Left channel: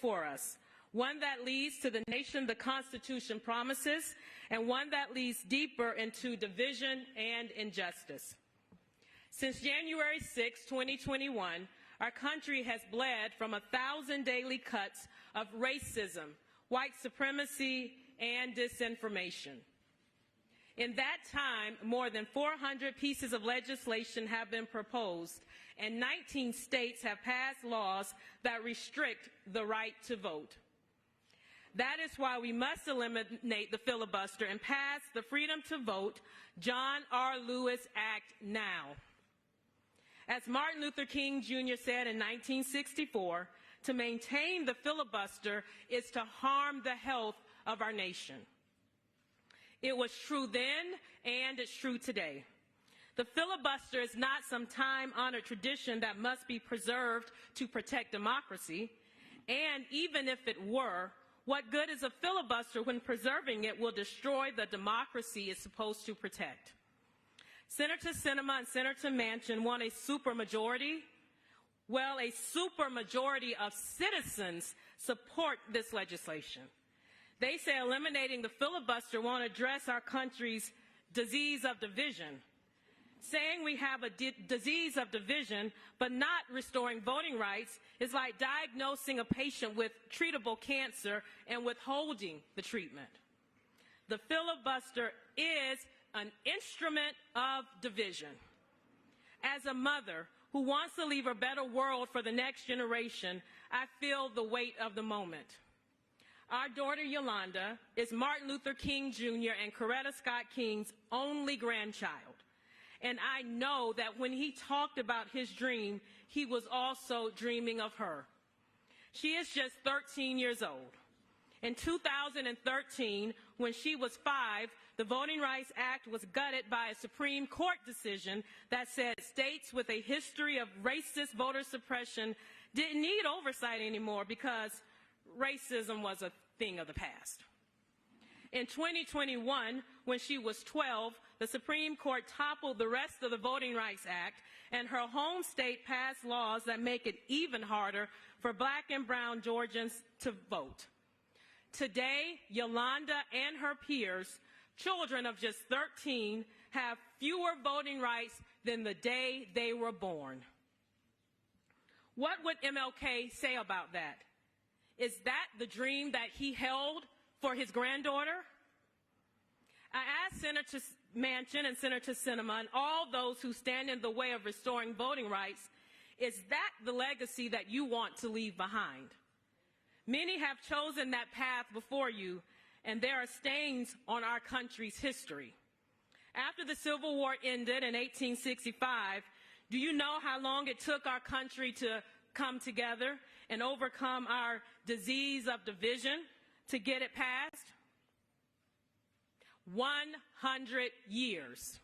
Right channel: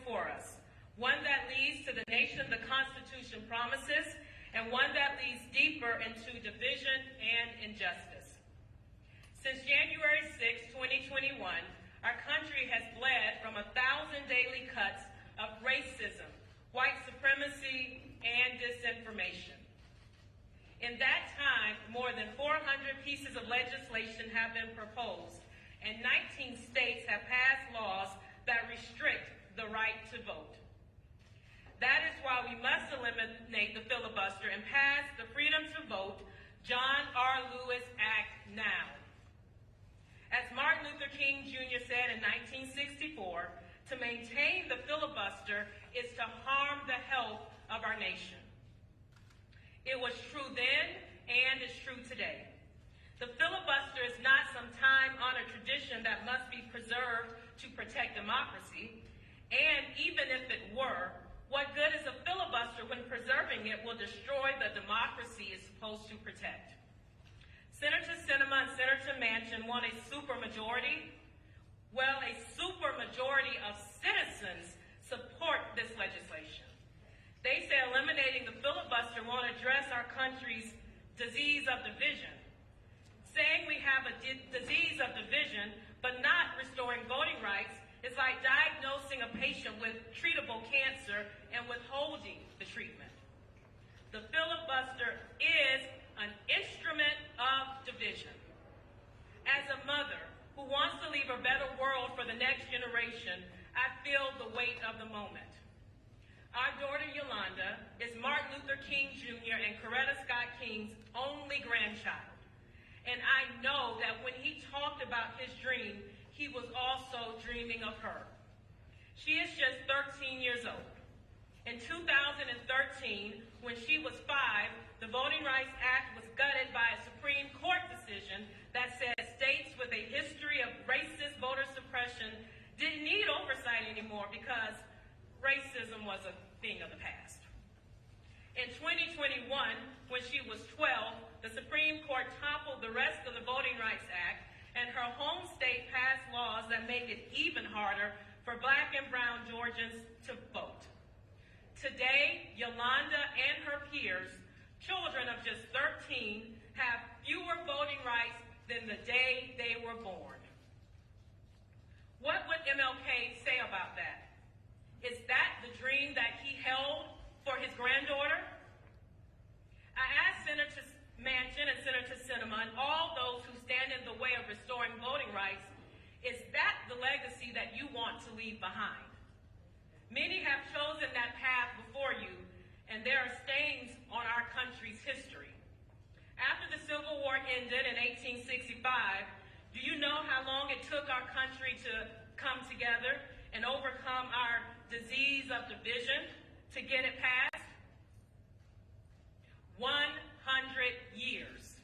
before us, one that leads to the nation the Constitution promises, and one that leads deeper into division and injustice. Since January 6, 2021, our country has bled from 1,000 daily cuts of racism, white supremacy, and disinformation. In that time, more than 400 pieces of legislation have been proposed, and 19 states have passed laws that restrict the right to vote. That is why we must eliminate the filibuster and pass the Freedom to Vote John R. Lewis Act now. As Martin Luther King Jr. said in 1964, to maintain the filibuster is to harm the health of our nation. It was true then, and it's true today. The filibuster is not some time-honored tradition that must be preserved to protect democracy, and even if it were, what good is a filibuster when preserving it will destroy the democracy it's supposed to protect? Senator Sinema and Senator Manchin want a supermajority. Well, a supermajority of citizens support this legislation. They say eliminating the filibuster won't address our country's disease of division. Saying we have a disease of division but not restoring voting rights is like diagnosing a patient with treatable cancer and withholding the treatment. The filibuster is an instrument of division. As a mother who wants to leave a better world for the next generation, I feel the weight of the moment. Our daughter Yolanda is Martin Luther King Jr. and Coretta Scott King's only grandchild. And I know that when he talked about his dream, he was also dreaming of her. She is just 13 years old. In 2013, when she was 5, the Voting Rights Act was gutted by a Supreme Court decision that said states with a history of racist voter suppression didn't need oversight anymore because racism was a thing of the past. In 2021, when she was 12, the Supreme Court toppled the rest of the Voting Rights Act, and her home state passed laws that make it even harder for Black and brown Georgians to vote. Today, Yolanda and her peers, children of just 13, have fewer voting rights than the day they were born. What would MLK say about that? Is that the dream that he held for his granddaughter? I asked Senator Manchin and Senator Sinema and all those who stand in the way of restoring voting rights, is that the legacy that you want to leave behind? Many have chosen that path before you, and there are stains on our country's history. After the Civil War ended in 1865, do you know how long it took our country to come together and overcome our disease of division to get it passed? 100 years.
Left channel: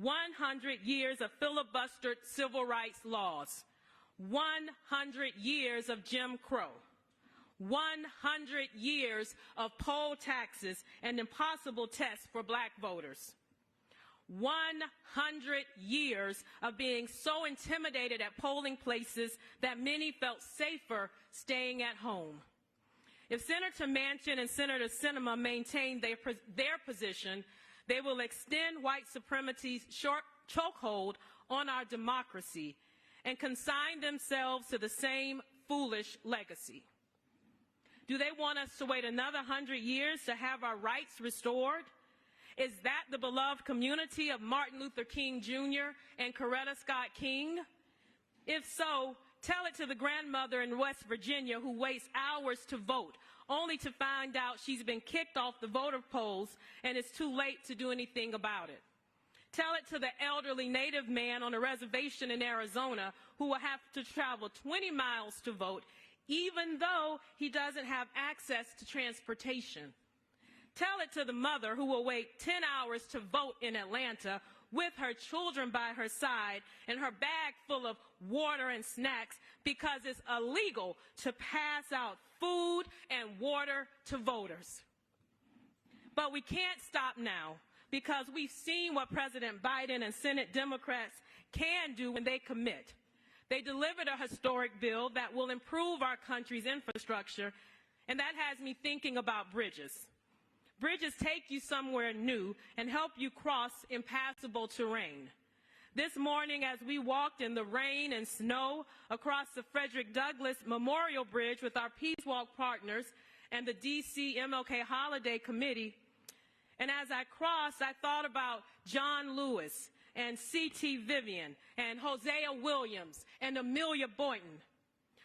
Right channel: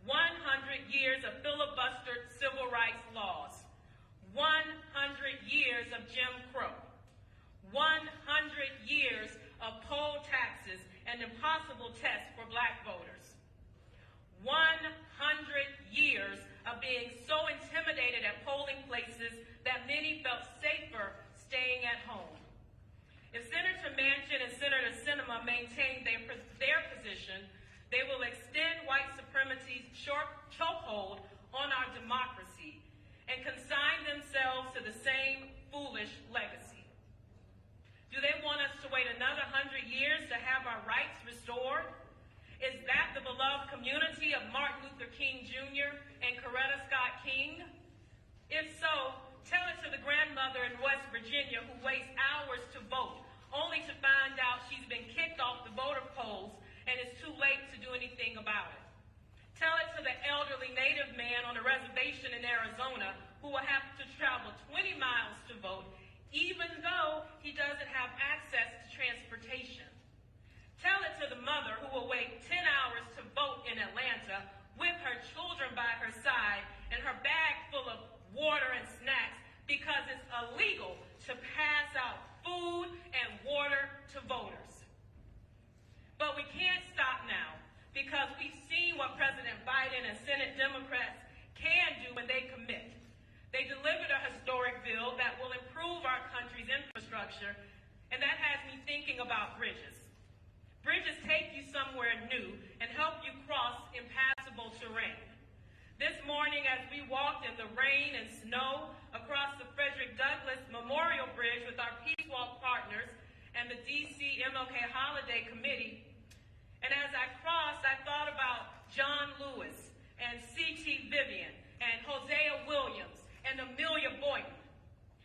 100 years of filibustered civil rights laws. 100 years of Jim Crow. 100 years of poll taxes and impossible tests for Black voters. 100 years of being so intimidated at polling places that many felt safer staying at home. If Senator Manchin and Senator Sinema maintain their position, they will extend white supremacy's chokehold on our democracy and consign themselves to the same foolish legacy. Do they want us to wait another 100 years to have our rights restored? Is that the beloved community of Martin Luther King Jr. and Coretta Scott King? If so, tell it to the grandmother in West Virginia who waits hours to vote, only to find out she's been kicked off the voter polls and it's too late to do anything about it. Tell it to the elderly Native man on a reservation in Arizona who will have to travel 20 miles to vote, even though he doesn't have access to transportation. Tell it to the mother who will wait 10 hours to vote in Atlanta with her children by her side and her bag full of water and snacks because it's illegal to pass out food and water to voters. But we can't stop now because we've seen what President Biden and Senate Democrats can do when they commit. They delivered a historic bill that will improve our country's infrastructure, and that has me thinking about bridges. Bridges take you somewhere new and help you cross impassable terrain. This morning, as we walked in the rain and snow across the Frederick Douglass Memorial Bridge with our Peace Walk partners and the D.C. MLK Holiday Committee, and as I crossed, I thought about John Lewis and C.T. Vivian and Hosea Williams and Amelia Boynton.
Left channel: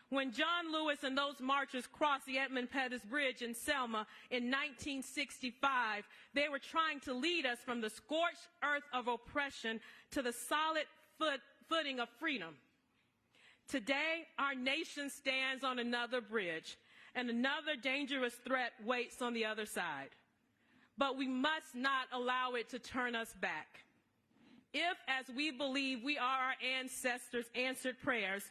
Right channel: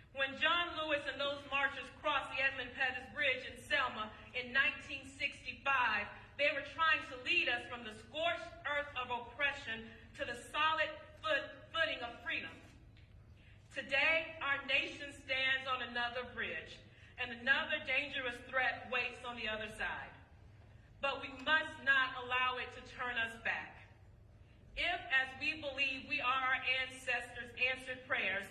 When John Lewis and those marchers crossed the Edmund Pettus Bridge in Selma in 1965, they were trying to lead us from the scorched earth of oppression to the solid footing of freedom. Today, our nation stands on another bridge, and another dangerous threat waits on the other side. But we must not allow it to turn us back. If, as we believe we are our ancestors' answered prayers,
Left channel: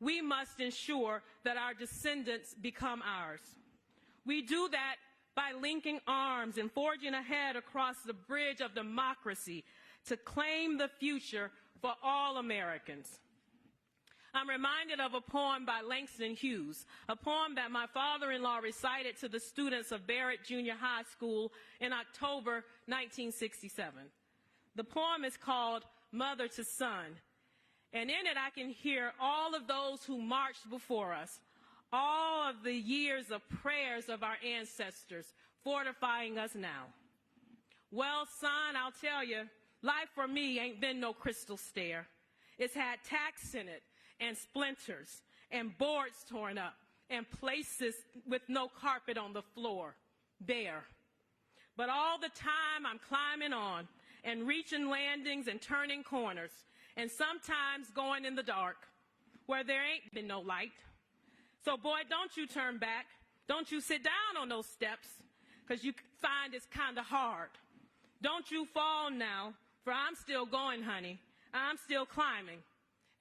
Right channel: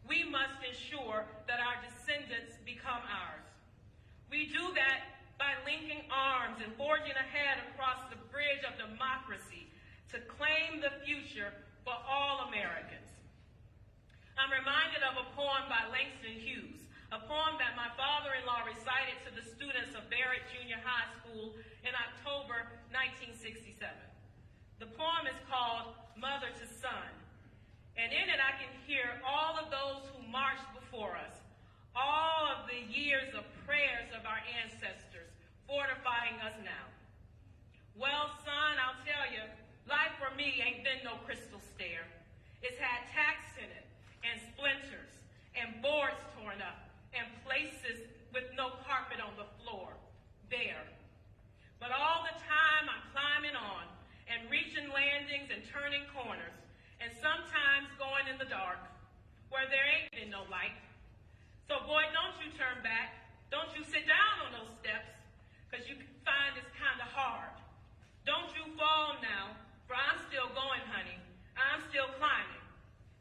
we must ensure that our descendants become ours. We do that by linking arms and forging ahead across the bridge of democracy to claim the future for all Americans. I'm reminded of a poem by Langston Hughes, a poem that my father-in-law recited to the students of Barrett Junior High School in October 1967. The poem is called Mother to Son, and in it I can hear all of those who marched before us, all of the years of prayers of our ancestors fortifying us now. Well, son, I'll tell you, life for me ain't been no crystal stair. It's had tacks in it, and splinters, and boards torn up, and places with no carpet on the floor, bare. But all the time I'm climbing on, and reaching landings and turning corners, and sometimes going in the dark, where there ain't been no light. So boy, don't you turn back. Don't you sit down on those steps, because you find it's kind of hard. Don't you fall now, for I'm still going, honey. I'm still climbing.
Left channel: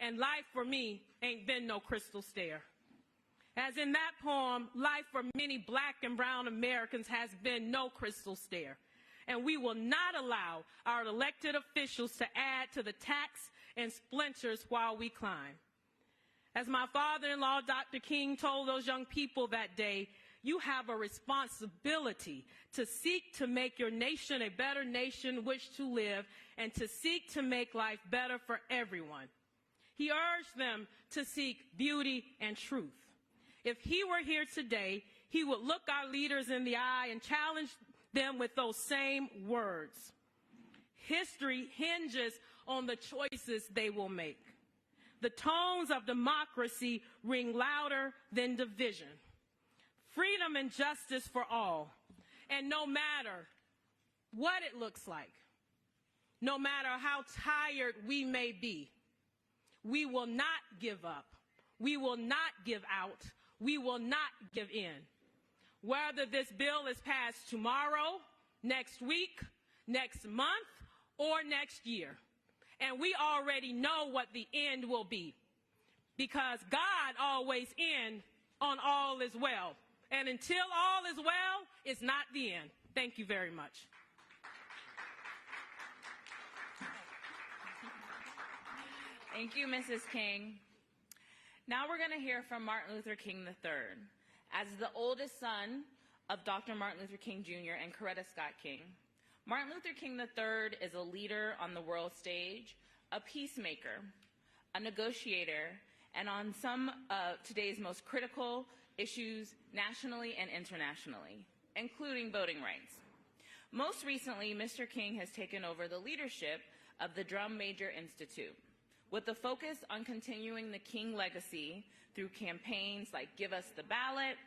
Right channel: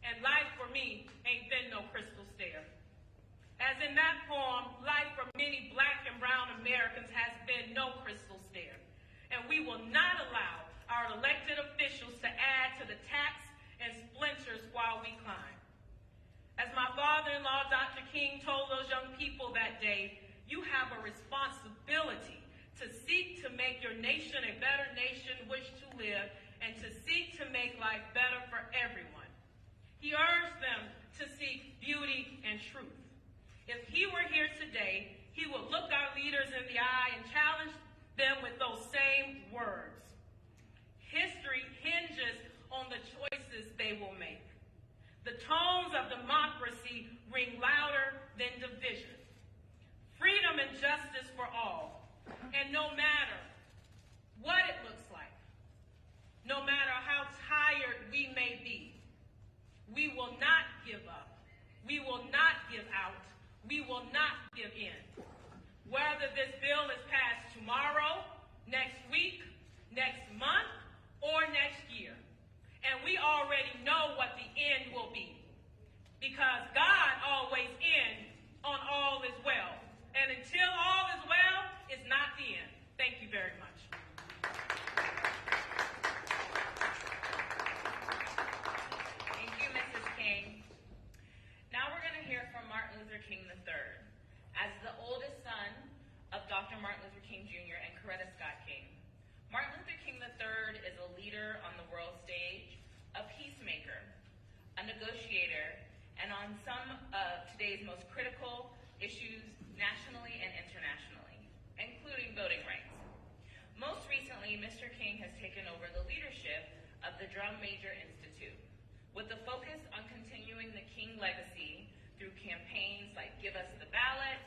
And life for me ain't been no crystal stair. As in that poem, life for many black and brown Americans has been no crystal stair. And we will not allow our elected officials to add to the tacks and splinters while we climb. As my father-in-law, Dr. King, told those young people that day, you have a responsibility to seek to make your nation a better nation in which to live and to seek to make life better for everyone. He urged them to seek beauty and truth. If he were here today, he would look our leaders in the eye and challenge them with those same words. History hinges on the choices they will make. The tones of democracy ring louder than division. Freedom and justice for all. And no matter what it looks like, no matter how tired we may be, we will not give up. We will not give out. We will not give in. Whether this bill is passed tomorrow, next week, next month, or next year. And we already know what the end will be, because God always ends on all is well. And until all is well, it's not the end. Thank you very much. Thank you, Mrs. King. Now we're going to hear from Martin Luther King III. As the oldest son of Dr. Martin Luther King Jr. and Coretta Scott King, Martin Luther King III is a leader on the world stage, a peacemaker, a negotiator, and on some of today's most critical issues nationally and internationally, including voting rights. Most recently, Mr. King has taken over the leadership of the Drum Major Institute, with a focus on continuing the King legacy through campaigns like Give Us the Ballot.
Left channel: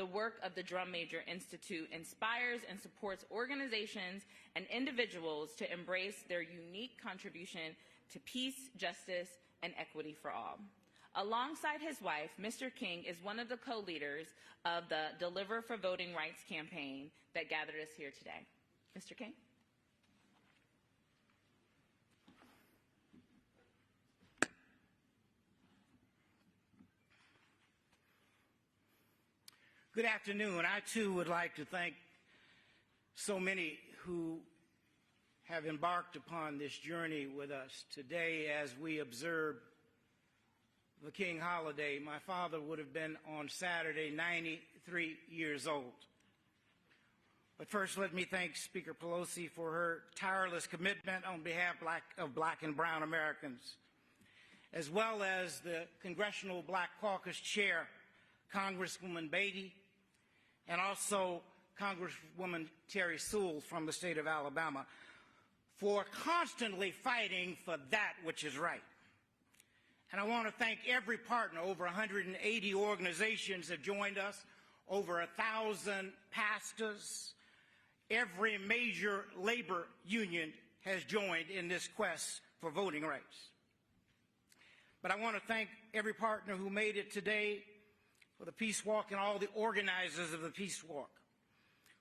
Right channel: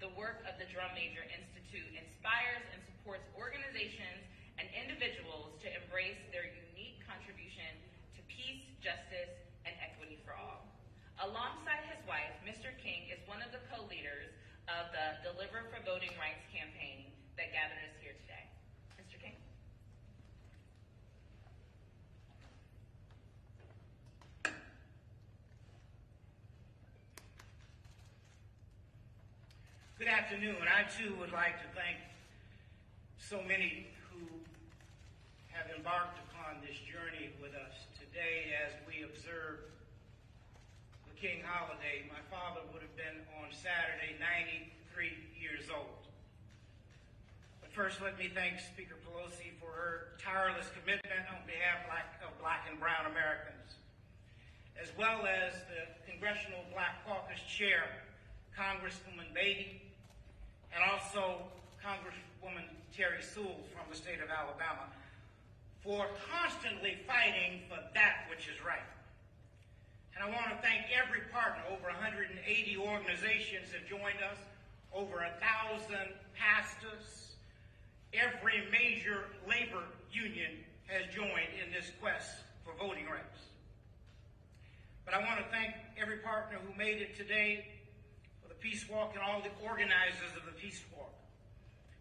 The work of the Drum Major Institute inspires and supports organizations and individuals to embrace their unique contribution to peace, justice, and equity for all. Alongside his wife, Mr. King is one of the co-leaders of the Deliver for Voting Rights campaign that gathered us here today. Mr. King? Good afternoon. I too would like to thank so many who have embarked upon this journey with us today as we observe the King holiday, my father would have been on Saturday 93 years old. But first, let me thank Speaker Pelosi for her tireless commitment on behalf of Black and brown Americans, as well as the Congressional Black Caucus Chair, Congresswoman Beatty, and also Congresswoman Terry Sewell from the state of Alabama, for constantly fighting for that which is right. And I want to thank every partner. Over 180 organizations have joined us, over 1,000 pastors. Every major labor union has joined in this quest for voting rights. But I want to thank every partner who made it today for the Peace Walk and all the organizers of the Peace Walk,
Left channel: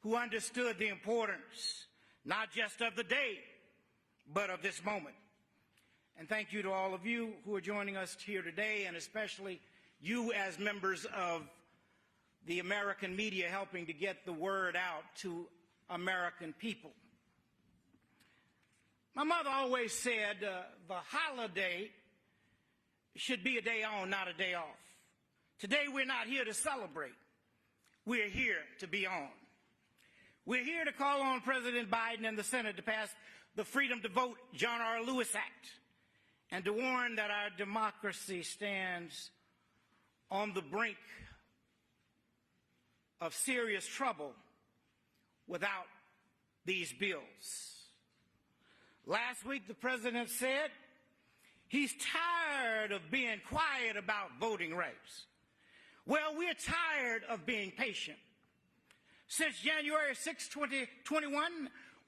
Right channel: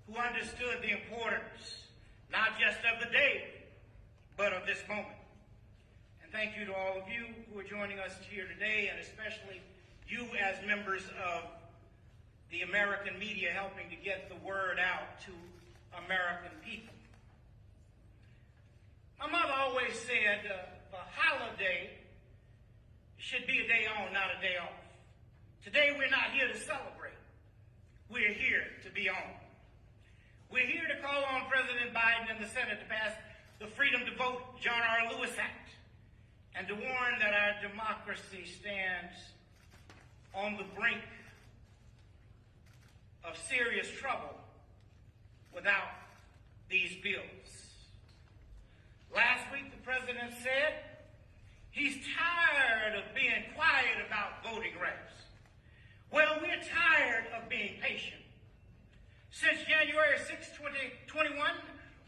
who understood the importance, not just of the day, but of this moment. And thank you to all of you who are joining us here today, and especially you as members of the American media helping to get the word out to American people. My mother always said the holiday should be a day on, not a day off. Today we're not here to celebrate. We're here to be on. We're here to call on President Biden and the Senate to pass the Freedom to Vote John R. Lewis Act and to warn that our democracy stands on the brink of serious trouble without these bills. Last week, the president said he's tired of being quiet about voting rights. Well, we're tired of being patient. Since January 6, 2021,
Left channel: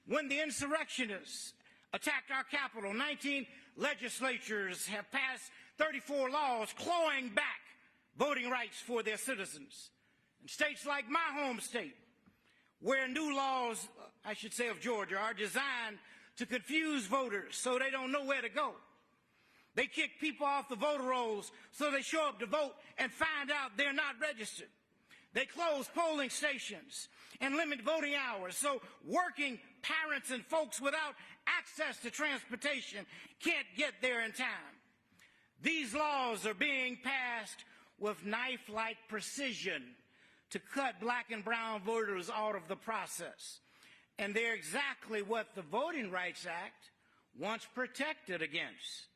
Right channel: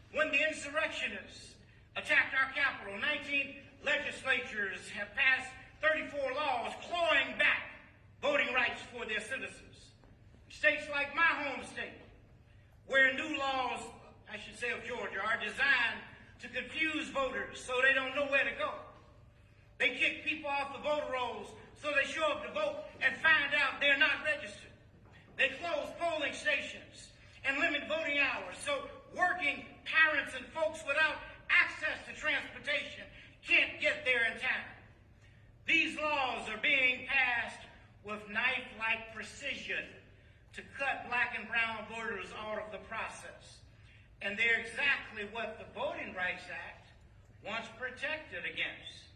when the insurrectionists attacked our capital, 19 legislatures have passed 34 laws clawing back voting rights for their citizens. States like my home state, where new laws, I should say of Georgia, are designed to confuse voters so they don't know where to go. They kick people off the voter rolls so they show up to vote and find out they're not registered. They close polling stations and limit voting hours so working parents and folks without access to transportation can't get there in time. These laws are being passed with knife-like precision to cut Black and brown voters out of the process. And they're exactly what the Voting Rights Act once protected against.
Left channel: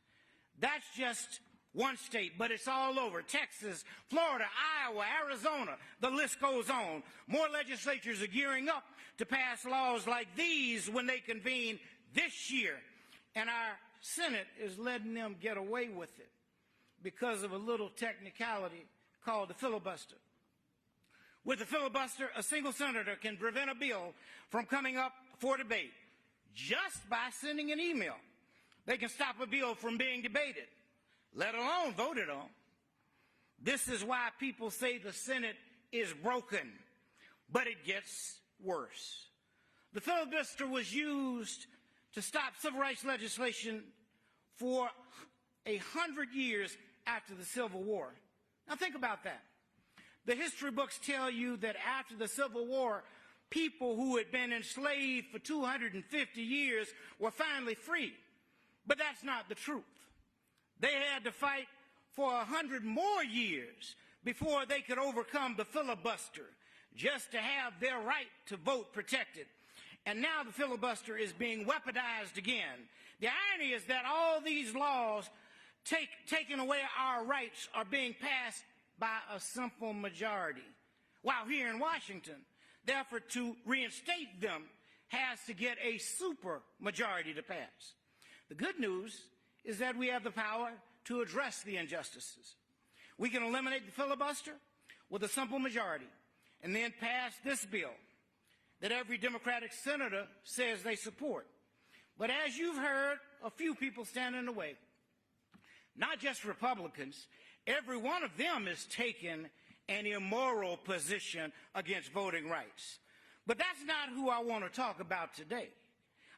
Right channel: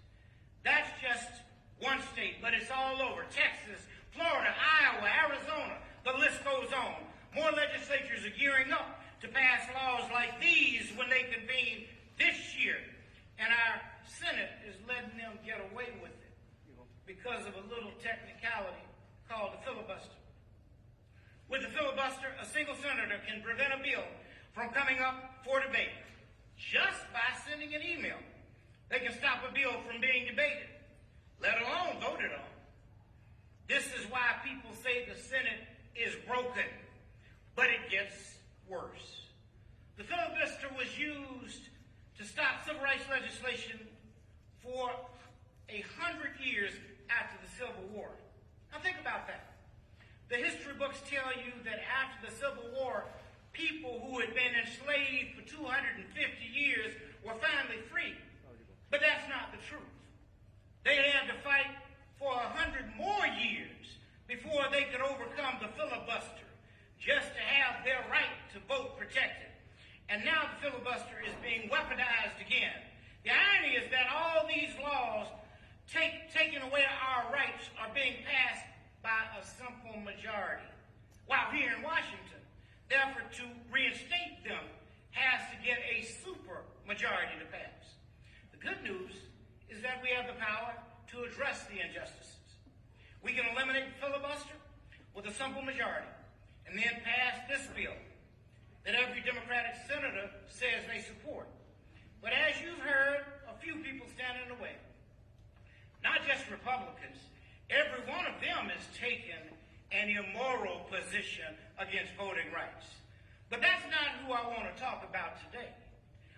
That's just one state, but it's all over. Texas, Florida, Iowa, Arizona, the list goes on. More legislatures are gearing up to pass laws like these when they convene this year. And our Senate is letting them get away with it because of a little technicality called the filibuster. With the filibuster, a single senator can prevent a bill from coming up for debate just by sending an email. They can stop a bill from being debated, let alone voted on. This is why people say the Senate is broken, but it gets worse. The filibuster was used to stop civil rights legislation for 100 years after the Civil War. Now think about that. The history books tell you that after the Civil War, people who had been enslaved for 250 years were finally free. But that's not the truth. They had to fight for 100 more years before they could overcome the filibuster, just to have their right to vote protected. And now the filibuster is being weaponized again. The irony is that all these laws taking away our rights are being passed by a simple majority, while here in Washington, the effort to reinstate them has to get a super majority to pass. The good news is that we have the power to address the injustices. We can eliminate the filibuster with a simple majority and then pass this bill that every Democratic senator says they support. But as you've heard, a few people stand in the way. Not just Republicans. Every one of them has taken an immoral position against voting rights. But that's not who I want to talk about today.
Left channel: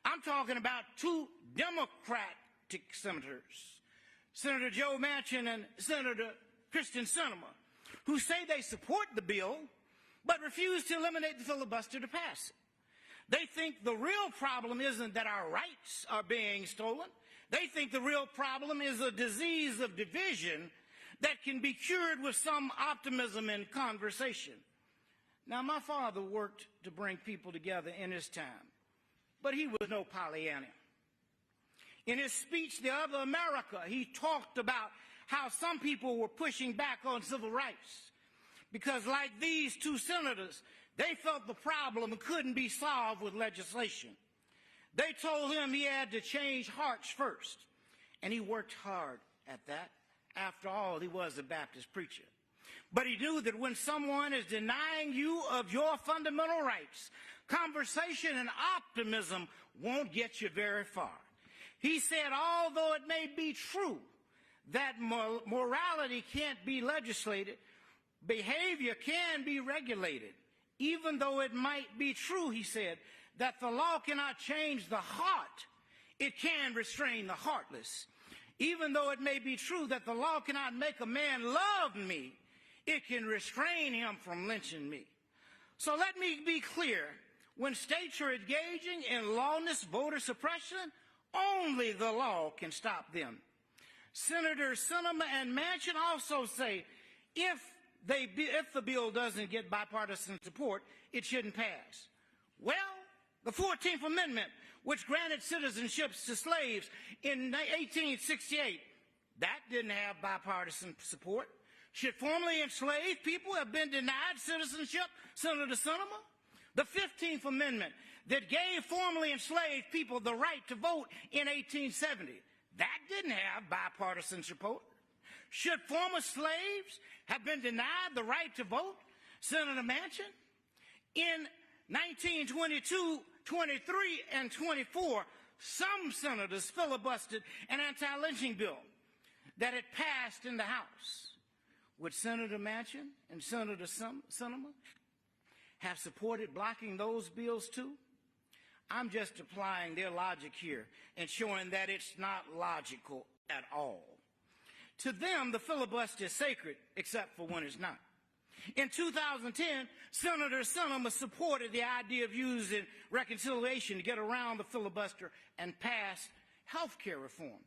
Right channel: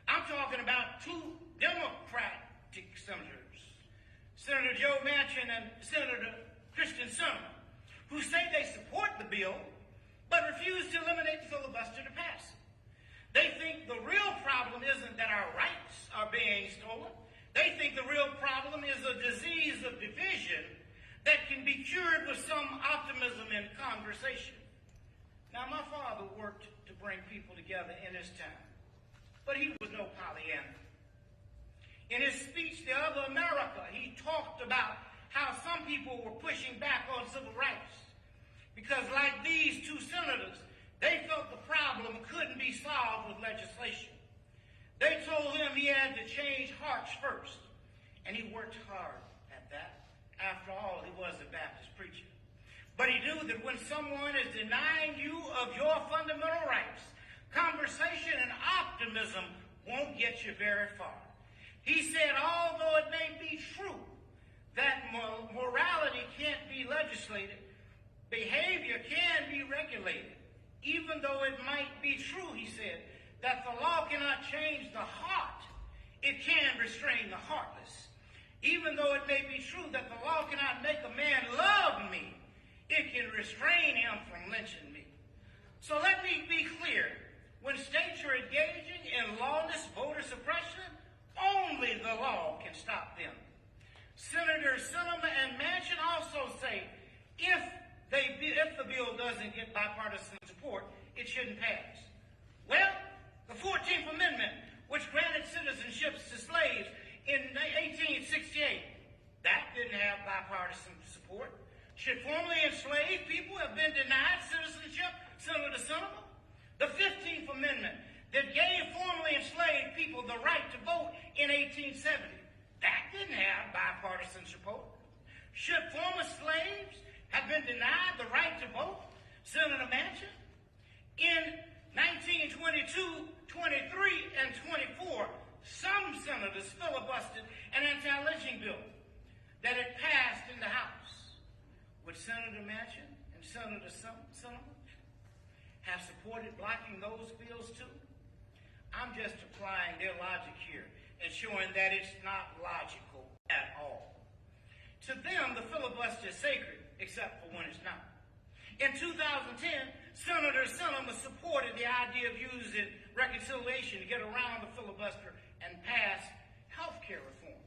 I'm talking about two Democratic senators, Senator Joe Manchin and Senator Kristen Sinema, who say they support the bill but refuse to eliminate the filibuster to pass it. They think the real problem isn't that our rights are being stolen. They think the real problem is a disease of division that can be cured with some optimism and conversation. Now, my father worked to bring people together in his time, but he was no Pollyanna. In his speech, The Other America, he talked about how some people were pushing back on civil rights because, like these two senators, they felt the problem couldn't be solved with legislation. They told him he had to change hearts first, and he worked hard at that. After all, he was a Baptist preacher. But he knew that when someone is denying you of your fundamental rights, conversation and optimism won't get you very far. He said, although it may be true that morality can't be legislated, behavior can be regulated. Even though it might be true, he said, that the law cannot change the heart, it can restrain the heartless. Even though it may be true that the law cannot make a man love me, it can restrain him from lynching me. So let me be clear. When states are engaging in lawless voter suppression, only the law can stop them. Senators Sinema and Manchin also say if the bill doesn't get bipartisan support, it shouldn't pass. Well, the 14th Amendment, which granted citizenships to slaves in 1868, that didn't have bipartisan support. Should formerly enslaved people have been denied citizenship, Senator Sinema? The 15th Amendment that gave formerly enslaved people the right to vote in 1870, that didn't have bipartisan support. Should former slaves have been denied the right to vote, Senator Manchin? In 1922, 23, and 24, some senators filibustered an anti-lynching bill that had passed in the House. Would Senator Manchin and Senator Sinema have supported blocking those bills too? I'm just applying their logic here and showing that it's not logical at all. To them, the filibuster is sacred, except for when it's not. In 2010, Senator Sinema supported the idea of using reconciliation to get around the filibuster and pass health care reform.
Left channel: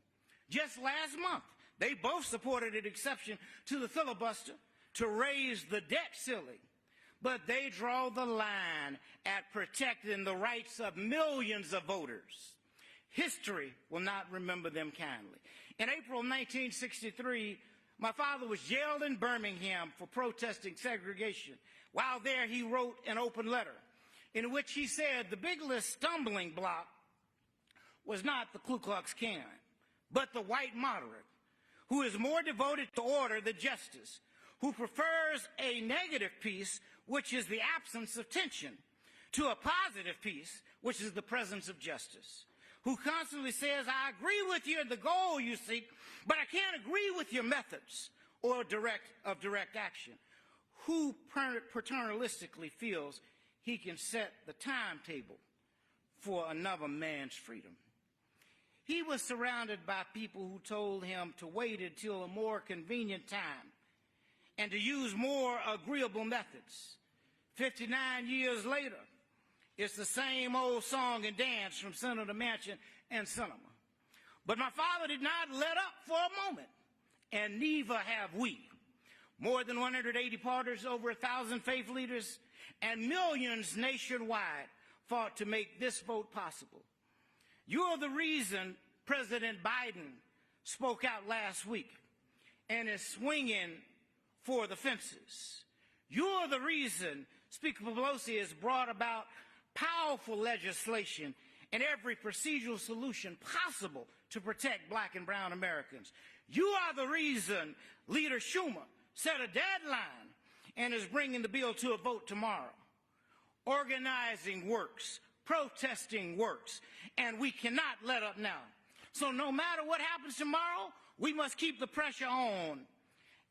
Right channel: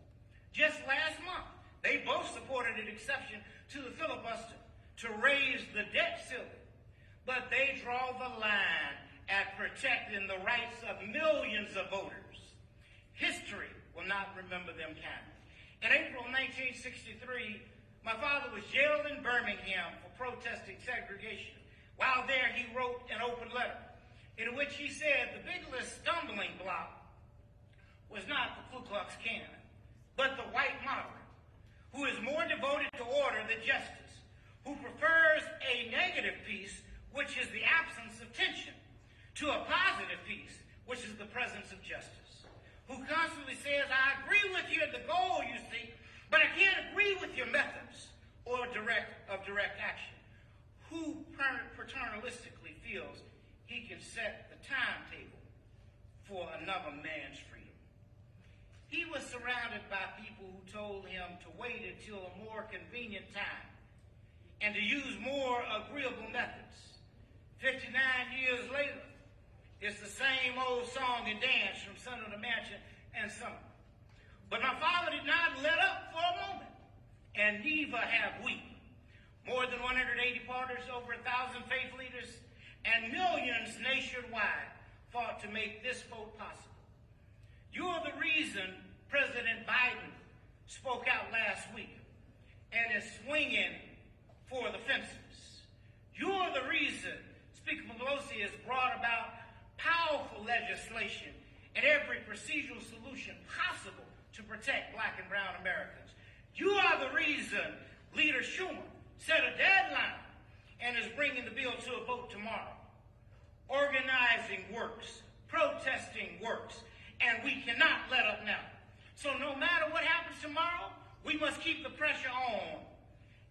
Just last month, they both supported an exception to the filibuster to raise the debt ceiling. But they draw the line at protecting the rights of millions of voters. History will not remember them kindly. In April 1963, my father was jailed in Birmingham for protesting segregation. While there, he wrote an open letter in which he said the biggest stumbling block was not the Ku Klux Klan, but the white moderate, who is more devoted to order than justice, who prefers a negative peace, which is the absence of tension, to a positive peace, which is the presence of justice, who constantly says, I agree with you at the goal you seek, but I can't agree with your methods or direct action, who paternalistically feels he can set the timetable for another man's freedom. He was surrounded by people who told him to wait until a more convenient time and to use more agreeable methods. 59 years later, it's the same old song and dance from Senator Manchin and Sinema. But my father did not let up for a moment, and neither have we. More than 180 partners, over 1,000 faith leaders, and millions nationwide fought to make this vote possible. You're the reason President Biden spoke out last week and is swinging for the fences. You're the reason Speaker Pelosi has brought about powerful legislation and every procedural solution possible to protect black and brown Americans. You are the reason Leader Schumer set a deadline and is bringing the bill to a vote tomorrow. Organizing works, protesting works, and we cannot let up now. So no matter what happens tomorrow, we must keep the pressure on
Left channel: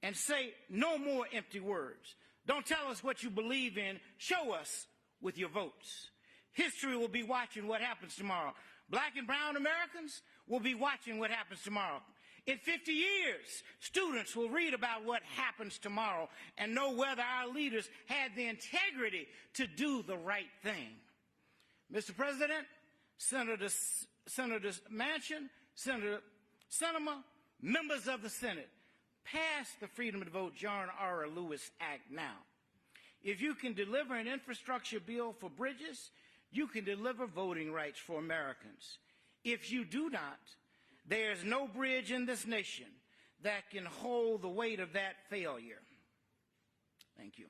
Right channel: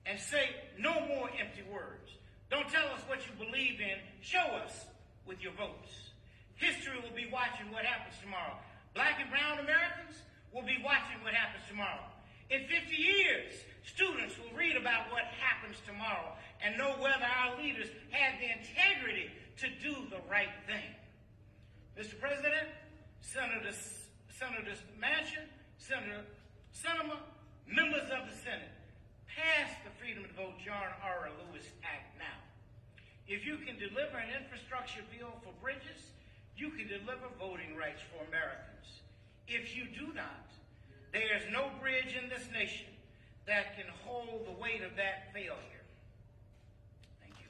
and say no more empty words. Don't tell us what you believe in. Show us with your votes. History will be watching what happens tomorrow. Black and brown Americans will be watching what happens tomorrow. In 50 years, students will read about what happens tomorrow and know whether our leaders had the integrity to do the right thing. Mr. President, Senator Manchin, Senator Sinema, members of the Senate, pass the Freedom to Vote John R. Lewis Act now. If you can deliver an infrastructure bill for bridges, you can deliver voting rights for Americans. If you do not, there is no bridge in this nation that can hold the weight of that failure. Thank you.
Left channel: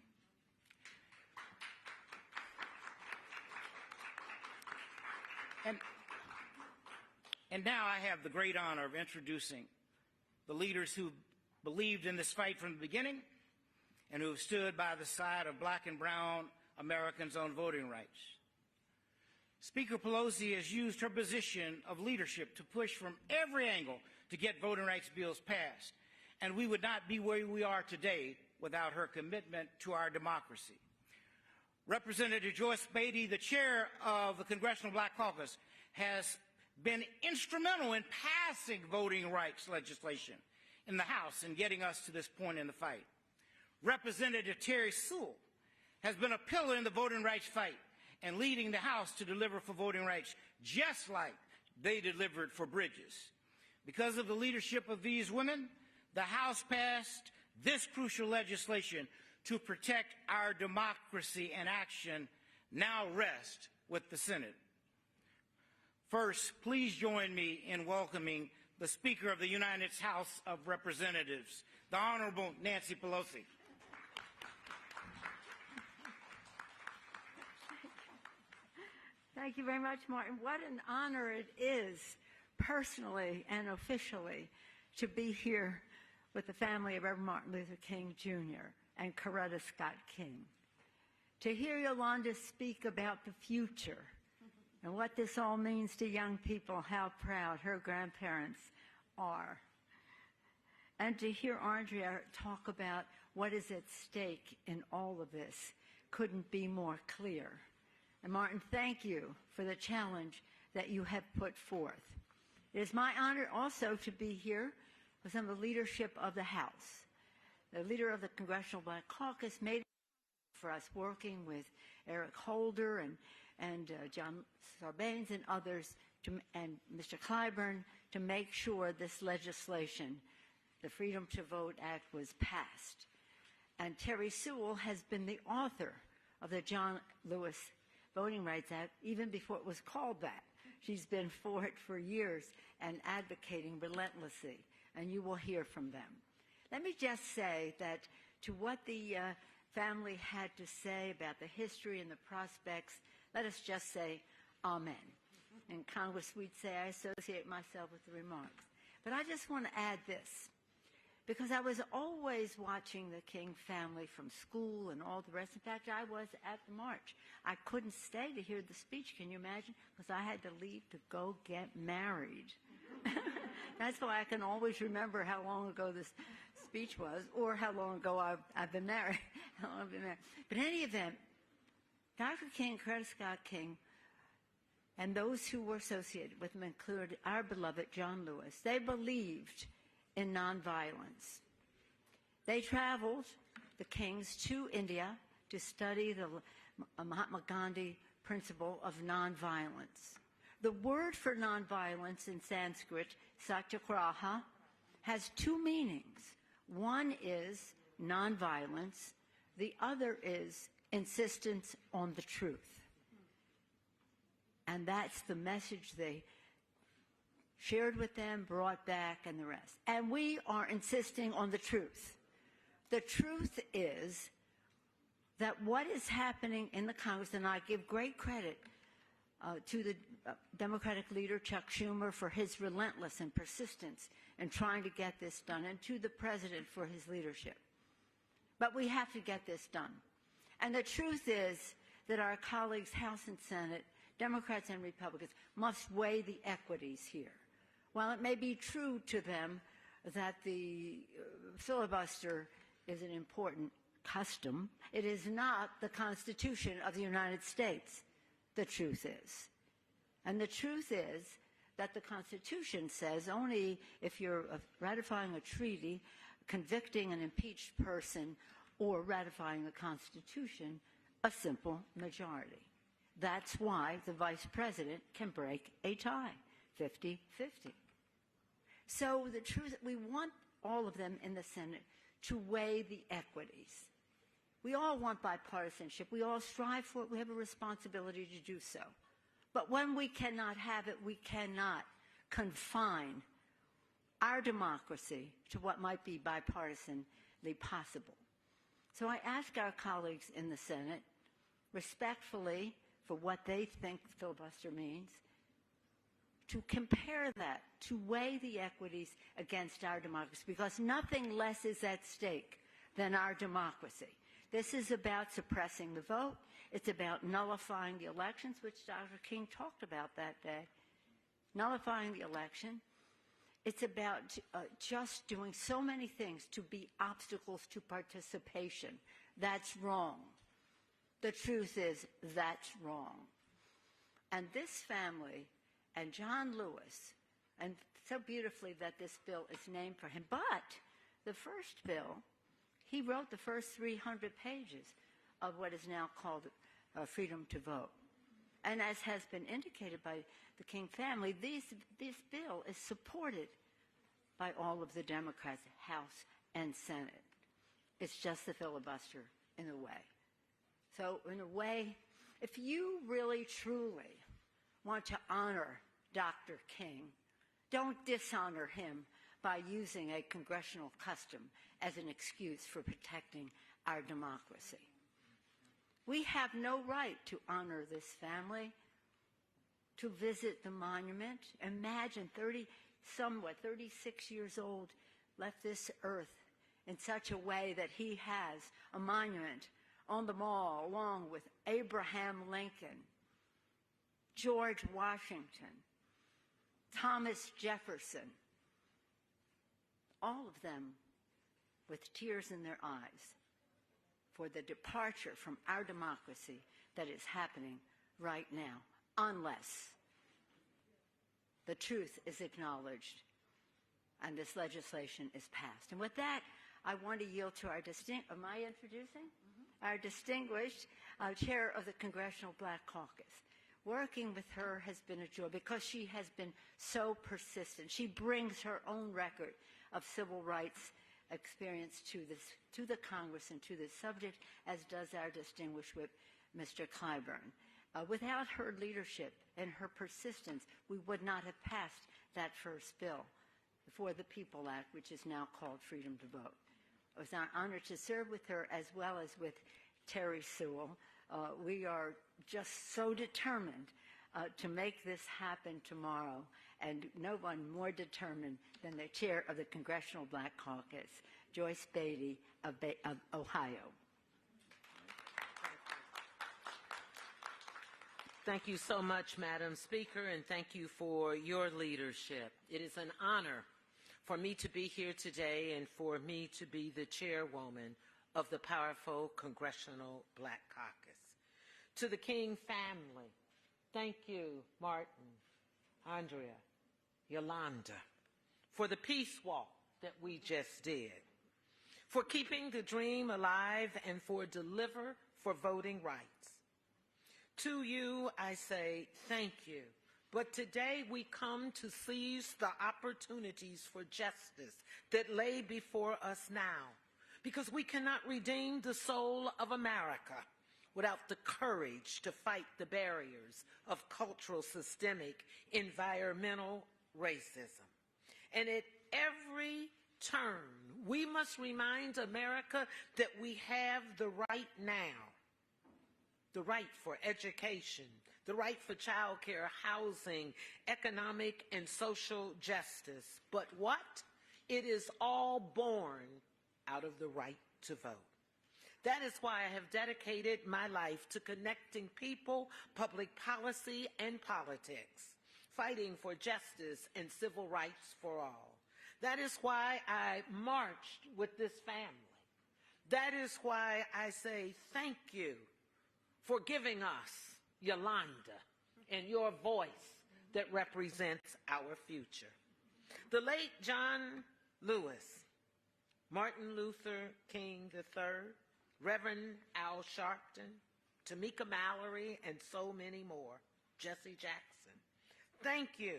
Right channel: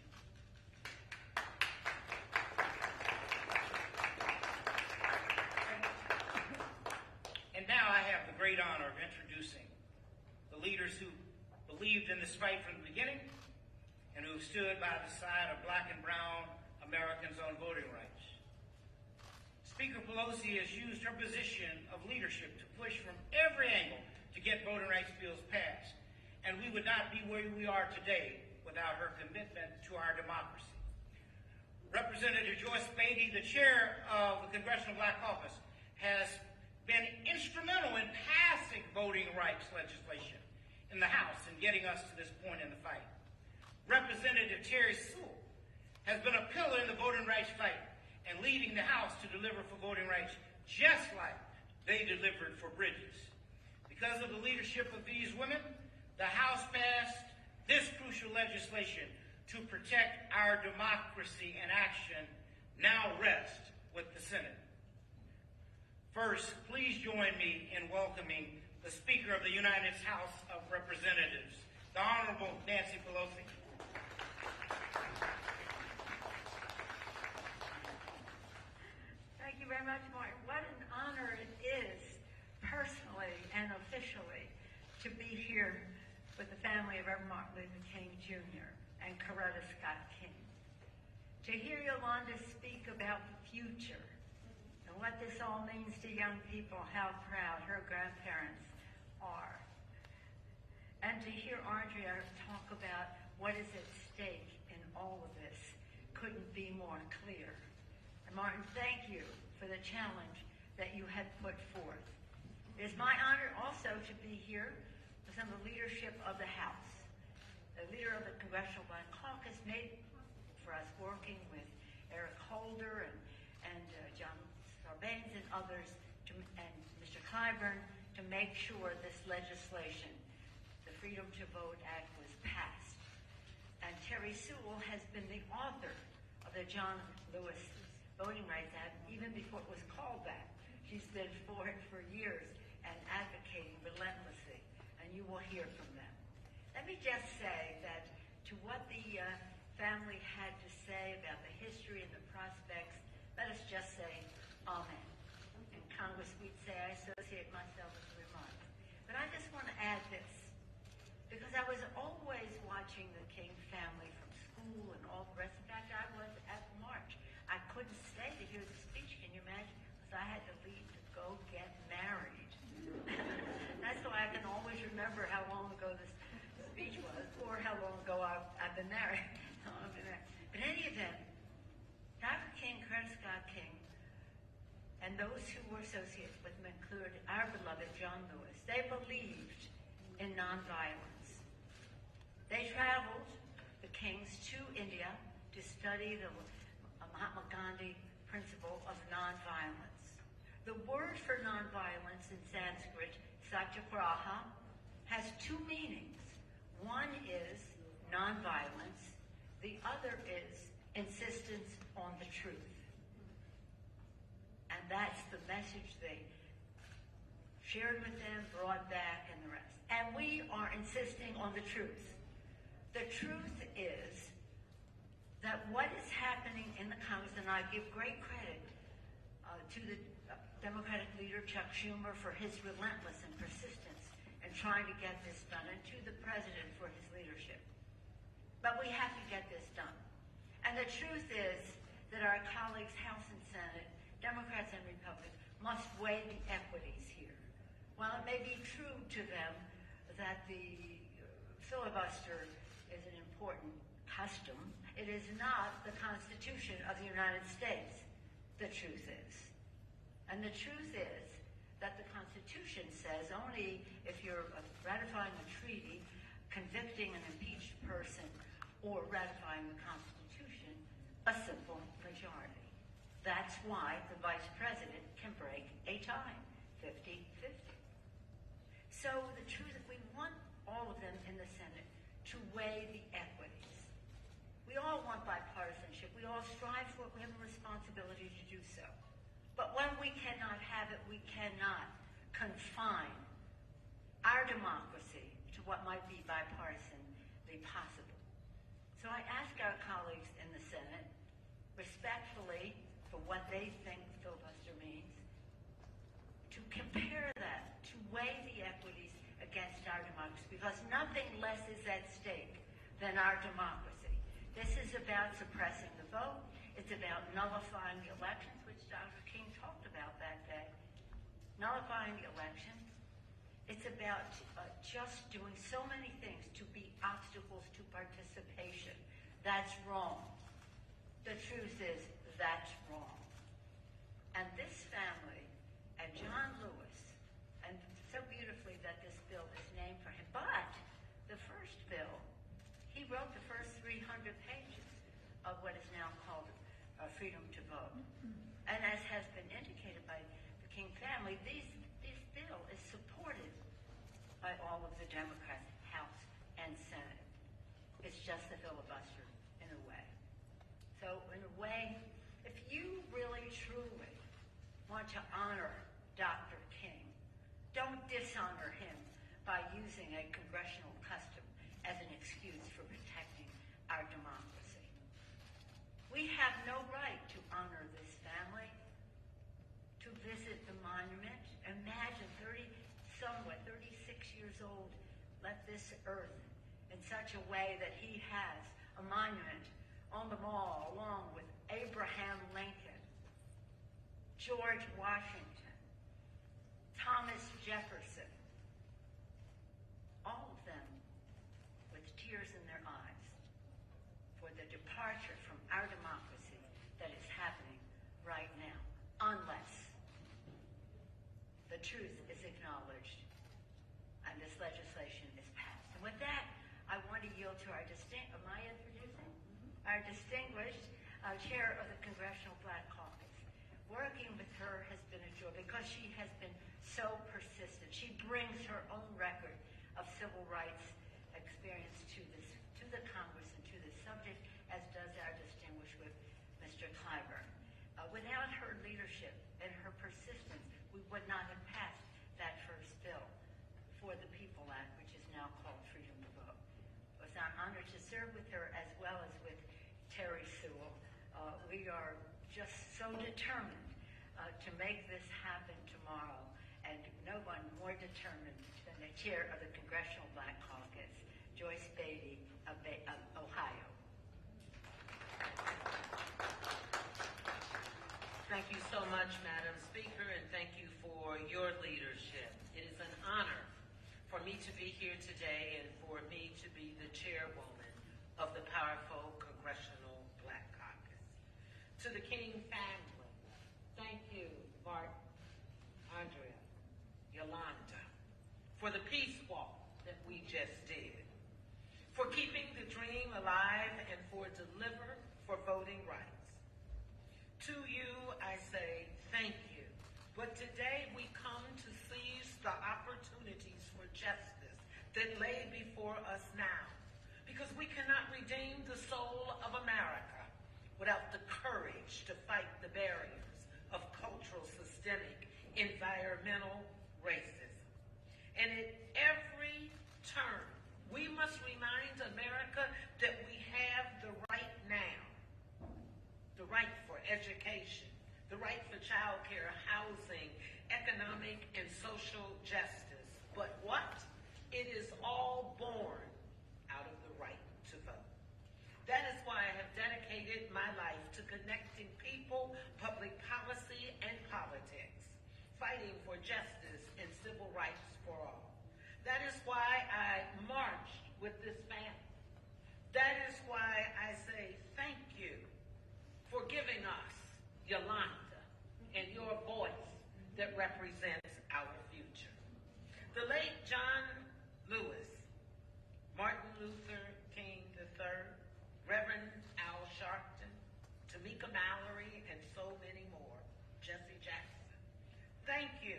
And now I have the great honor of introducing the leaders who believed in this fight from the beginning and who stood by the side of black and brown Americans on voting rights. Speaker Pelosi has used her position of leadership to push from every angle to get voting rights bills passed, and we would not be where we are today without her commitment to our democracy. Representative Joyce Beatty, the chair of the Congressional Black Caucus, has been instrumental in passing voting rights legislation in the House and getting us to this point in the fight. Representative Terry Sewell has been a pillar in the voting rights fight and leading the House to deliver for voting rights just like they delivered for bridges. Because of the leadership of these women, the House passed this crucial legislation to protect our democracy and action now rest with the Senate. First, please join me in welcoming the Speaker of the United States House of Representatives, the Honorable Nancy Pelosi. Thank you very much, Martin. What an honor it is, personally and officially, to be here with the family of Reverend Martin Luther King Jr. and Coretta Scott King. To hear Yolanda speak about the future and what this all means to young people, how proud her grandparents are. And to hear Arndrea talk about what is at stake in all of this couldn't be more clear. And Martin, thank you for the challenge that you have put forth. It is my honor also to be here with some of the leadership of the House. The leader of the Congressional Black Caucus made for us working with Eric Holder and John Sarbanes and others, and Mr. Clyburn, to make sure this legislation, the Freedom to Vote Act, was passed. And Terry Sewell has been the author of the John Lewis Voting Rights Act even before it was called that. She's been for it for years and advocating relentlessly, and you will hear from them. Let me just say that to what the family had to say about the history and the prospects, let us just say amen. In Congress, we'd say I associate myself with the remarks. But I just want to add this, because I was always watching the King family from school and all the rest. In fact, I was at the march. I couldn't stay to hear the speech, can you imagine? Because I had to leave to go get married. That's why I can always remember how long ago this speech was, or how long ago I've been married. But in any event, Dr. King, Coretta Scott King, and those who were associated with him included our beloved John Lewis. They believed in nonviolence. They traveled, the Kings, to India to study the Mahatma Gandhi principle of nonviolence. The word for nonviolence in Sanskrit, satyagraha, has two meanings. One is nonviolence, the other is insistence on the truth. And that's the message they shared with them, brought back, and the rest. And we are insisting on the truth. The truth is that what is happening in the Congress, and I give great credit to the Democratic leader, Chuck Schumer, for his relentless and persistence in trying to get this done, and to the president for his leadership. But we have to get this done. And the truth is that our colleagues, House and Senate, Democrats and Republicans, must weigh the equities here. While it may be true to them that the filibuster is an important custom, it is not the Constitution of the United States. The truth is. And the truth is that the Constitution says only if you're ratifying a treaty, convicting an impeached person, or ratifying the Constitution, a simple majority. That's why the Vice President can break a tie, 50-50. So the truth, we want all of them in the Senate, to weigh the equities. We all want bipartisanship. We all strive for it. We have a responsibility to do so. But when we cannot have it, we cannot confine our democracy to what might be bipartisanly possible. So I ask our colleagues in the Senate, respectfully, for what they think filibuster means, to compare that, to weigh the equities against our democracy, because nothing less is at stake than our democracy. This is about suppressing the vote. It's about nullifying the elections, which Dr. King talked about that day. Nullifying the election. It's about just doing so many things to be obstacles to participation. That's wrong. The truth is, that's wrong. And this family, and John Lewis, and so beautifully that this bill is named for him, but the first bill, he wrote the first 300 pages of what is now called Freedom to Vote. And as has been indicated by the King family, this bill is supported by all of the Democrats, House and Senate. It's just the filibuster in a way. So in a way, if you really truly want to honor Dr. King, don't dishonor him by using a congressional custom as an excuse for protecting our democracy. We have no right to honor this family, to visit the monument. Imagine 36 years old, left this earth in such a way that he has a monument on the mall along with Abraham Lincoln, George Washington, Thomas Jefferson, all of them with tears in their eyes for the departure from our democracy that is happening right now, unless the truth is acknowledged and this legislation is passed. And with that, I want to yield to our am I introducing? Our distinguished chair of the Congressional Black Caucus. Working with her has been a joy because she has been so persistent. She brings her own record of civil rights experience to the Congress and to this subject, as does our distinguished whip, Mr. Clyburn. Without her leadership and her persistence, we would not have passed that first bill for the People Act, which is now called Freedom to Vote. It was an honor to serve with her as well as with Terry Sewell. We are just so determined to make this happen tomorrow, and no one more determined than the chair of the Congressional Black Caucus, Joyce Beatty of Ohio. Thank you so much, Madam Speaker, and thank you for your leadership. It is an honor for me to be here today and for me to be the chairwoman of the powerful Congressional Black Caucus. To the King family, thank you, Martin, Arndrea, Yolanda, for the peace walk that we just did, for keeping the dream alive and for for voting rights. To you, I say thank you. But today we come to seize the opportunities for justice that lay before us now, because we cannot redeem the soul of America without the courage to fight the barriers of cultural, systemic, environmental racism. And at every turn, we must remind America that we have the right now. The right for education, the right for child care, housing, economic and social justice. But what? It is all born out of the right to vote. That is why I have dedicated my life to connecting people, public policy, and politics, fighting for justice and civil rights for all. That is why I marched with this family. That is why I say thank you for giving us, Yolanda, and your voice that represents our future. The late John Lewis, Martin Luther King III, Reverend Al Sharpton, Tamika Mallory, and so many more, Jesse Jackson. Thank you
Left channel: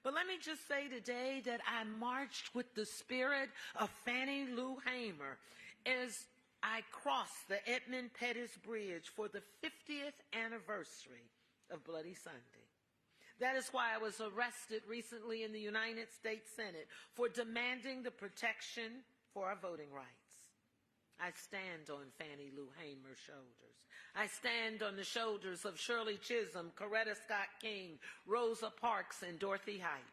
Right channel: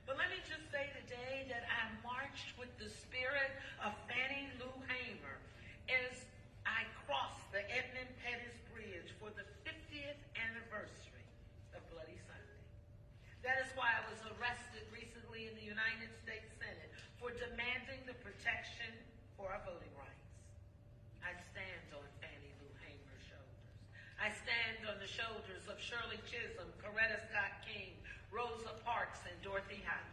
But let me just say today that I marched with the spirit of Fannie Lou Hamer as I crossed the Edmund Pettus Bridge for the 50th anniversary of Bloody Sunday. That is why I was arrested recently in the United States Senate for demanding the protection for our voting rights. I stand on Fannie Lou Hamer's shoulders. I stand on the shoulders of Shirley Chisholm, Coretta Scott King, Rosa Parks, and Dorothy Height.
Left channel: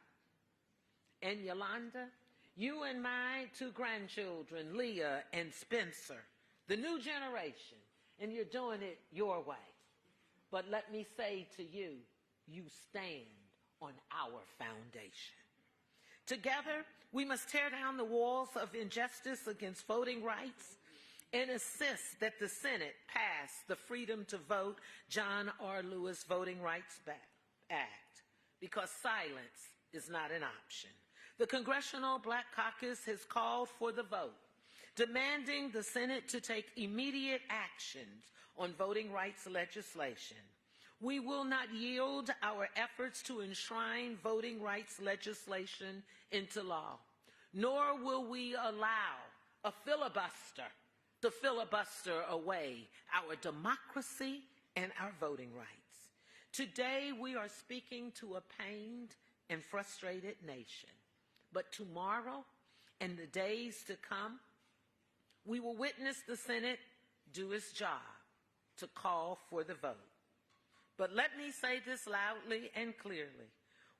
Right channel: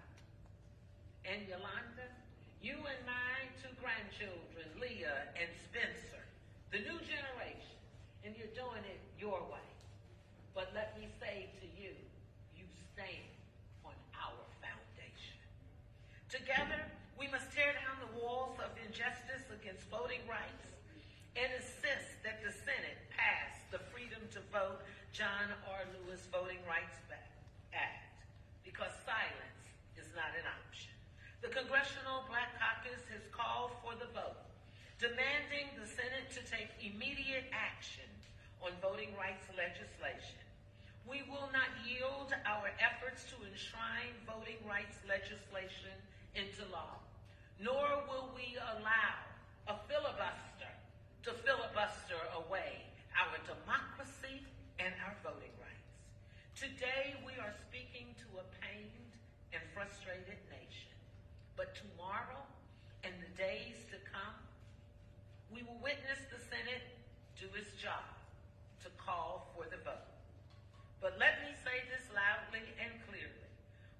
And Yolanda, you and my two grandchildren, Leah and Spencer, the new generation, and you're doing it your way. But let me say to you, you stand on our foundation. Together, we must tear down the walls of injustice against voting rights and insist that the Senate pass the Freedom to Vote John R. Lewis Voting Rights Act, because silence is not an option. The Congressional Black Caucus has called for the vote, demanding the Senate to take immediate actions on voting rights legislation. We will not yield our efforts to enshrine voting rights legislation into law, nor will we allow a filibuster to filibuster away our democracy and our voting rights. Today, we are speaking to a pained and frustrated nation. But tomorrow and the days to come, we will witness the Senate do its job to call for the vote. But let me say this loudly and clearly.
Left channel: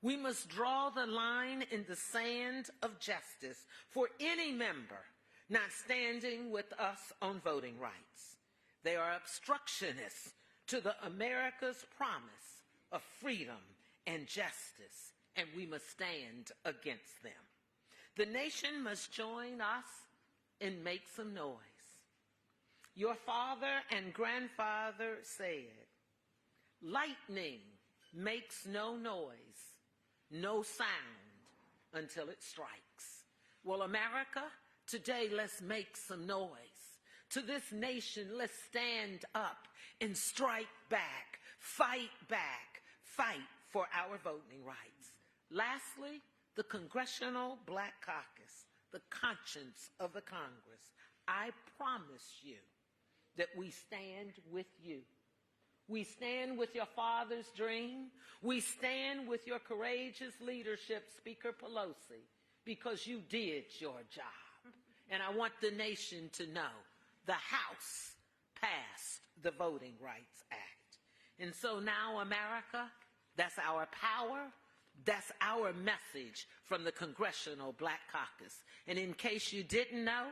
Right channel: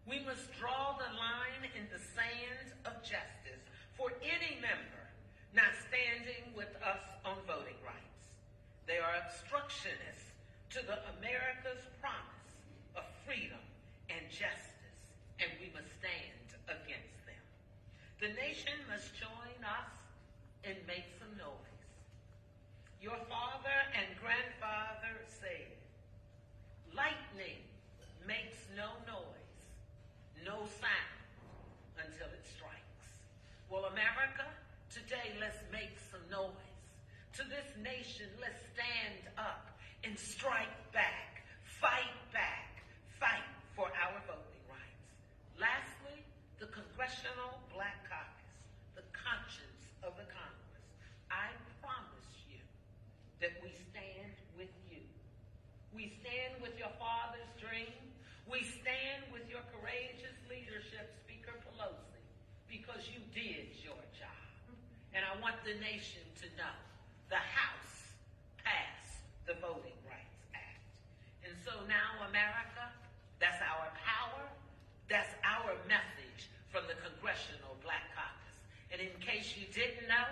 We must draw the line in the sand of justice for any member not standing with us on voting rights. They are obstructionists to the America's promise of freedom and justice, and we must stand against them. The nation must join us and make some noise. Your father and grandfather said, lightning makes no noise, no sound until it strikes. Well, America, today let's make some noise. To this nation, let's stand up and strike back, fight for our voting rights. Lastly, the Congressional Black Caucus, the conscience of the Congress. I promise you that we stand with you. We stand with your father's dream. We stand with your courageous leadership, Speaker Pelosi, because you did your job. And I want the nation to know the House passed the Voting Rights Act. And so now, America, that's our power, that's our message from the Congressional Black Caucus. And in case you didn't know,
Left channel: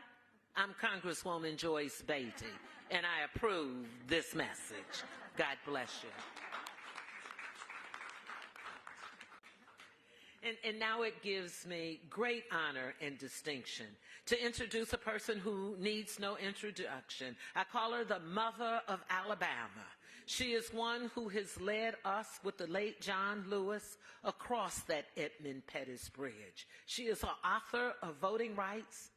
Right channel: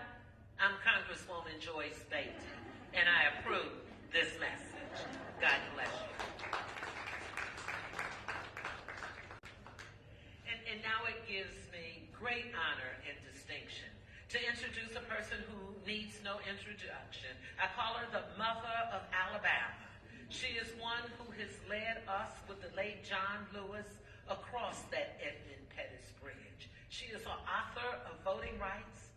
I'm Congresswoman Joyce Beatty, and I approve this message. God bless you. And now it gives me great honor and distinction to introduce a person who needs no introduction. I call her the Mother of Alabama. She is one who has led us with the late John Lewis across that Edmund Pettus Bridge. She is an author of voting rights,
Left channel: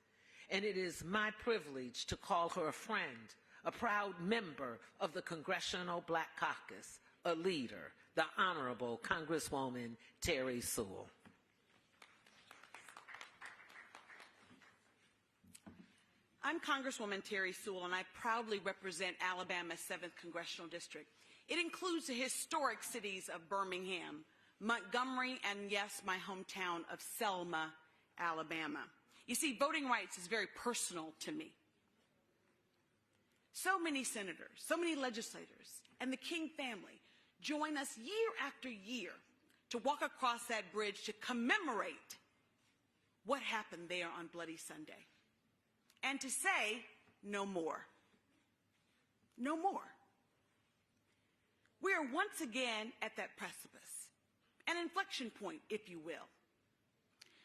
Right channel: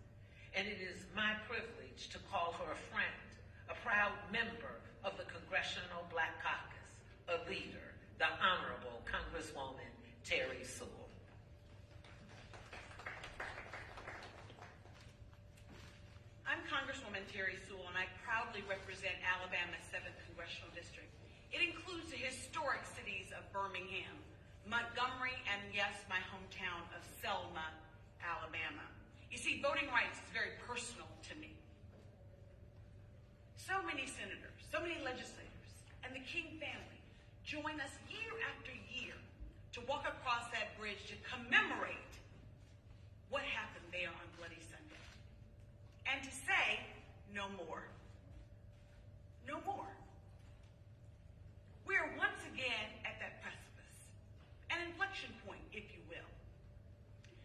and it is my privilege to call her a friend, a proud member of the Congressional Black Caucus, a leader, the Honorable Congresswoman Terry Sewell. I'm Congresswoman Terry Sewell, and I proudly represent Alabama's 7th Congressional District. It includes the historic cities of Birmingham, Montgomery, and yes, my hometown of Selma, Alabama. You see, voting rights is very personal to me. So many senators, so many legislators, and the King family join us year after year to walk across that bridge to commemorate what happened there on Bloody Sunday. And to say, no more. No more. We are once again at that precipice, an inflection point, if you will.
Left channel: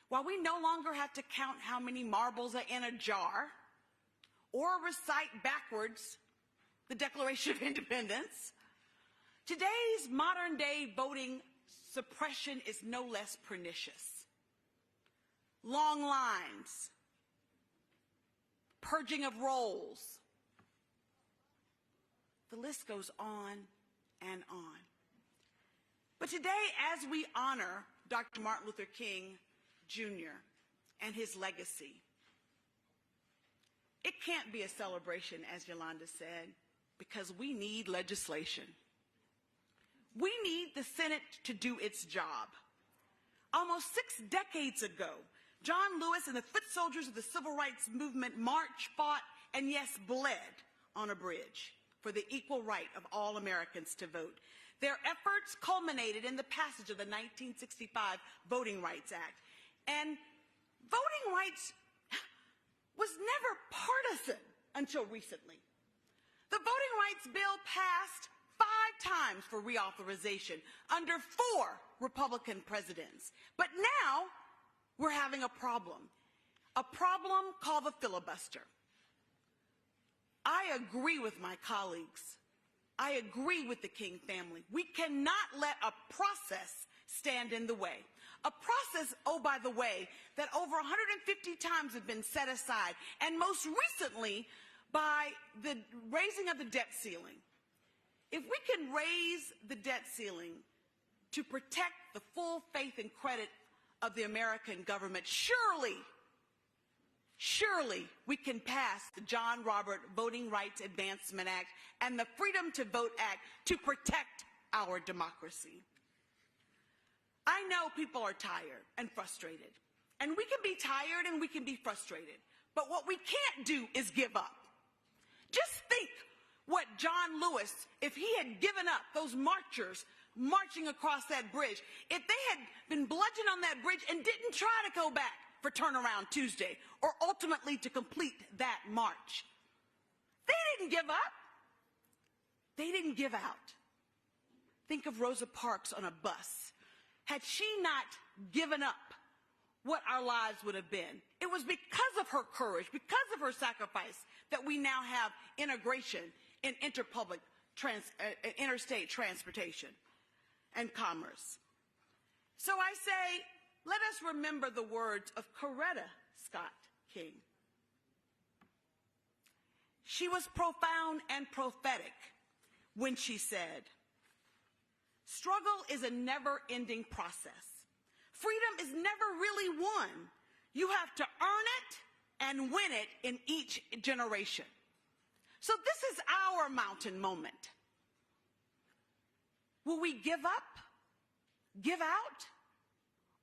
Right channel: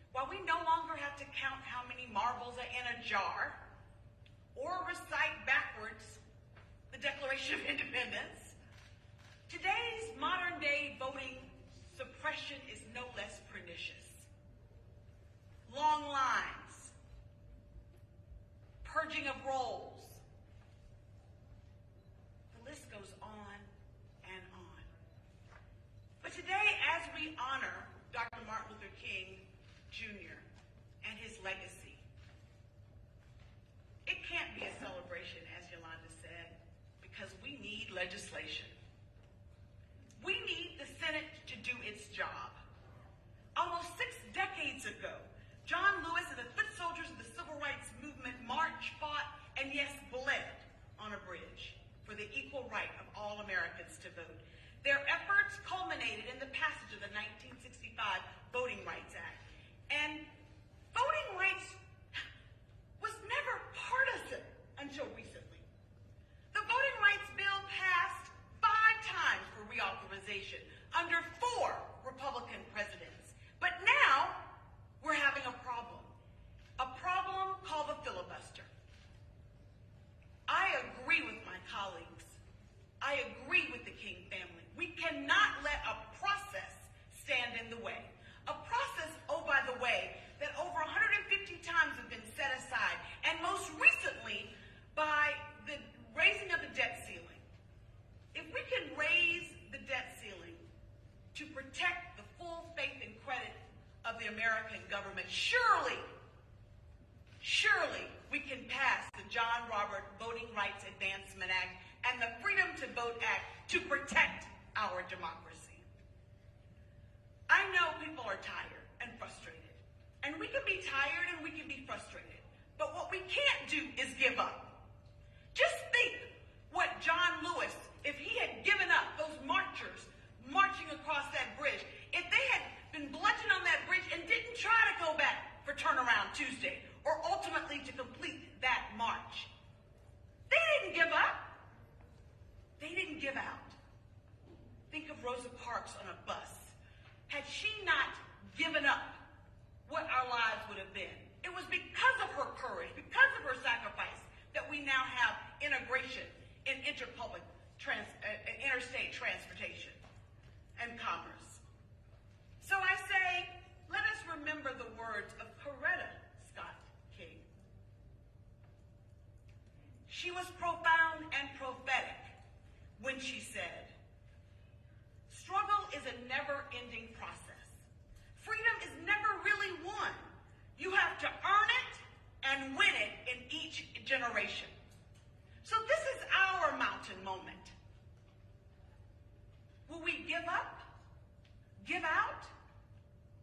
While we no longer have to count how many marbles are in a jar or recite backwards the Declaration of Independence, today's modern-day voting suppression is no less pernicious. Long lines, purging of rolls. The list goes on and on. But today, as we honor Dr. Martin Luther King Jr. and his legacy. It can't be a celebration, as Yolanda said, because we need legislation. We need the Senate to do its job. Almost 6 decades ago, John Lewis and the foot soldiers of the civil rights movement marched, fought, and yes, bled on a bridge for the equal right of all Americans to vote. Their efforts culminated in the passage of the 1965 Voting Rights Act. And voting rights was never partisan until recently. The voting rights bill passed 5 times for reauthorization under 4 Republican presidents. But now we're having a problem called the filibuster. I agree with my colleagues. I agree with the King family. We cannot let a process stand in the way. A process, oh, by the way, that over 150 times have been set aside, and most recently by the raising of the debt ceiling. If we can raise the debt ceiling to protect the full faith and credit of the American government, surely we can pass the John Robert Voting Rights Advancement Act and the Freedom to Vote Act to protect our democracy. I know people are tired and frustrated, and we can be tired and we can be frustrated, but what we can't do is give up. Just think what John Lewis, if he had given up, those marchers marching across that bridge, if they had been bludgeoned on that bridge and didn't try to go back for turnaround Tuesday, or ultimately to complete that march. They didn't give up. They didn't give out. Think of Rosa Parks on a bus. Had she not given up, what our lives would have been. It was because of her courage, because of her sacrifice, that we now have integration in interstate transportation and commerce. So I say, let us remember the words of Coretta Scott King. She was profound and prophetic when she said, struggle is a never-ending process. Freedom is never really won. You have to earn it and win it in each generation. So this is our mountain moment. Will we give up, give out,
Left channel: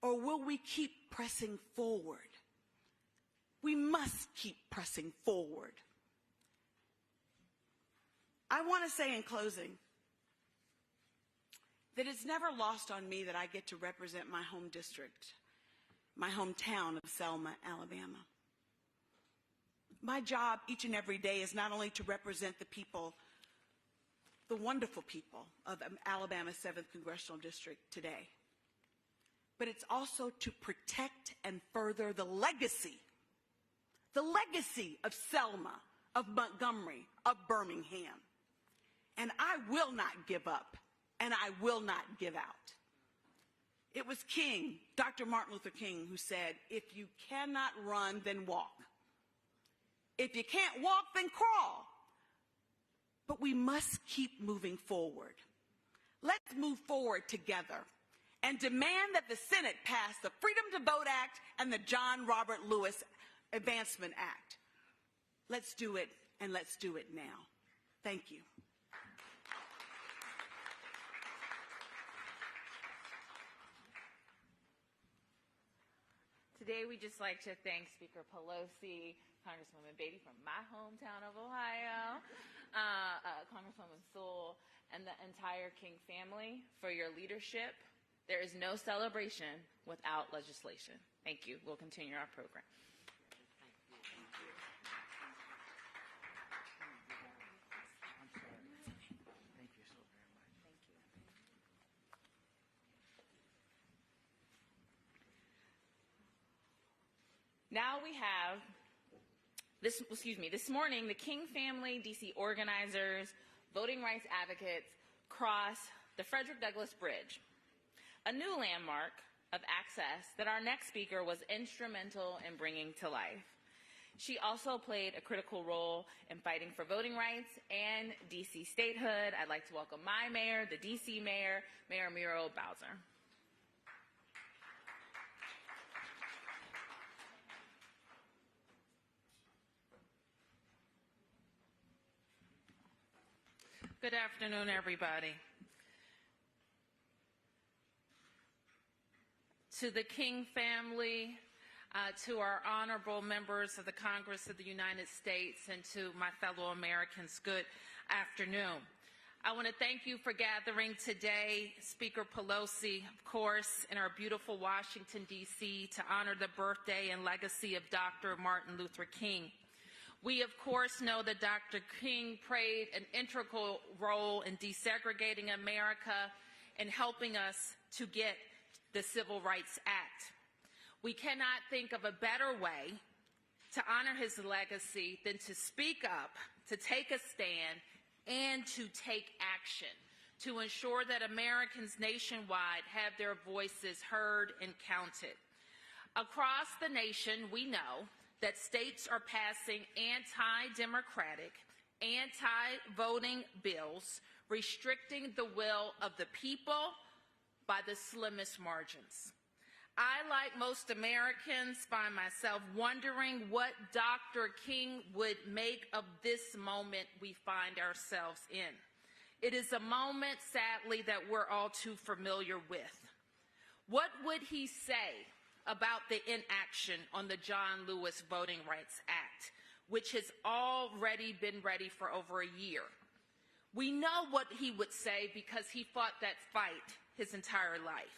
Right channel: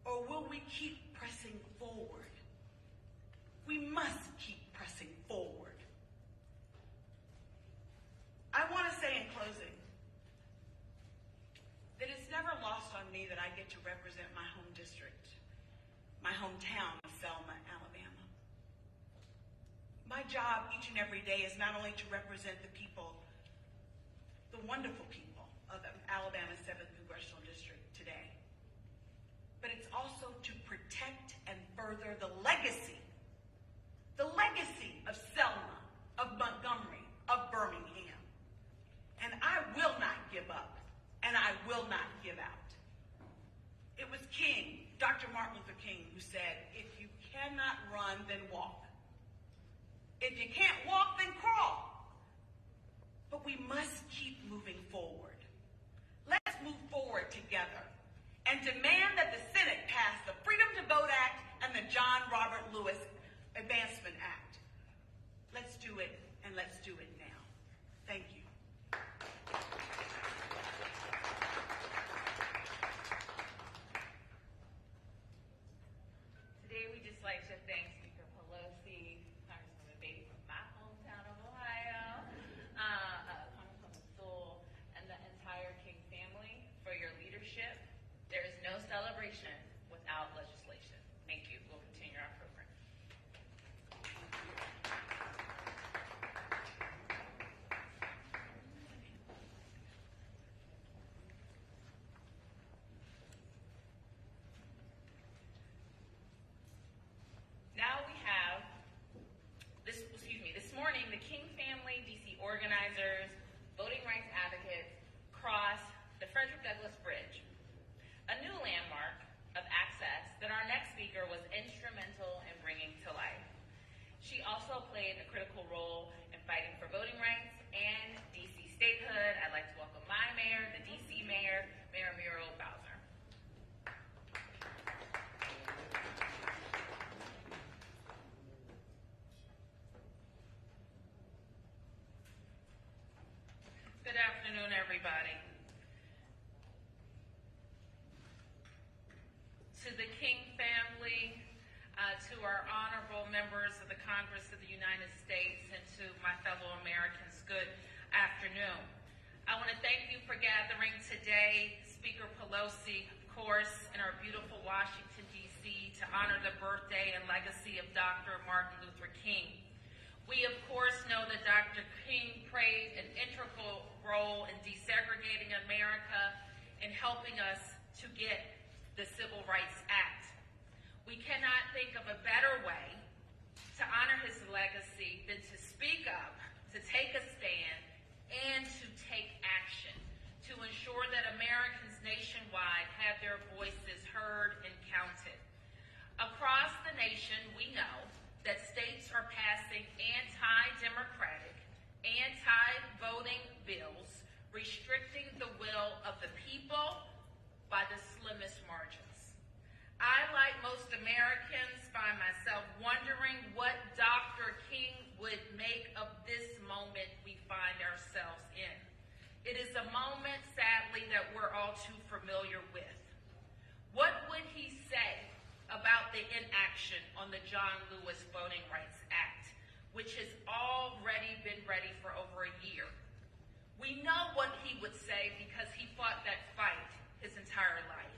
or will we keep pressing forward? We must keep pressing forward. I want to say in closing that it's never lost on me that I get to represent my home district, my hometown of Selma, Alabama. My job each and every day is not only to represent the people, the wonderful people of Alabama's 7th Congressional District today, but it's also to protect and further the legacy of Selma, of Montgomery, of Birmingham. And I will not give up, and I will not give out. It was King, Dr. Martin Luther King, who said, if you cannot run, then walk. If you can't walk, then crawl. But we must keep moving forward. Let's move forward together and demand that the Senate pass the Freedom to Vote Act and the John Robert Lewis Advancement Act. Let's do it, and let's do it now. Thank you. Today, we'd just like to thank Speaker Pelosi, Congresswoman Beatty from my hometown of Ohio, Congresswoman Sewell, and the entire King family for your leadership. There is no celebration without legislation. Thank you. We'll continue our program. Now we have, this morning, the King family, DC organizers, voting rights advocates crossed the Frederick Douglass Bridge, a new landmark of access that our next speaker was instrumental in bringing to life. She also played a critical role in fighting for voting rights and DC statehood. I'd like to welcome my mayor, the DC mayor, Mayor Muriel Bowser. afternoon, everybody. To the King family, to our honorable members of the Congress of the United States, and to my fellow Americans, good afternoon. I want to thank you for gathering today, Speaker Pelosi, of course, in our beautiful Washington, D.C., to honor the birthday and legacy of Dr. Martin Luther King. We, of course, know that Dr. King played an integral role in desegregating America and helping us to get the Civil Rights Act. We cannot think of a better way to honor his legacy than to speak up, to take a stand, and to take action to ensure that Americans nationwide have their voices heard and counted. Across the nation, we know that states are passing anti-democratic, anti-voting bills restricting the will of the people by the slimmest margins. I, like most Americans, find myself wondering what Dr. King would make of this moment we find ourselves in. It is a moment, sadly, that we're all too familiar with. What would he say about the inaction on the John Lewis Voting Rights Act, which has already been ready for over a year? We know what he would say because he fought that fight his entire life.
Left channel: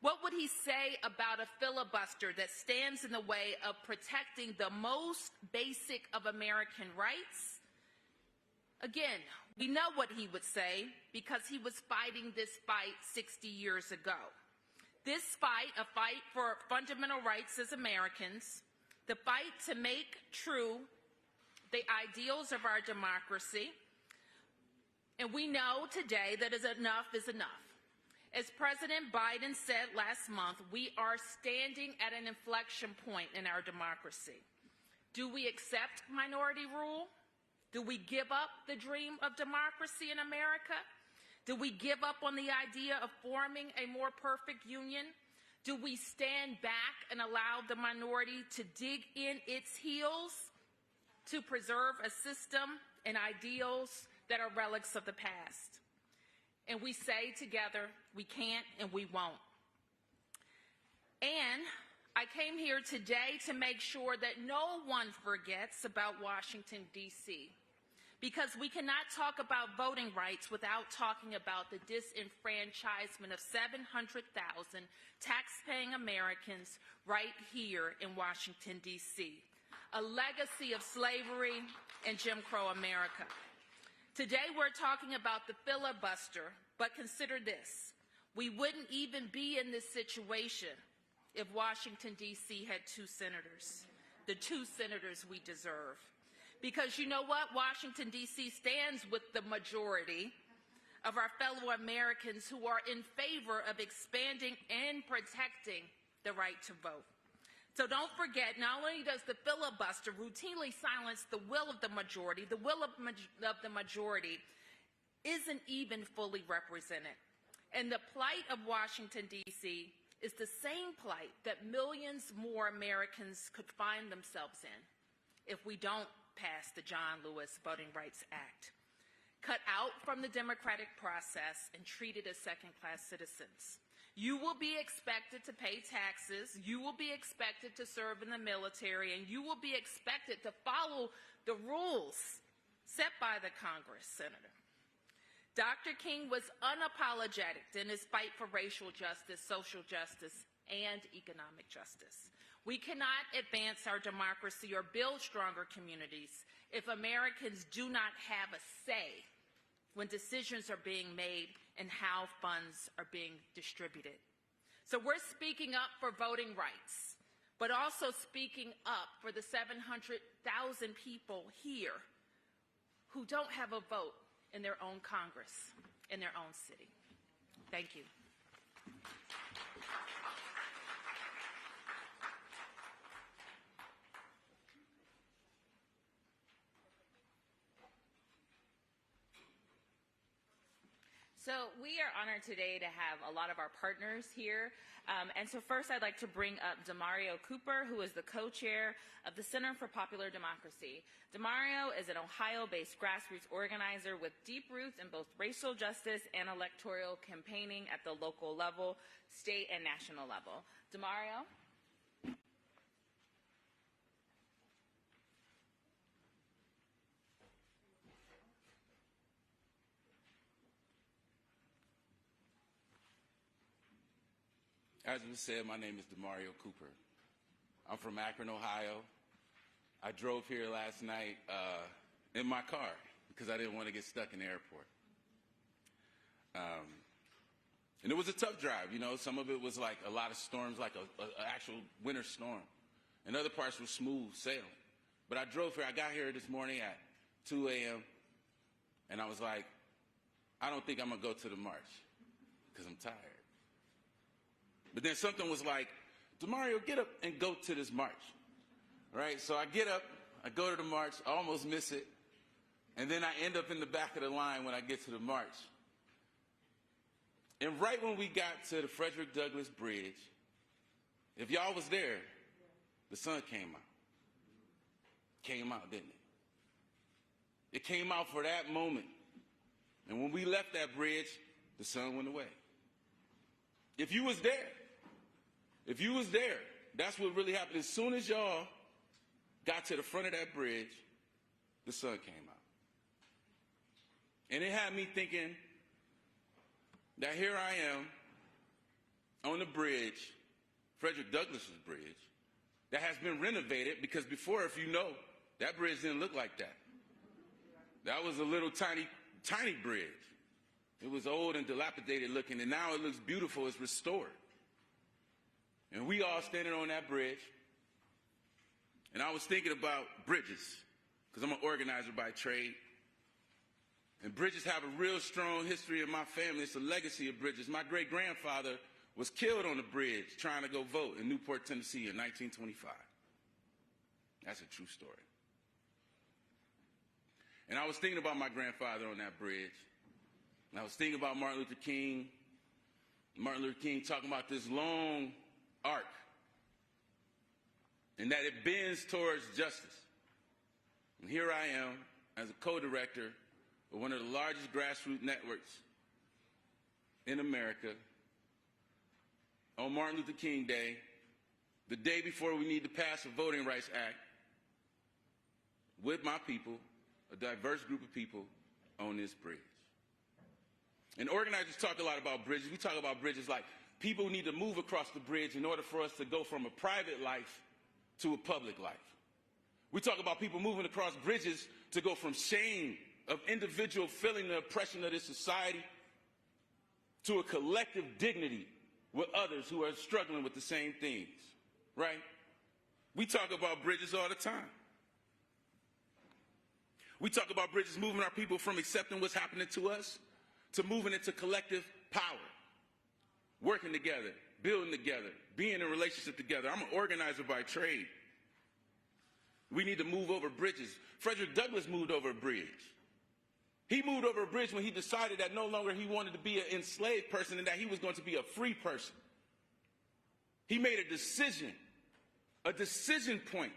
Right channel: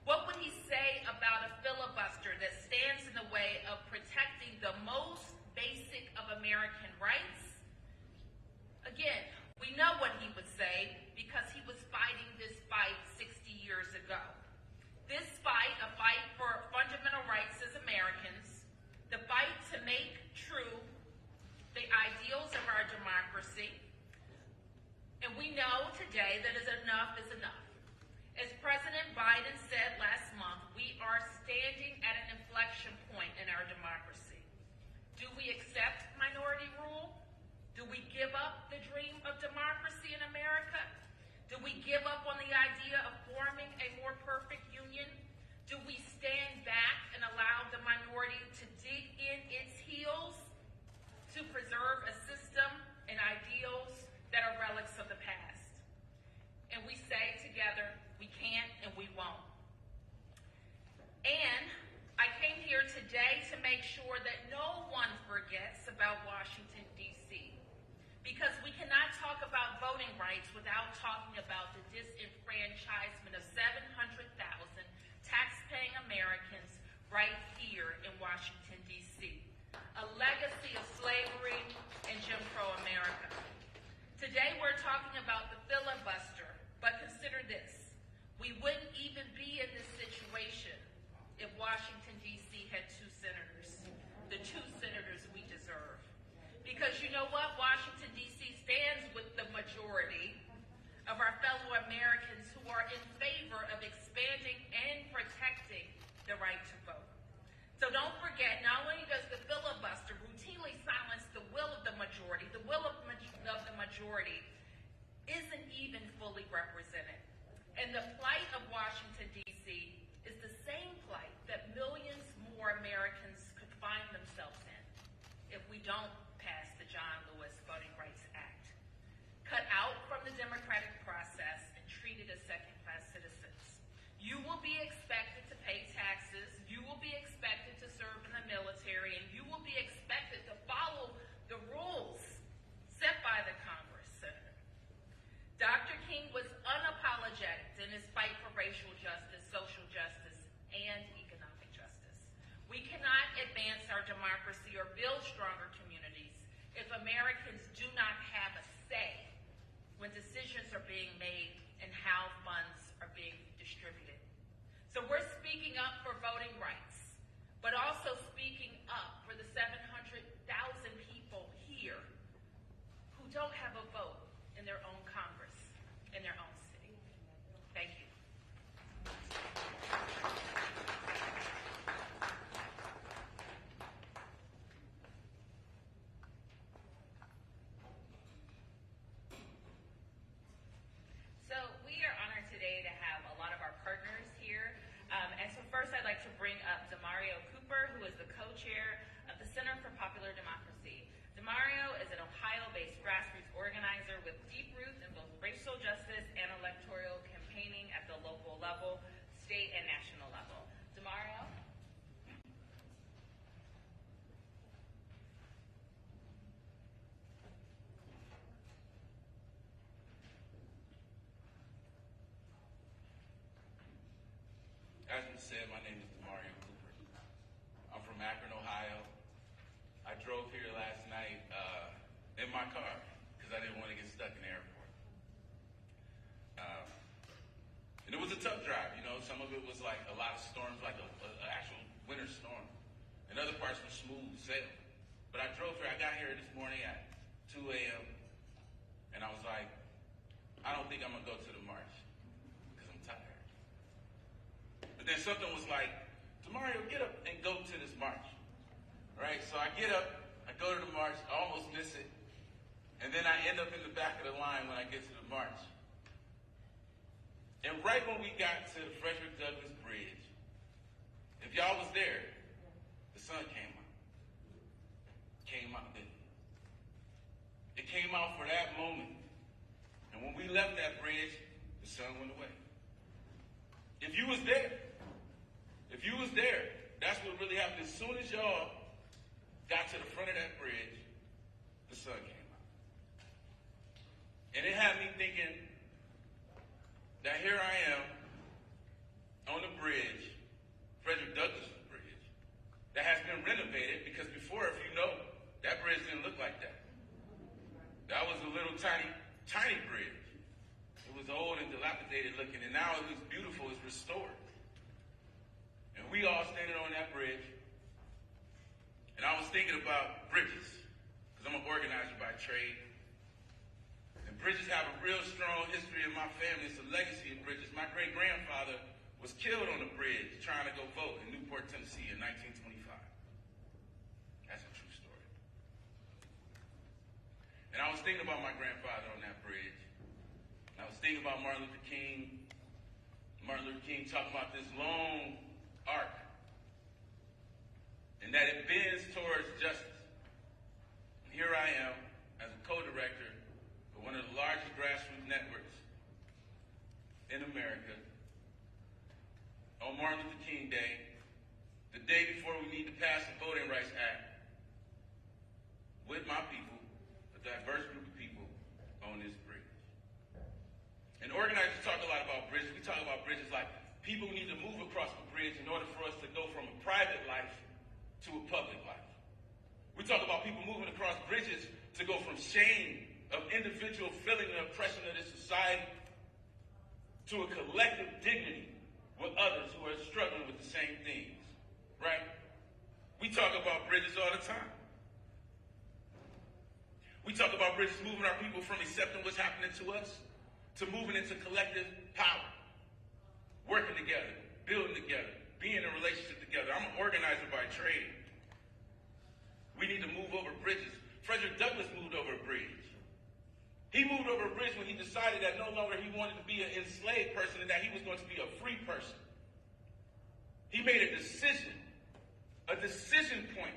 What would he say about a filibuster that stands in the way of protecting the most basic of American rights? Again, we know what he would say because he was fighting this fight 60 years ago. This fight, a fight for fundamental rights as Americans, the fight to make true the ideals of our democracy, and we know today that enough is enough. As President Biden said last month, we are standing at an inflection point in our democracy. Do we accept minority rule? Do we give up the dream of democracy in America? Do we give up on the idea of forming a more perfect union? Do we stand back and allow the minority to dig in its heels to preserve a system and ideals that are relics of the past? And we say together, we can't and we won't. And I came here today to make sure that no one forgets about Washington, D.C., because we cannot talk about voting rights without talking about the disenfranchisement of 700,000 tax-paying Americans right here in Washington, D.C., a legacy of slavery and Jim Crow America. Today we're talking about the filibuster, but consider this. We wouldn't even be in this situation if Washington, D.C. had two senators, the two senators we deserve. Because you know what? Washington, D.C. stands with the majority of our fellow Americans who are in favor of expanding and protecting the right to vote. So don't forget, not only does the filibuster routinely silence the will of the majority, the will of the majority isn't even fully represented. And the plight of Washington, D.C. is the same plight that millions more Americans could find themselves in if we don't pass the John Lewis Voting Rights Act. Cut out from the democratic process and treated as second-class citizens. You will be expected to pay taxes, you will be expected to serve in the military, and you will be expected to follow the rules set by the Congress, Senator. Dr. King was unapologetic in his fight for racial justice, social justice, and economic justice. We cannot advance our democracy or build stronger communities if Americans do not have a say when decisions are being made and how funds are being distributed. So we're speaking up for voting rights, but also speaking up for the 700,000 people here who don't have a vote in their own Congress, in their own city. Thank you. So we are honored today to have a lot of our partners here And so first I'd like to bring up Demario Cooper, who is the co-chair of the Center for Popular Democracy. Demario is an Ohio-based grassroots organizer with deep roots in both racial justice and electoral campaigning at the local level, state and national level. Demario? As you said, my name is Demario Cooper. I'm from Akron, Ohio. I drove here last night in my car because I didn't want to get stuck in the airport. And it was a tough drive, you know. Some of it was like a lot of storms, like an actual winter storm. And other parts were smooth sailing. But I drove here. I got here this morning at 2 a.m. And I was like, I don't think I'm going to go to the march because I'm tired. But then something was like, Demario, get up and go to this march, right? So I get up, I go to the march, I almost miss it, and then I end up in the back of the line when I get to the march. And right when we got to the Frederick Douglass Bridge, if y'all was there, the sun came out. Came out, didn't it? It came out for that moment. And when we left that bridge, the sun went away. If you was there, that's what really happened. As soon as y'all got to the front of that bridge, the sun came out. And it had me thinking that here I am on the bridge, Frederick Douglass' bridge, that has been renovated because before, if you know, that bridge didn't look like that. That was a little tiny bridge. It was old and dilapidated looking, and now it looks beautiful. It's restored. And we all standing on that bridge, and I was thinking about bridges, because I'm an organizer by trade. And bridges have a real strong history in my family. It's a legacy of bridges. My great-grandfather was killed on a bridge trying to go vote in Newport, Tennessee in 1925. That's a true story. And I was thinking about my grandfather on that bridge. And I was thinking about Martin Luther King. Martin Luther King talking about this long arc. And that it bends towards justice. And here I am as a co-director of one of the largest grassroots networks in America on Martin Luther King Day, the day before we need to pass the Voting Rights Act, with my people, a diverse group of people, on this bridge. And organizers talk a lot about bridges. We talk about bridges like people need to move across the bridge in order for us to go from a private life to a public life. We talk about people moving across bridges to go from shame of individual feeling the oppression of this society to a collective dignity with others who are struggling with the same things, right? We talk about bridges all the time. We talk about bridges moving our people from accepting what's happening to us to moving into collective power, working together, building together, being in a relationship together. I'm an organizer by trade. We need to move over bridges. Frederick Douglass moved over a bridge. He moved over a bridge when he decided that no longer he wanted to be an enslaved person and that he was going to be a free person. He made a decision point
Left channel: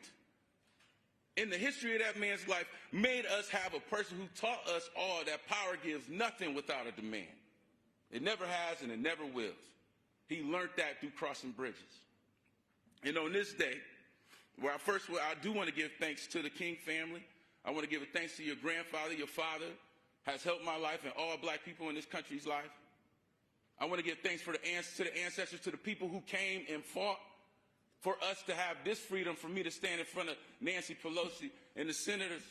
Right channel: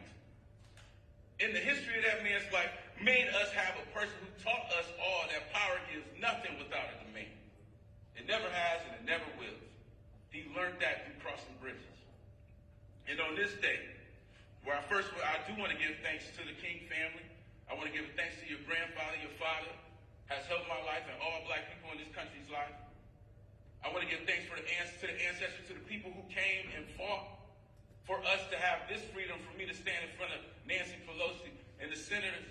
in the history of that man's life, made us have a person who taught us all that power gives nothing without a demand. It never has and it never will. He learned that through crossing bridges. And on this day, where I do want to give thanks to the King family. I want to give thanks to your grandfather, your father, has helped my life and all black people in this country's life. I want to give thanks to the ancestors, to the people who came and fought for us to have this freedom, for me to stand in front of Nancy Pelosi and the senators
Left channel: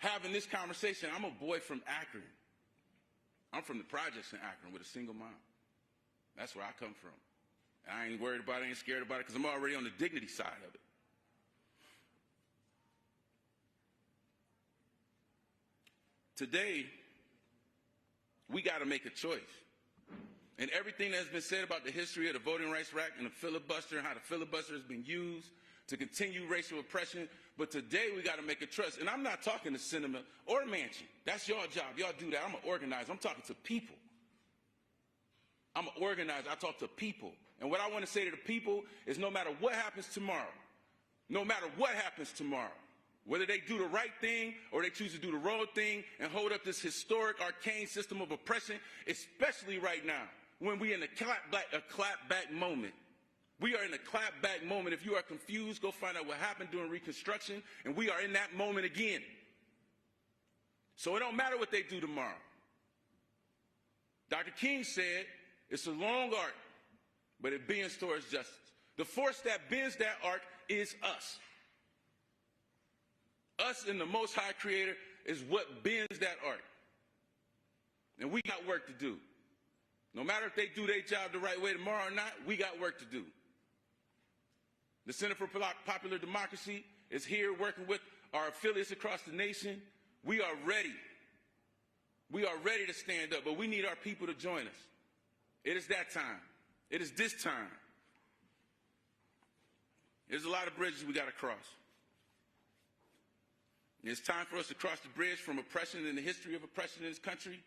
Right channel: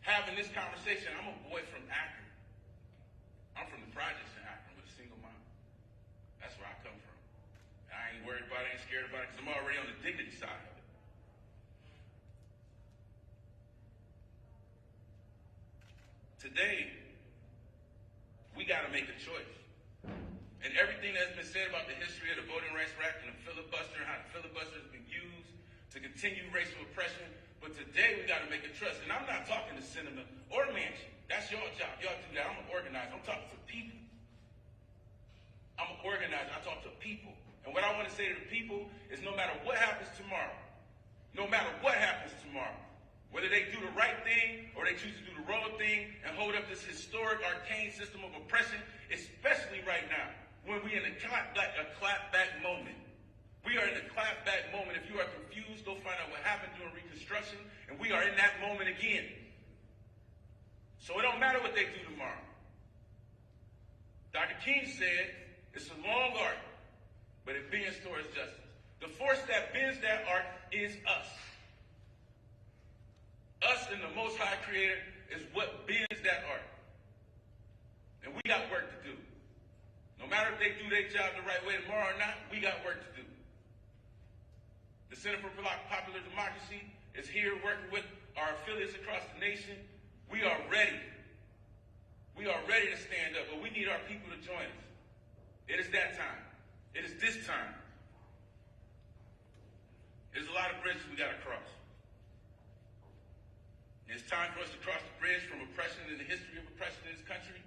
having this conversation. I'm a boy from Akron. I'm from the projects in Akron with a single mom. That's where I come from. And I ain't worried about it, ain't scared about it, because I'm already on the dignity side of it. Today, we got to make a choice. And everything that's been said about the history of the Voting Rights Act and the filibuster and how the filibuster has been used to continue racial oppression, but today we got to make a choice. And I'm not talking to cinema or the mansion. That's your job. Y'all do that. I'm an organizer. I'm talking to people. I'm an organizer. I talk to people. And And what I want to say to the people is no matter what happens tomorrow, whether they do the right thing or they choose to do the wrong thing and hold up this historic, arcane system of oppression, especially right now, when we're in a clapback moment. We are in a clapback moment. If you are confused, go find out what happened during Reconstruction, and we are in that moment again. So it don't matter what they do tomorrow. Dr. King said, it's a long arc, but it bends towards justice. The force that bends that arc is us. Us and the Most High Creator is what bends that arc. And we got work to do. No matter if they do their job the right way tomorrow or not, we got work to do. The Center for Popular Democracy is here working with our affiliates across the nation. We are ready. We are ready to stand up, but we need our people to join us. It is that time. It is this time. There's a lot of bridges we got to cross. It's time for us to cross the bridge from oppression and the history of oppression in this country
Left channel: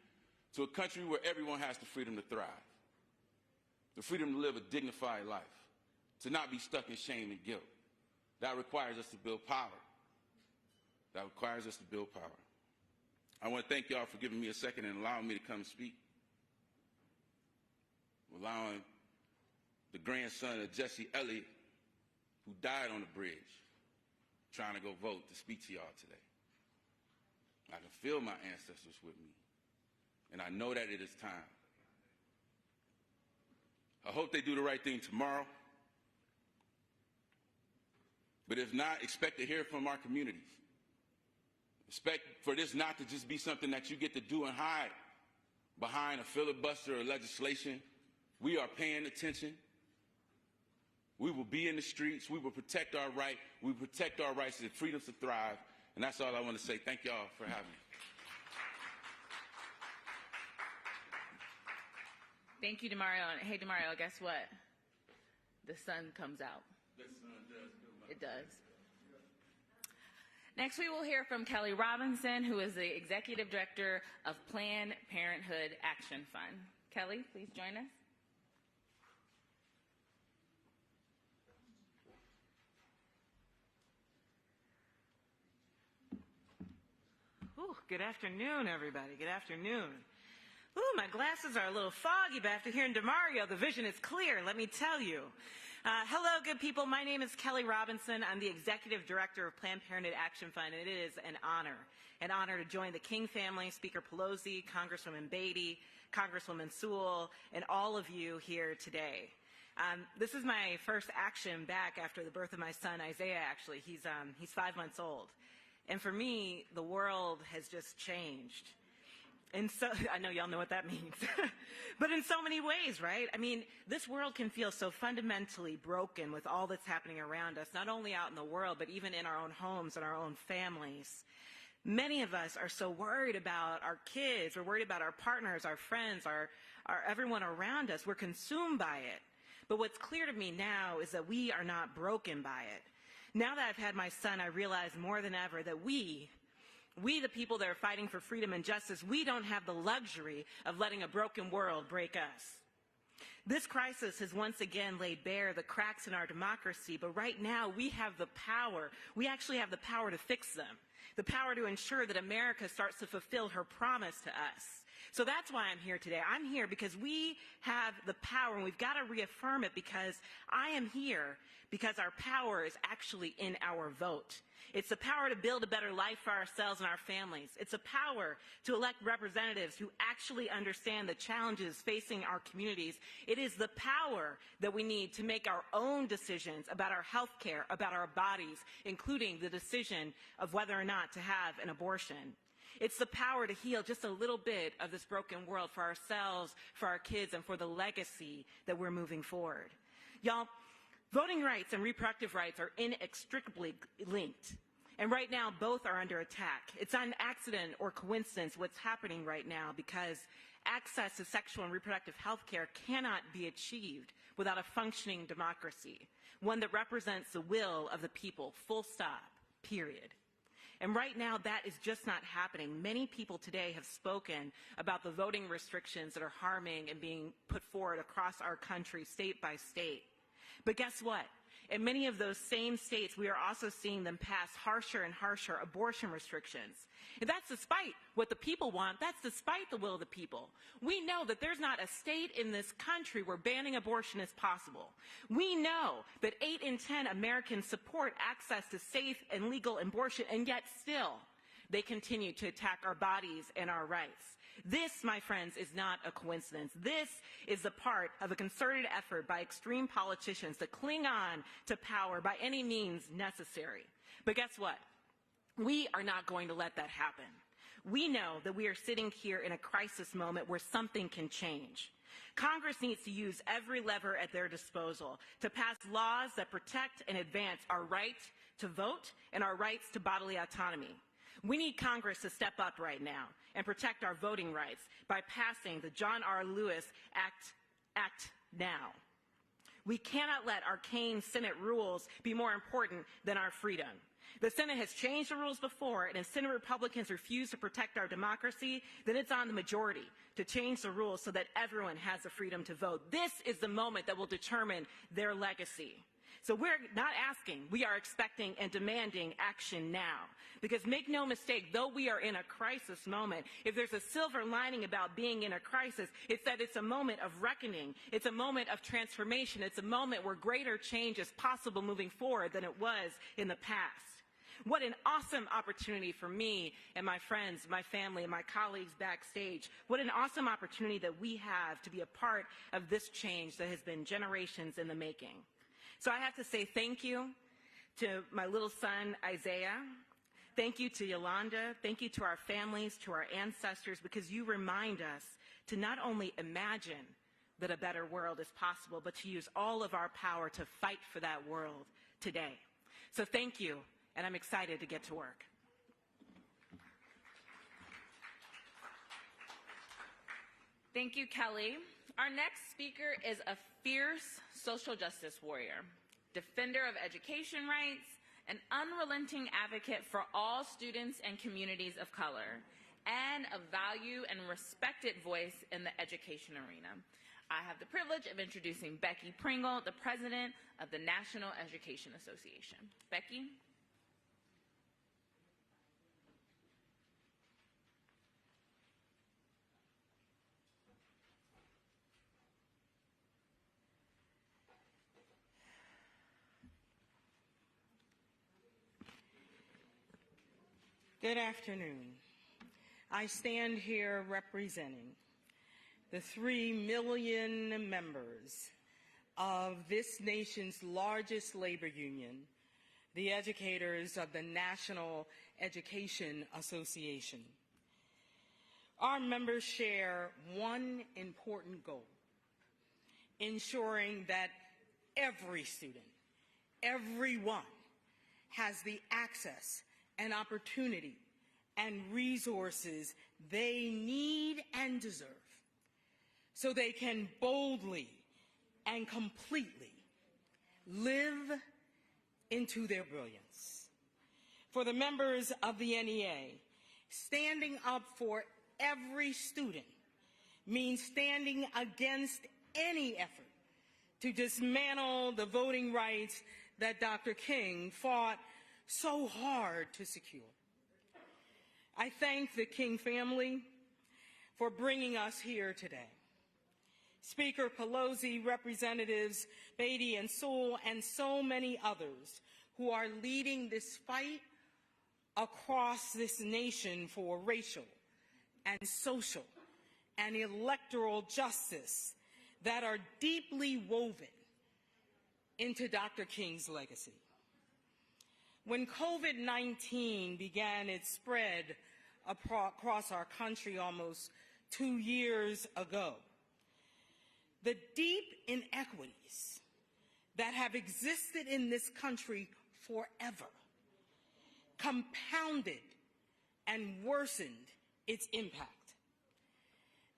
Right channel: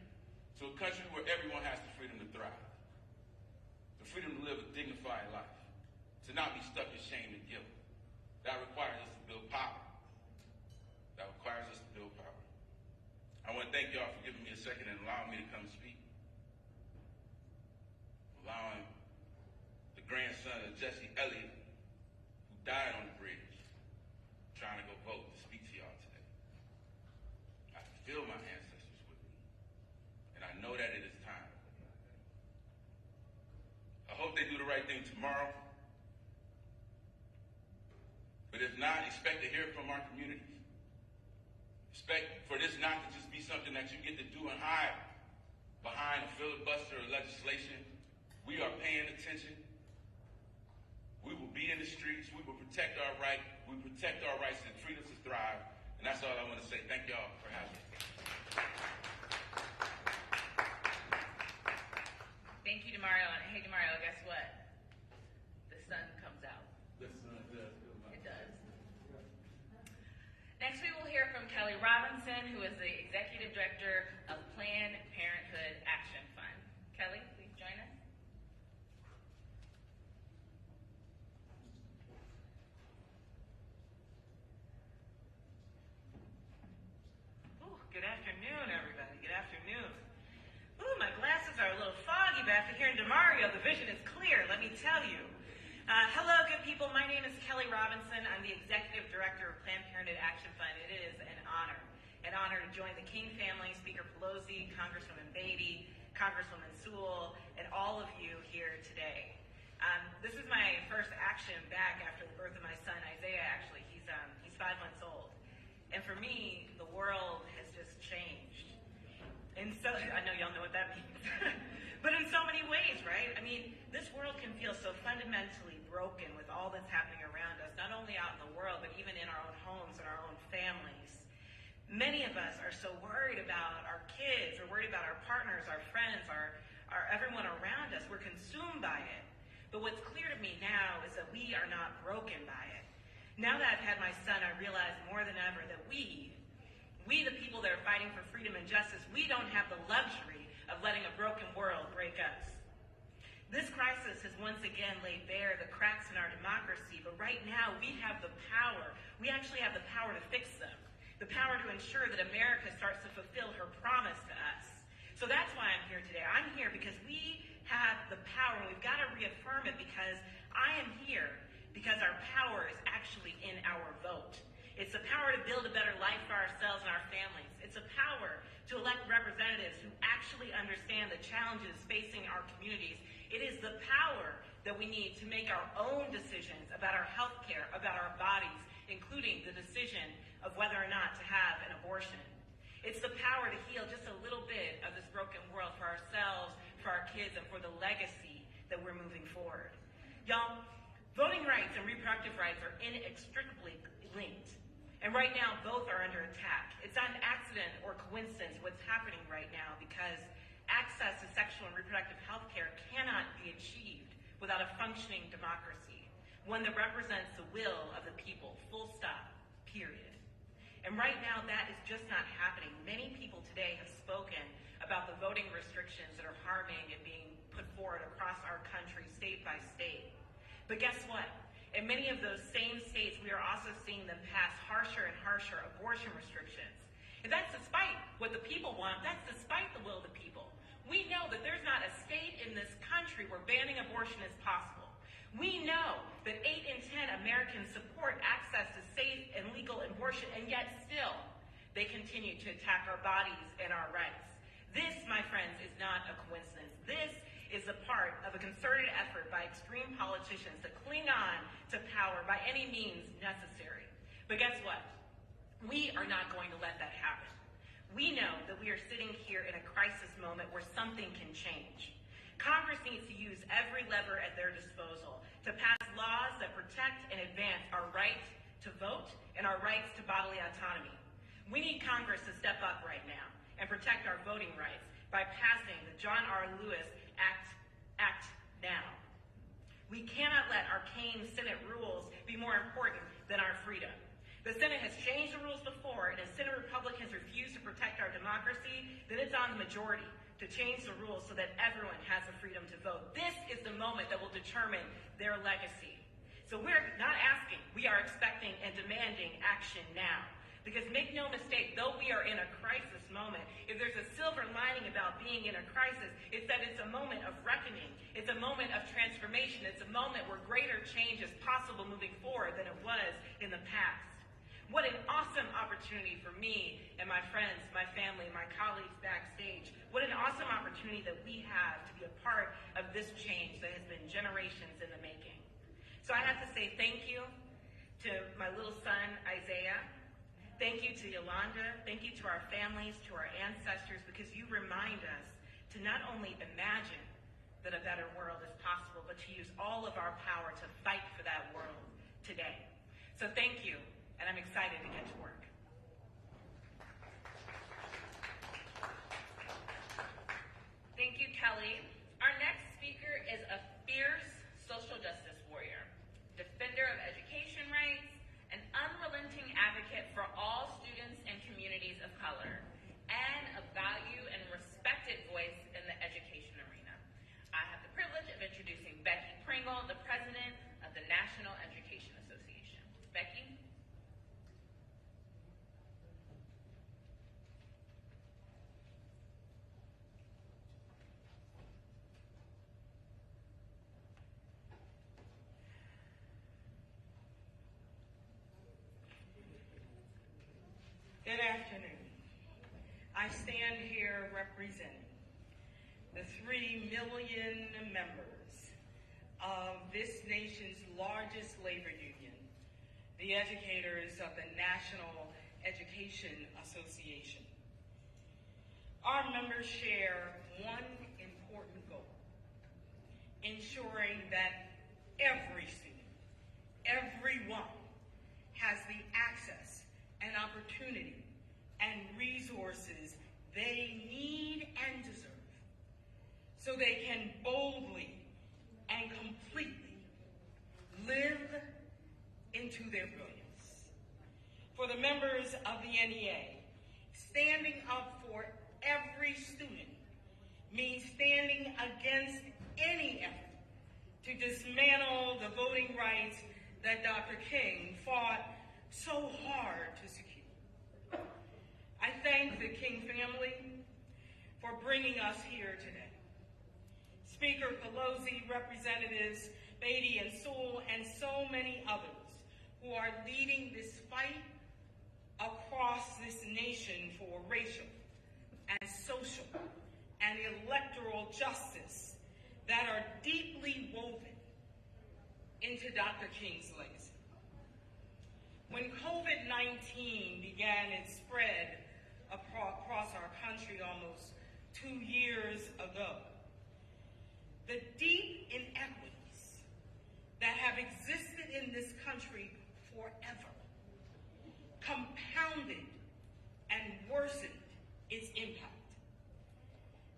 to a country where everyone has the freedom to thrive, the freedom to live a dignified life, to not be stuck in shame and guilt. That requires us to build power. I want to thank y'all for giving me a second and allowing me to come speak. Allowing the grandson of Jesse Elliott, who died on the bridge, trying to go vote, to speak to y'all today. I can feel my ancestors with me, and I know that it is time. I hope they do the right thing tomorrow, but if not, expect to hear from our communities. Expect for this not to just be something that you get to do and hide behind a filibuster or legislation. We are paying attention. We will be in the streets. We will protect our right. We will protect our rights and freedoms to thrive. And that's all I want to say. Thank y'all for having me. Thank you, Demario. And hey, Demario, guess what? The sun comes out. The sun does come out. It does. Next, we will hear from Kelly Robinson, who is the Executive Director of Planned Parenthood Action Fund. Kelly, please join us. Good afternoon, everybody. Good afternoon. Ooh, my glasses are a little foggy, but after hearing Demario, the vision is clear, let me tell you. Hello, good people. My name is Kelly Robinson. I'm the Executive Director of Planned Parenthood Action Fund. It is an honor to join the King family, Speaker Pelosi, Congresswoman Beatty, Congresswoman Sewell, and all of you here today. This is my first action back after the birth of my son, Isaiah, actually. He's 5 months old. And for me, the world has just changed. And so, I know y'all know what that means. But in so many ways, right? I mean, this world can feel so fundamentally broken with all that's happening around us, not only out in the world, but even in our own homes and our own families. Many of us are so worried about our kids, we're worried about our partners, our friends, our everyone around us. We're consumed by it. But what's clear to me now is that we are not broken by it. Now that I've had my son, I realize more than ever that we the people that are fighting for freedom and justice, we don't have the luxury of letting a broken world break us. This crisis has once again laid bare the cracks in our democracy, but right now we have the power. We actually have the power to fix them, the power to ensure that America starts to fulfill her promise to us. So that's why I'm here today. I'm here because we have the power, and we've got to reaffirm it, because I am here because our power is actually in our vote. It's the power to build a better life for ourselves and our families. It's a power to elect representatives who actually understand the challenges facing our communities. It is the power that we need to make our own decisions about our health care, about our bodies, including the decision of whether or not to have an abortion. It's the power to heal just a little bit of this broken world for ourselves, for our kids, and for the legacy that we're moving forward. Y'all, voting rights and reproductive rights are inextricably linked. And right now, both are under attack. It's not an accident or coincidence what's happening right now, because access to sexual and reproductive health care cannot be achieved without a functioning democracy, one that represents the will of the people, full stop, period. And right now, that is just not happening. Many people today have spoken about the voting restrictions that are harming and being put forward across our country, state by state. But guess what? In many of those same states, we are also seeing them pass harsher and harsher abortion restrictions. And that's despite what the people want. That's despite the will of the people. We know that there's not a state in this country where banning abortion is possible. We know that 8 in 10 Americans support access to safe and legal abortion, and yet still they continue to attack our bodies and our rights. This, my friends, is not a coincidence. This is a part of a concerted effort by extreme politicians to cling on to power by any means necessary. But guess what? We are not going to let that happen. We know that we are sitting here in a crisis moment where something can change. Congress needs to use every lever at their disposal to pass laws that protect and advance our right to vote and our rights to bodily autonomy. We need Congress to step up right now and protect our voting rights by passing the John R. Lewis Act now. We cannot let arcane Senate rules be more important than our freedom. The Senate has changed the rules before, and if Senate Republicans refuse to protect our democracy, then it's on the majority to change the rules so that everyone has the freedom to vote. This is the moment that will determine their legacy. So we're not asking, we are expecting and demanding action now. Because make no mistake, though we are in a crisis moment, if there's a silver lining about being in a crisis, it's that it's a moment of reckoning. It's a moment of transformation. It's a moment where greater change is possible moving forward than it was in the past. What an awesome opportunity for me and my friends, my family, my colleagues backstage. What an awesome opportunity that we have to be a part of this change that has been generations in the making. So I have to say thank you to my little son, Isaiah. Thank you to Yolanda. Thank you to our families, to our ancestors, because you remind us to not only imagine that a better world is possible, but to use all of our power to fight for that world today. So thank you. And I'm excited to get to work. Thank you, Kelly. Our next speaker is a fierce social justice warrior, defender of education rights, an unrelenting advocate for all students and communities of color, and a value and respected voice in the education arena. I have the privilege of introducing Becky Pringle, the president of the National Education Association. Becky? Good afternoon. I stand here representing the 3 million members of this nation's largest labor union, the educators of the National Education Association. Our members share one important goal: ensuring that every student, everyone, has the access and opportunity and resources they need and deserve so they can boldly and completely live into their brilliance. For the members of the NEA, standing up for every student means standing against any effort to dismantle the voting rights that Dr. King fought so hard to secure. I thank the King family for bringing us here today. Speaker Pelosi, Representatives Beatty and Sewell, and so many others who are leading this fight across this nation for racial and social and electoral justice that are deeply woven into Dr. King's legacy. When COVID-19 began its spread across our country almost 2 years ago, the deep inequities that have existed in this country forever compounded and worsened its impact.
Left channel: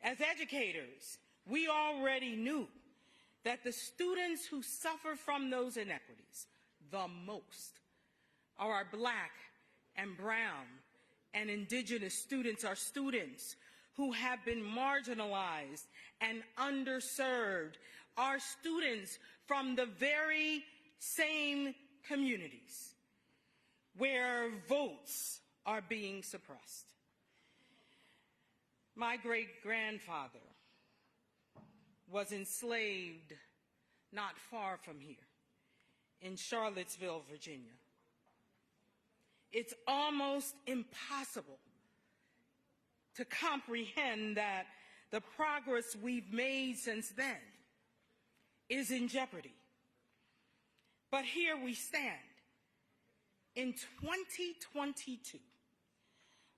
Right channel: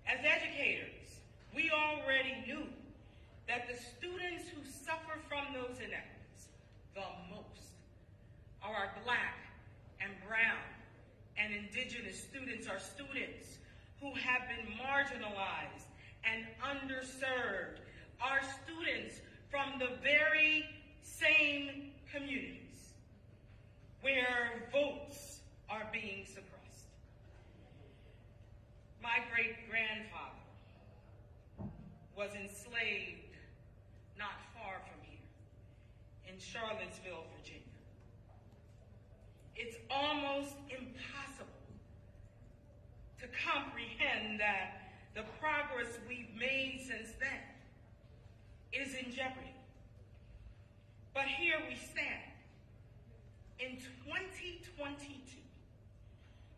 As educators, we already knew that the students who suffer from those inequities the most are our Black and brown and indigenous students are students who have been marginalized and underserved, are students from the very same communities where votes are being suppressed. My great-grandfather was enslaved not far from here, in Charlottesville, Virginia. It's almost impossible to comprehend that the progress we've made since then is in jeopardy. But here we stand in 2022,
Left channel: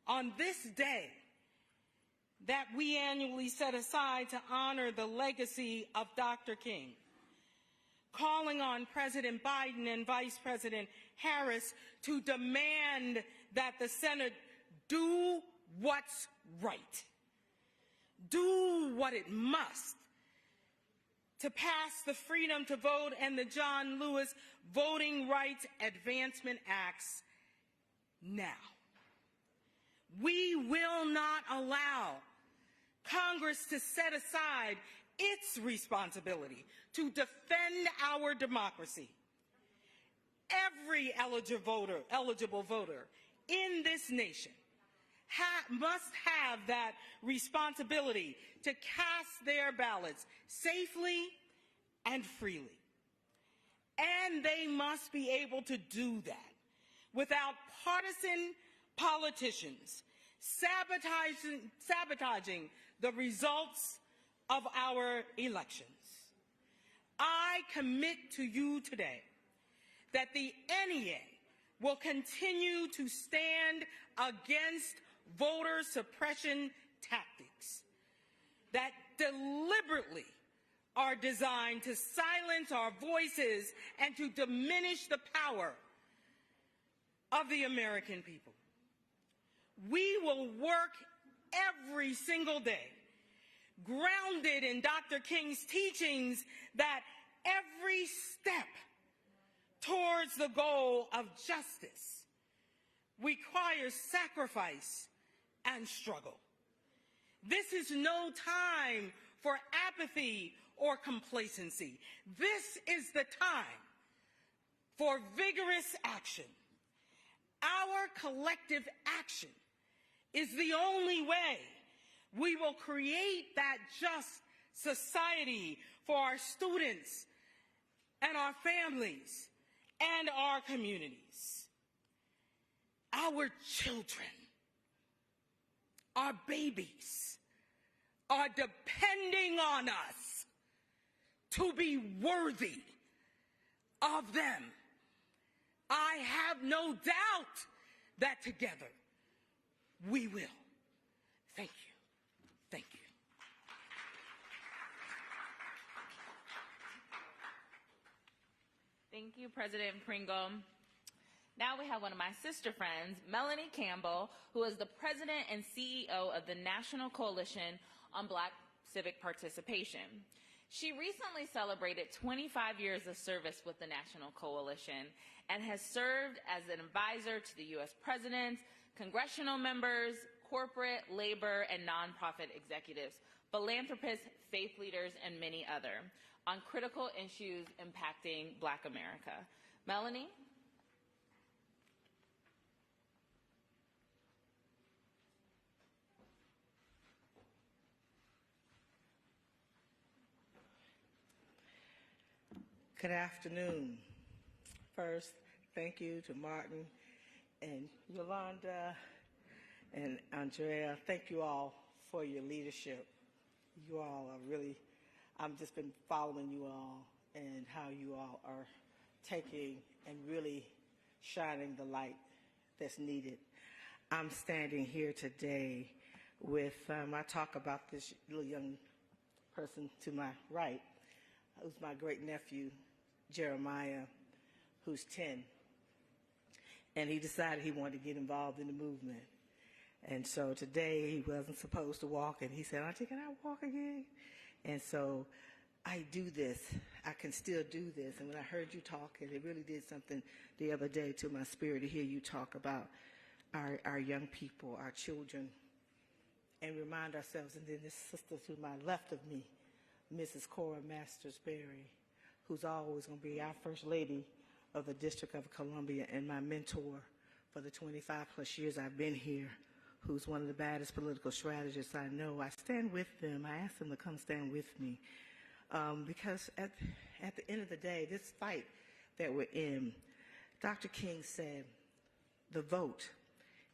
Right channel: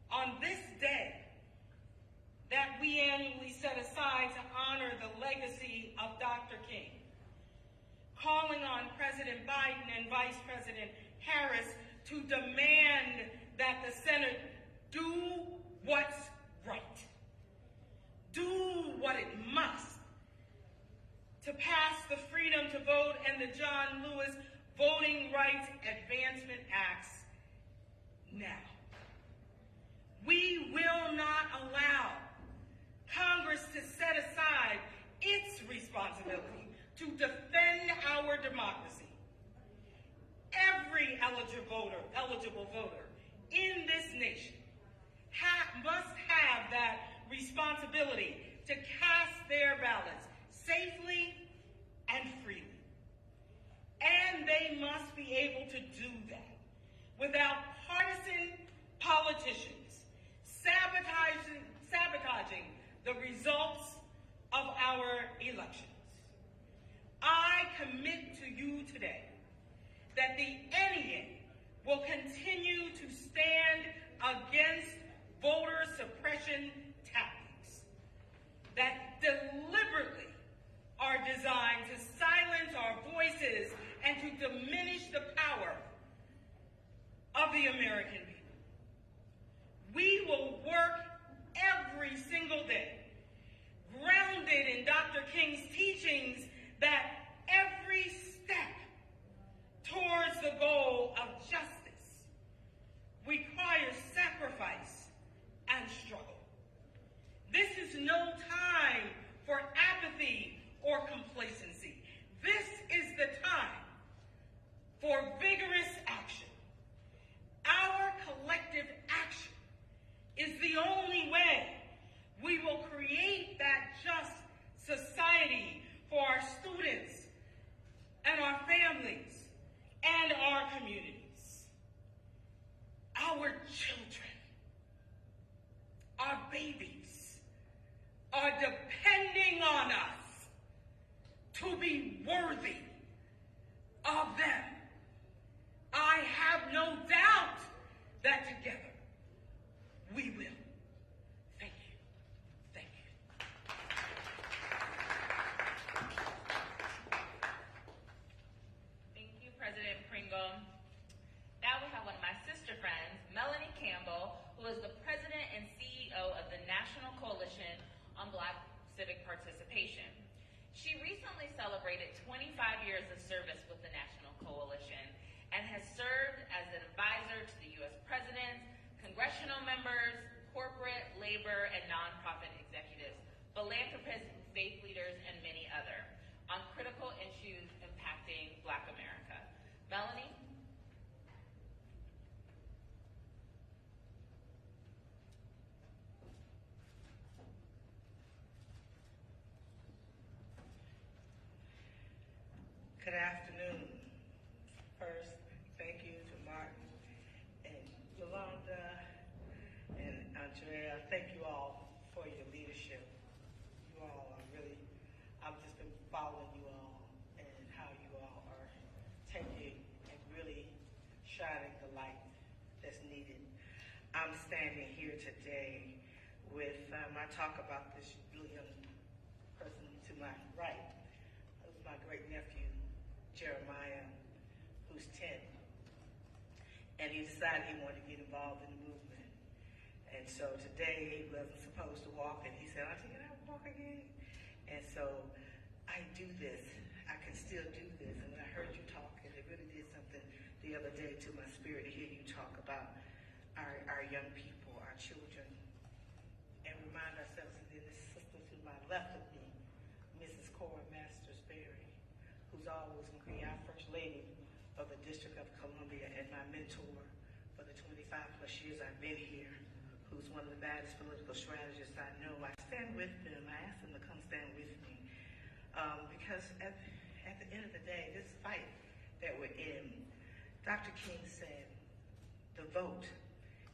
on this day that we annually set aside to honor the legacy of Dr. King, calling on President Biden and Vice President Harris to demand that the Senate do what's right, do what it must to pass the Freedom to Vote and the John Lewis Voting Rights Advancement Acts now. We will not allow Congress to set aside its responsibility to defend our democracy. Every eligible voter in this nation must have that responsibility to cast their ballots safely and freely. And they must be able to do that without partisan politicians sabotaging the results of our elections. I commit to you today that the NEA will continue to stand against voter suppression tactics that deliberately are designed to silence our voices and to diminish the power of the American people. We will work every single day, grounded in Dr. King's teachings, that every step towards the goal of justice requires sacrifice and struggle. This is no time for apathy or complacency. This is the time for vigorous action. Our collective action is the only way we will create that just society for our students and our families and our communities. Our children, our babies, are depending on us to be worthy of them. I have no doubt that together we will. Thank you. Thank you. Thank you, President Pringle. Now we have one of my sister friends, Melanie Campbell, who is the president and CEO of the National Coalition on Black Civic Participation. She recently celebrated 25 years of service with the National Coalition and has served as an advisor to the U.S. President, congressional members, corporate, labor, and nonprofit executives, philanthropists, faith leaders, and many other on critical issues impacting Black America. Melanie? Good afternoon. First, thank you to Martin and Yolanda and Arndrea. Thank you all for your leadership. You all are really, I've just been following you all and how you all are taking and really shining the light that's needed. I'm standing here today with, I talk about this little young person to my right, who's my great nephew, Jeremiah, who's 10. And he decided he wanted to get involved in the movement. And so today he wasn't supposed to walk, and he said, Auntie, can I walk again? And so I do this. I can still do this. And when I heard you talk, it really did something the other day to my spirit to hear you talk about our young people, our children, and remind ourselves, and then this sister to my left of me, Mrs. Cora Masters-Berry, who's always going to be our First Lady of the District of Columbia and my mentor for the 25 plus years I've been here, who's one of the baddest political strategists I know. I stand with them. I ask them to come stand with me. Because at the end of the day, this fight that we're in, Dr. King said, the vote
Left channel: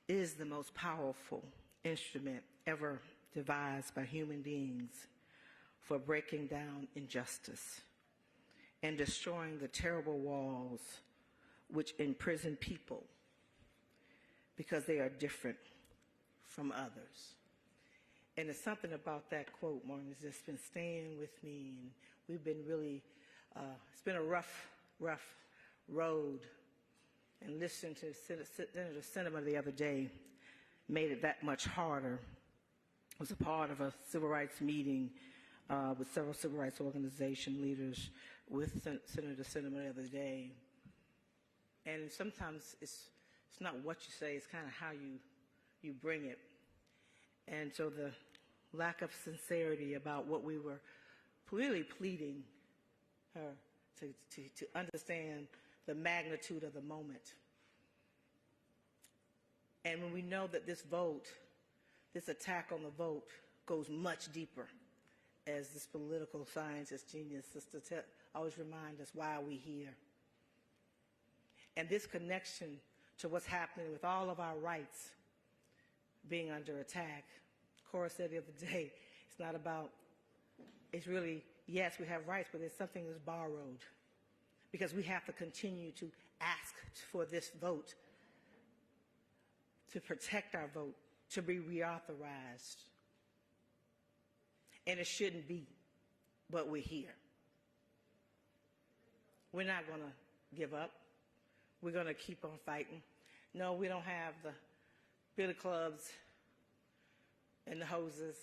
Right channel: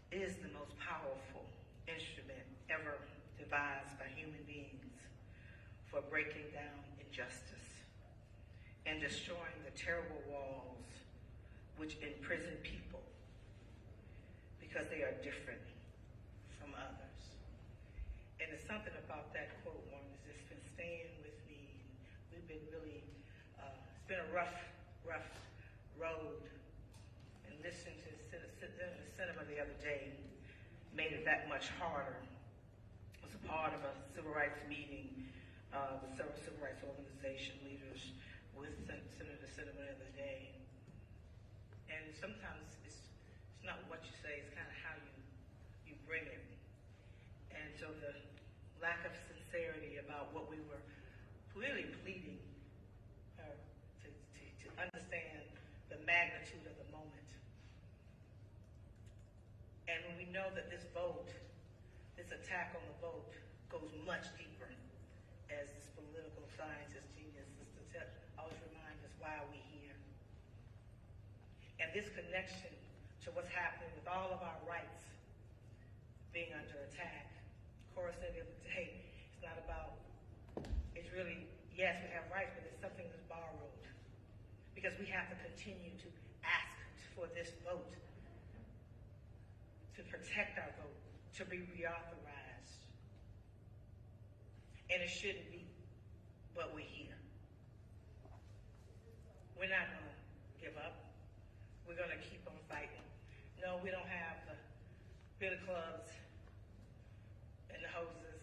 is the most powerful instrument ever devised by human beings for breaking down injustice and destroying the terrible walls which imprison people because they are different from others. And it's something about that quote, Martin, that's just been staying with me. And we've been really, it's been a rough road. And listening to Senator Sinema the other day made it that much harder. I was a part of a civil rights meeting with several civil rights organization leaders with Senator Sinema the other day. And sometimes it's not what you say, it's kind of how you bring it. And so the lack of sincerity about what we were really pleading her to understand the magnitude of the moment. And when we know that this vote, this attack on the vote goes much deeper, as this political scientist genius sister always reminds us, why are we here? And this connection to what's happening with all of our rights being under attack. Cora said the other day, it's not about, it's really, yes, we have rights, but it's something that's borrowed. Because we have to continue to ask for this vote, to protect our vote, to be reauthorized. And it shouldn't be, but we're here. We're not going to give up. We're going to keep on fighting. No, we don't have the billy clubs and the hoses.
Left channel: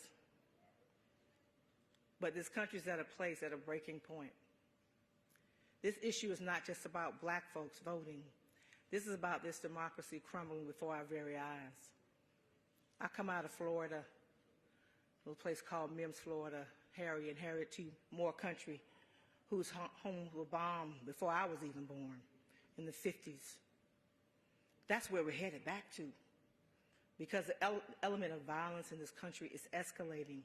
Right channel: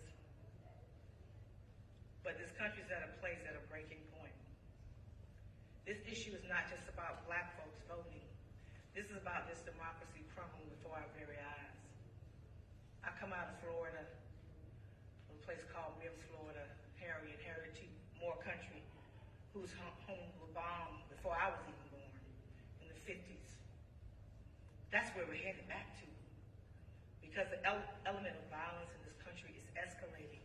But this country's at a place, at a breaking point. This issue is not just about black folks voting. This is about this democracy crumbling before our very eyes. I come out of Florida, a little place called Mims, Florida, Harry and Harriet T. Moore country, whose homes were bombed before I was even born in the 50s. That's where we're headed back to, because the element of violence in this country is escalating.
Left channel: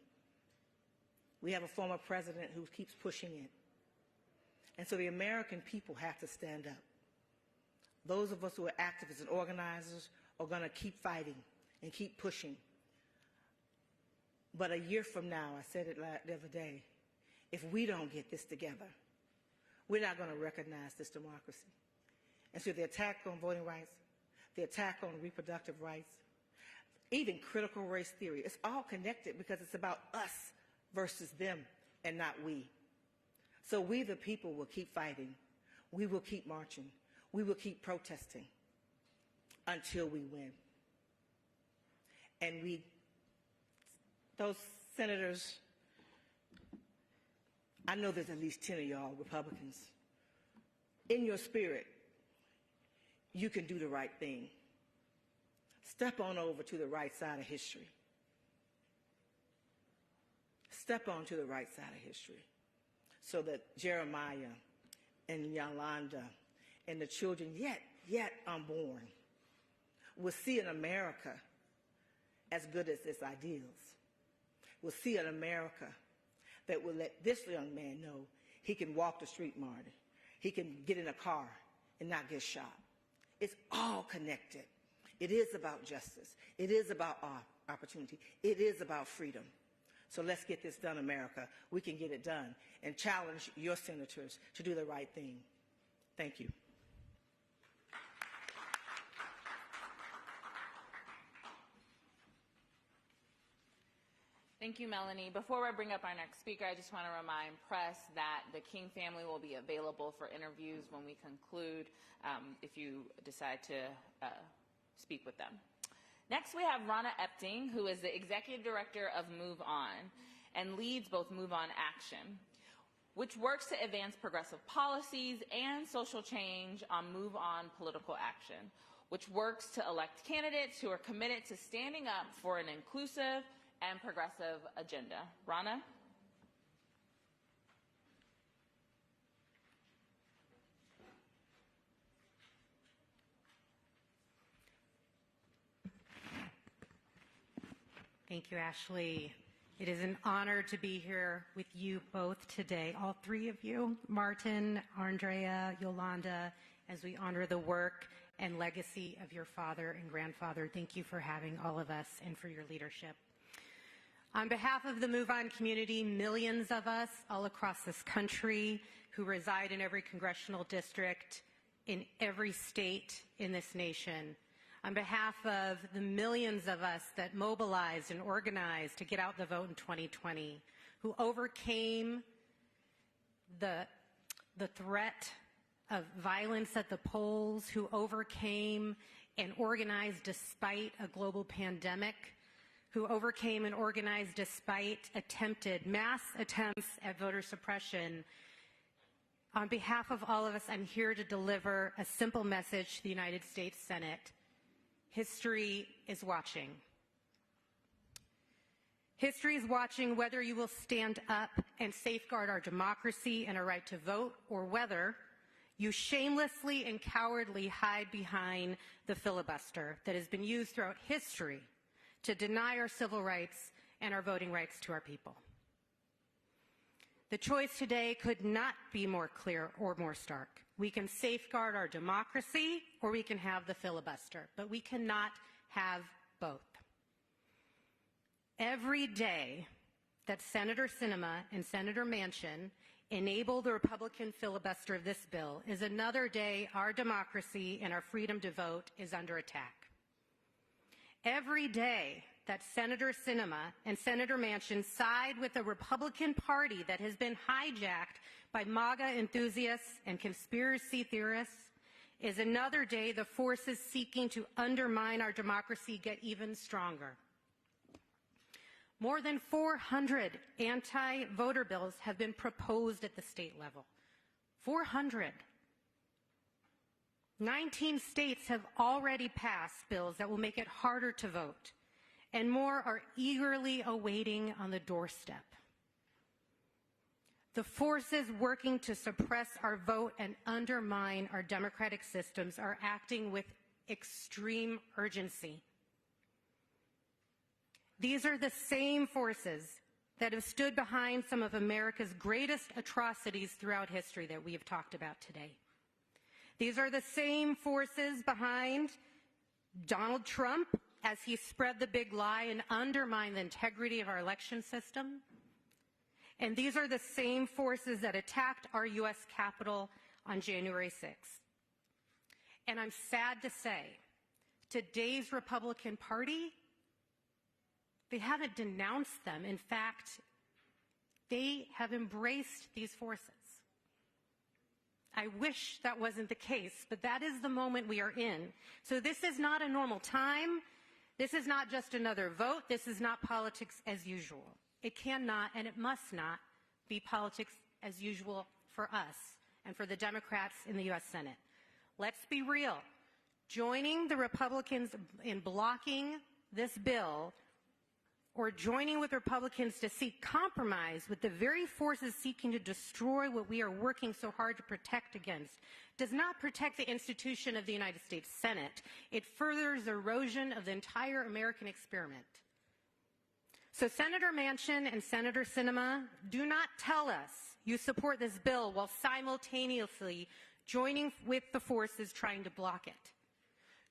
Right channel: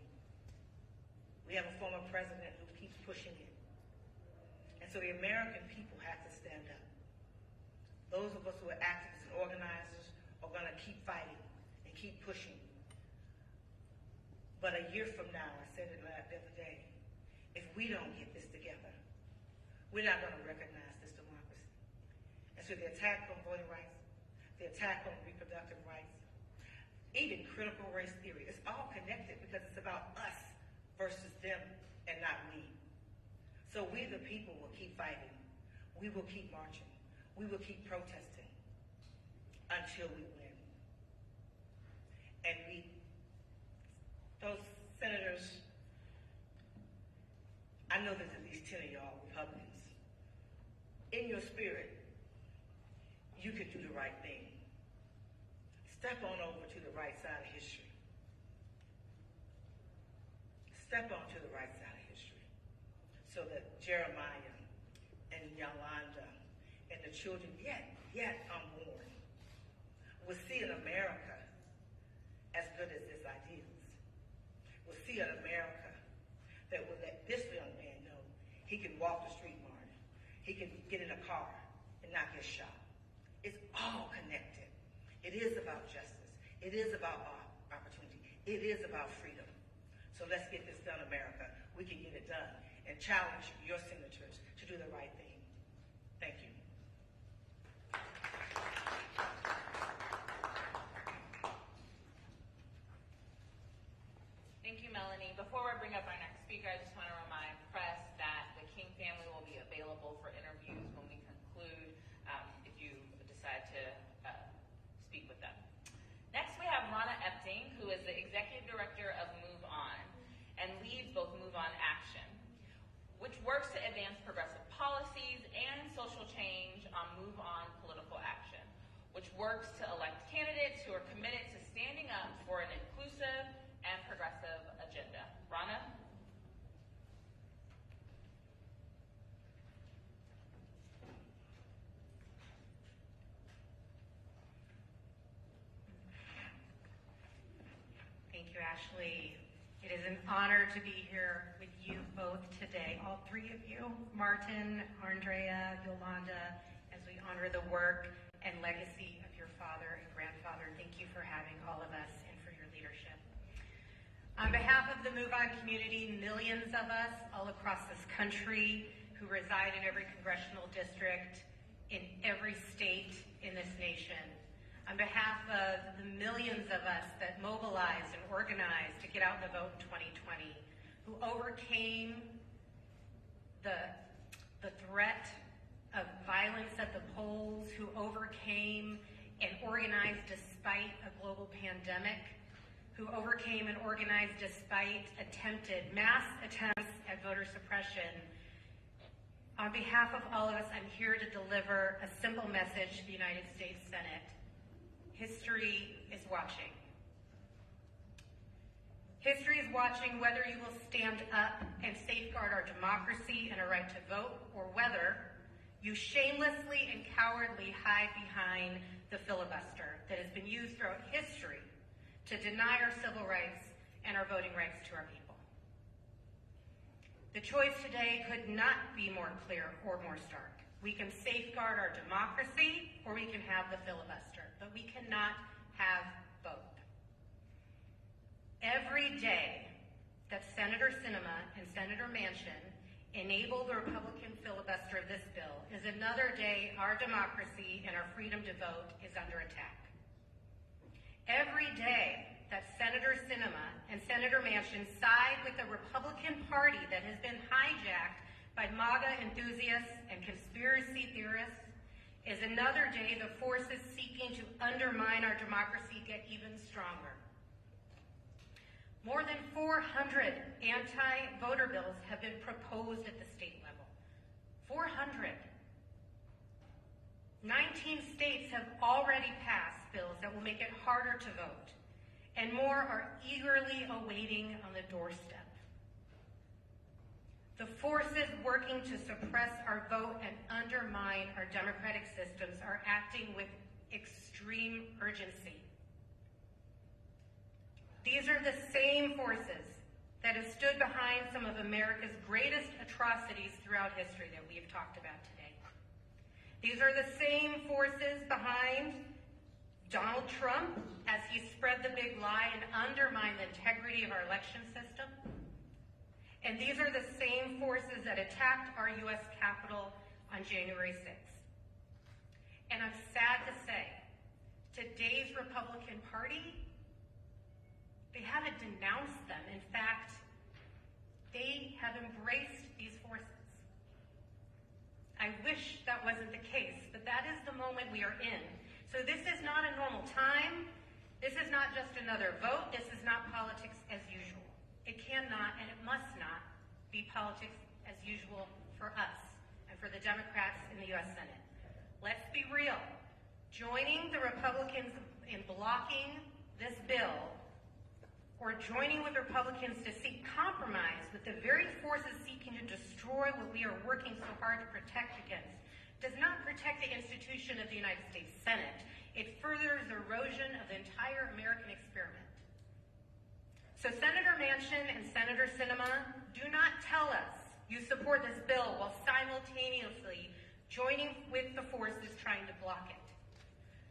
We have a former president who keeps pushing it. And so the American people have to stand up. Those of us who are activists and organizers are going to keep fighting and keep pushing. But a year from now, I said it the other day, if we don't get this together, we're not going to recognize this democracy. And so the attack on voting rights, the attack on reproductive rights, even critical race theory, it's all connected because it's about us versus them and not we. So we the people will keep fighting. We will keep marching. We will keep protesting until we win. And those senators, I know there's at least 10 of y'all Republicans. In your spirit, you can do the right thing. Step on over to the right side of history. Step on to the right side of history so that Jeremiah and Yolanda and the children yet unborn will see an America as good as its ideals. Will see an America that will let this young man know he can walk the street, Martin. He can get in a car and not get shot. It's all connected. It is about justice. It is about opportunity. It is about freedom. So let's get this done, America. We can get it done. And challenge your senators to do the right thing. Thank you. Thank you, Melanie. Before we bring up our next speaker, I just want to remind press that the King family will be available for interviews when we conclude, if you decide to speak with them. Next, we have Ronna Epting, who is the Executive Director of Move On and leads both Move On Action, which works to advance progressive policies and social change on Move On political action. which works to elect candidates who are committed to standing up for an inclusive and progressive agenda. Rana? Thank you, Ashley. It is an honor to be here with you both today, all three of you, Martin, Arndrea, Yolanda, as we honor the work and legacy of your father and grandfather. Thank you for having all of us and for your leadership. On behalf of the Move On community, millions of us all across this country who reside in every congressional district, in every state in this nation, on behalf of the millions of us that mobilized and organized to get out the vote in 2020, who overcame the threat of violence at the polls, who overcame and organized despite a global pandemic, who overcame and organized despite mass attempts at voter suppression. On behalf of all of us, I'm here to deliver a simple message to the United States Senate. History is watching. History is watching whether you will stand up and safeguard our democracy and our right to vote, or whether you shamelessly and cowardly hide behind the filibuster that has been used throughout history to deny our civil rights and our voting rights to our people. The choice today could not be more clear or more stark. We can safeguard our democracy, or we can have the filibuster, but we cannot have both. Every day that Senator Sinema and Senator Manchin enable the Republican filibuster of this bill is another day our democracy and our freedom to vote is under attack. Every day that Senator Sinema and Senator Manchin side with the Republican Party that has been hijacked by MAGA enthusiasts and conspiracy theorists is another day the forces seeking to undermine our democracy get even stronger. More than 400 anti-voter bills have been proposed at the state level. 400. 19 states have already passed bills that will make it harder to vote, and more are eagerly awaiting on the doorstep. The forces working to suppress our vote and undermine our democratic systems are acting with extreme urgency. These are the same forces that have stood behind some of America's greatest atrocities throughout history that we have talked about today. These are the same forces behind Donald Trump as he spread the big lie and undermined the integrity of our election system. And these are the same forces that attacked our U.S. Capitol on January 6th. And I'm sad to say, today's Republican Party, they haven't denounced them. In fact, they have embraced these forces. I wish that wasn't the case, but that is the moment we are in. So this is not a normal time. This is not just another vote. This is not politics as usual. It cannot and it must not be politics as usual for us and for the Democrats in the U.S. Senate. Let's be real. Joining the Republicans in blocking this bill, or joining with Republicans to seek compromise with the very forces seeking to destroy what we are working so hard to protect against, does not protect the institution of the United States Senate. It furthers erosion of the entire American experiment. So Senator Manchin and Senator Sinema, do not tell us you support this bill while simultaneously joining with the forces trying to block it.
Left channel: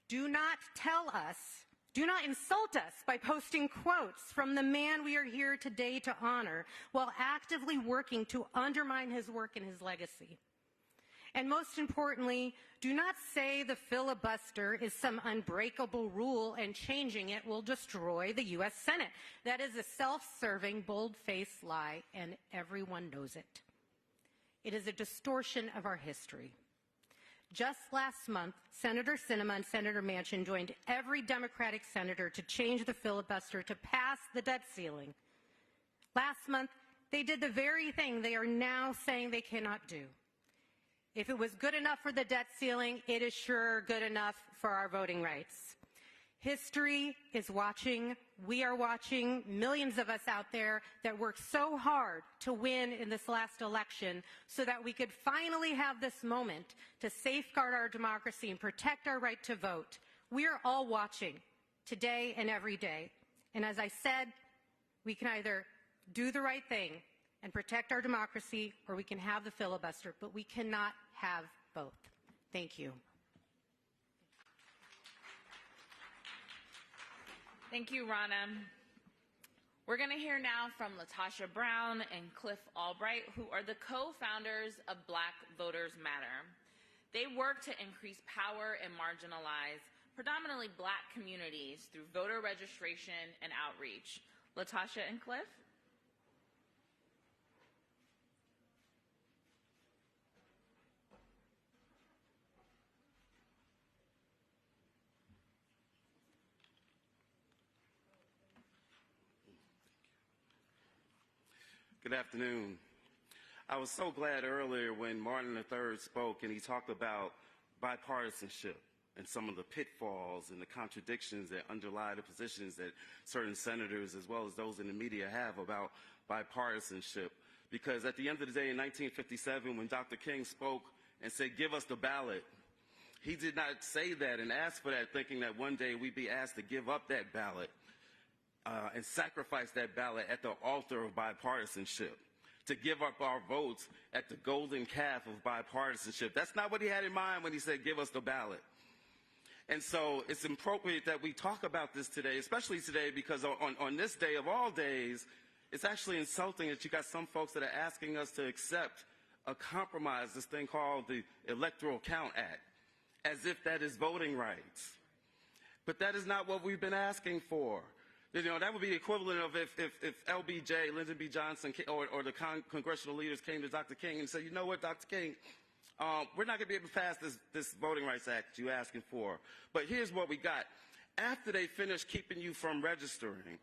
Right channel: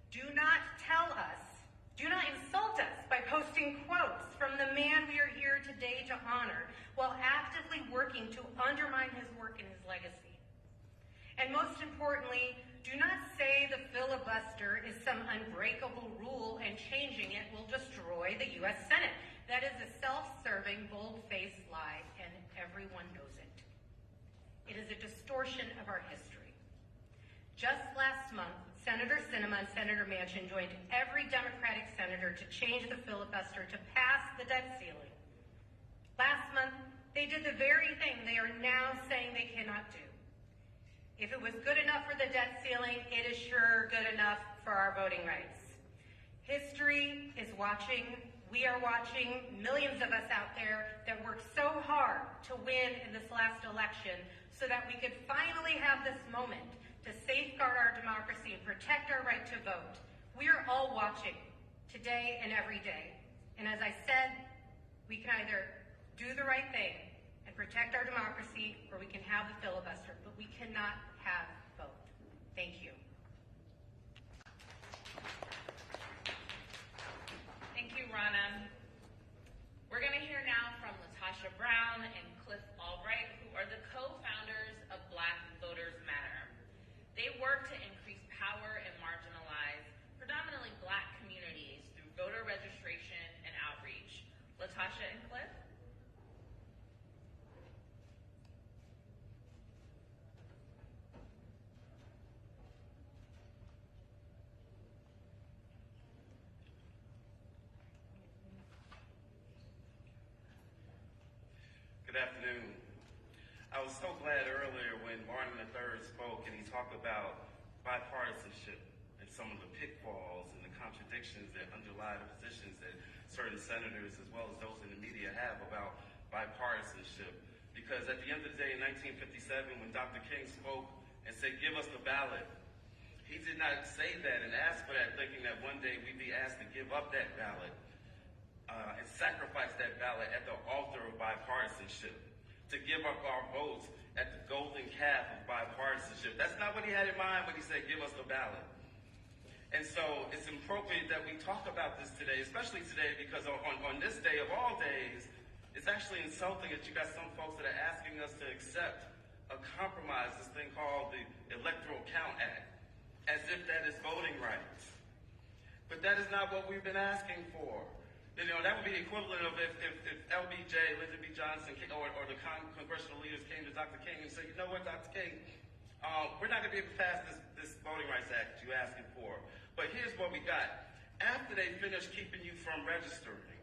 Do not tell us, do not insult us by posting quotes from the man we are here today to honor while actively working to undermine his work and his legacy. And most importantly, do not say the filibuster is some unbreakable rule and changing it will destroy the U.S. Senate. That is a self-serving, bold-faced lie, and everyone knows it. It is a distortion of our history. Just last month, Senator Sinema and Senator Manchin joined every Democratic senator to change the filibuster to pass the debt ceiling. Last month, they did the very thing they are now saying they cannot do. If it was good enough for the debt ceiling, it is sure good enough for our voting rights. History is watching. We are watching. Millions of us out there that worked so hard to win in this last election so that we could finally have this moment to safeguard our democracy and protect our right to vote. We are all watching today and every day. And as I said, we can either do the right thing and protect our democracy, or we can have the filibuster, but we cannot have both. Thank you. Thank you, Ronna. We're going to hear now from Latasha Brown and Cliff Albright, who are the co-founders of Black Voters Matter. They work to increase power in marginalized, predominantly Black communities through voter registration and outreach. Latasha and Cliff? Good afternoon. I was so glad earlier when Martin III spoke and he talked about bipartisanship and some of the pitfalls and the contradictions that underlie the positions that certain senators as well as those in the media have about bipartisanship. Because at the end of the day in 1957 when Dr. King spoke and said, "Give us the ballot," he did not say that and ask for that thinking that one day we'd be asked to give up that ballot and sacrifice that ballot at the altar of bipartisanship, to give up our votes at the golden calf of bipartisanship. That's not what he had in mind when he said, "Give us the ballot." And so it's appropriate that we talk about this today, especially today, because on this day of all days, it's actually insulting that you got some folks that are asking us to accept a compromise, this thing called the Electoral Count Act, as if that is voting rights. But that is not what we've been asking for. You know, that would be the equivalent of if LBJ, Lyndon B. Johnson, or the congressional leaders came to Dr. King and said, "You know what, Dr. King, we're not going to be able to pass this Voting Rights Act you're asking for. But here's what we got. After they finish keeping you from registering,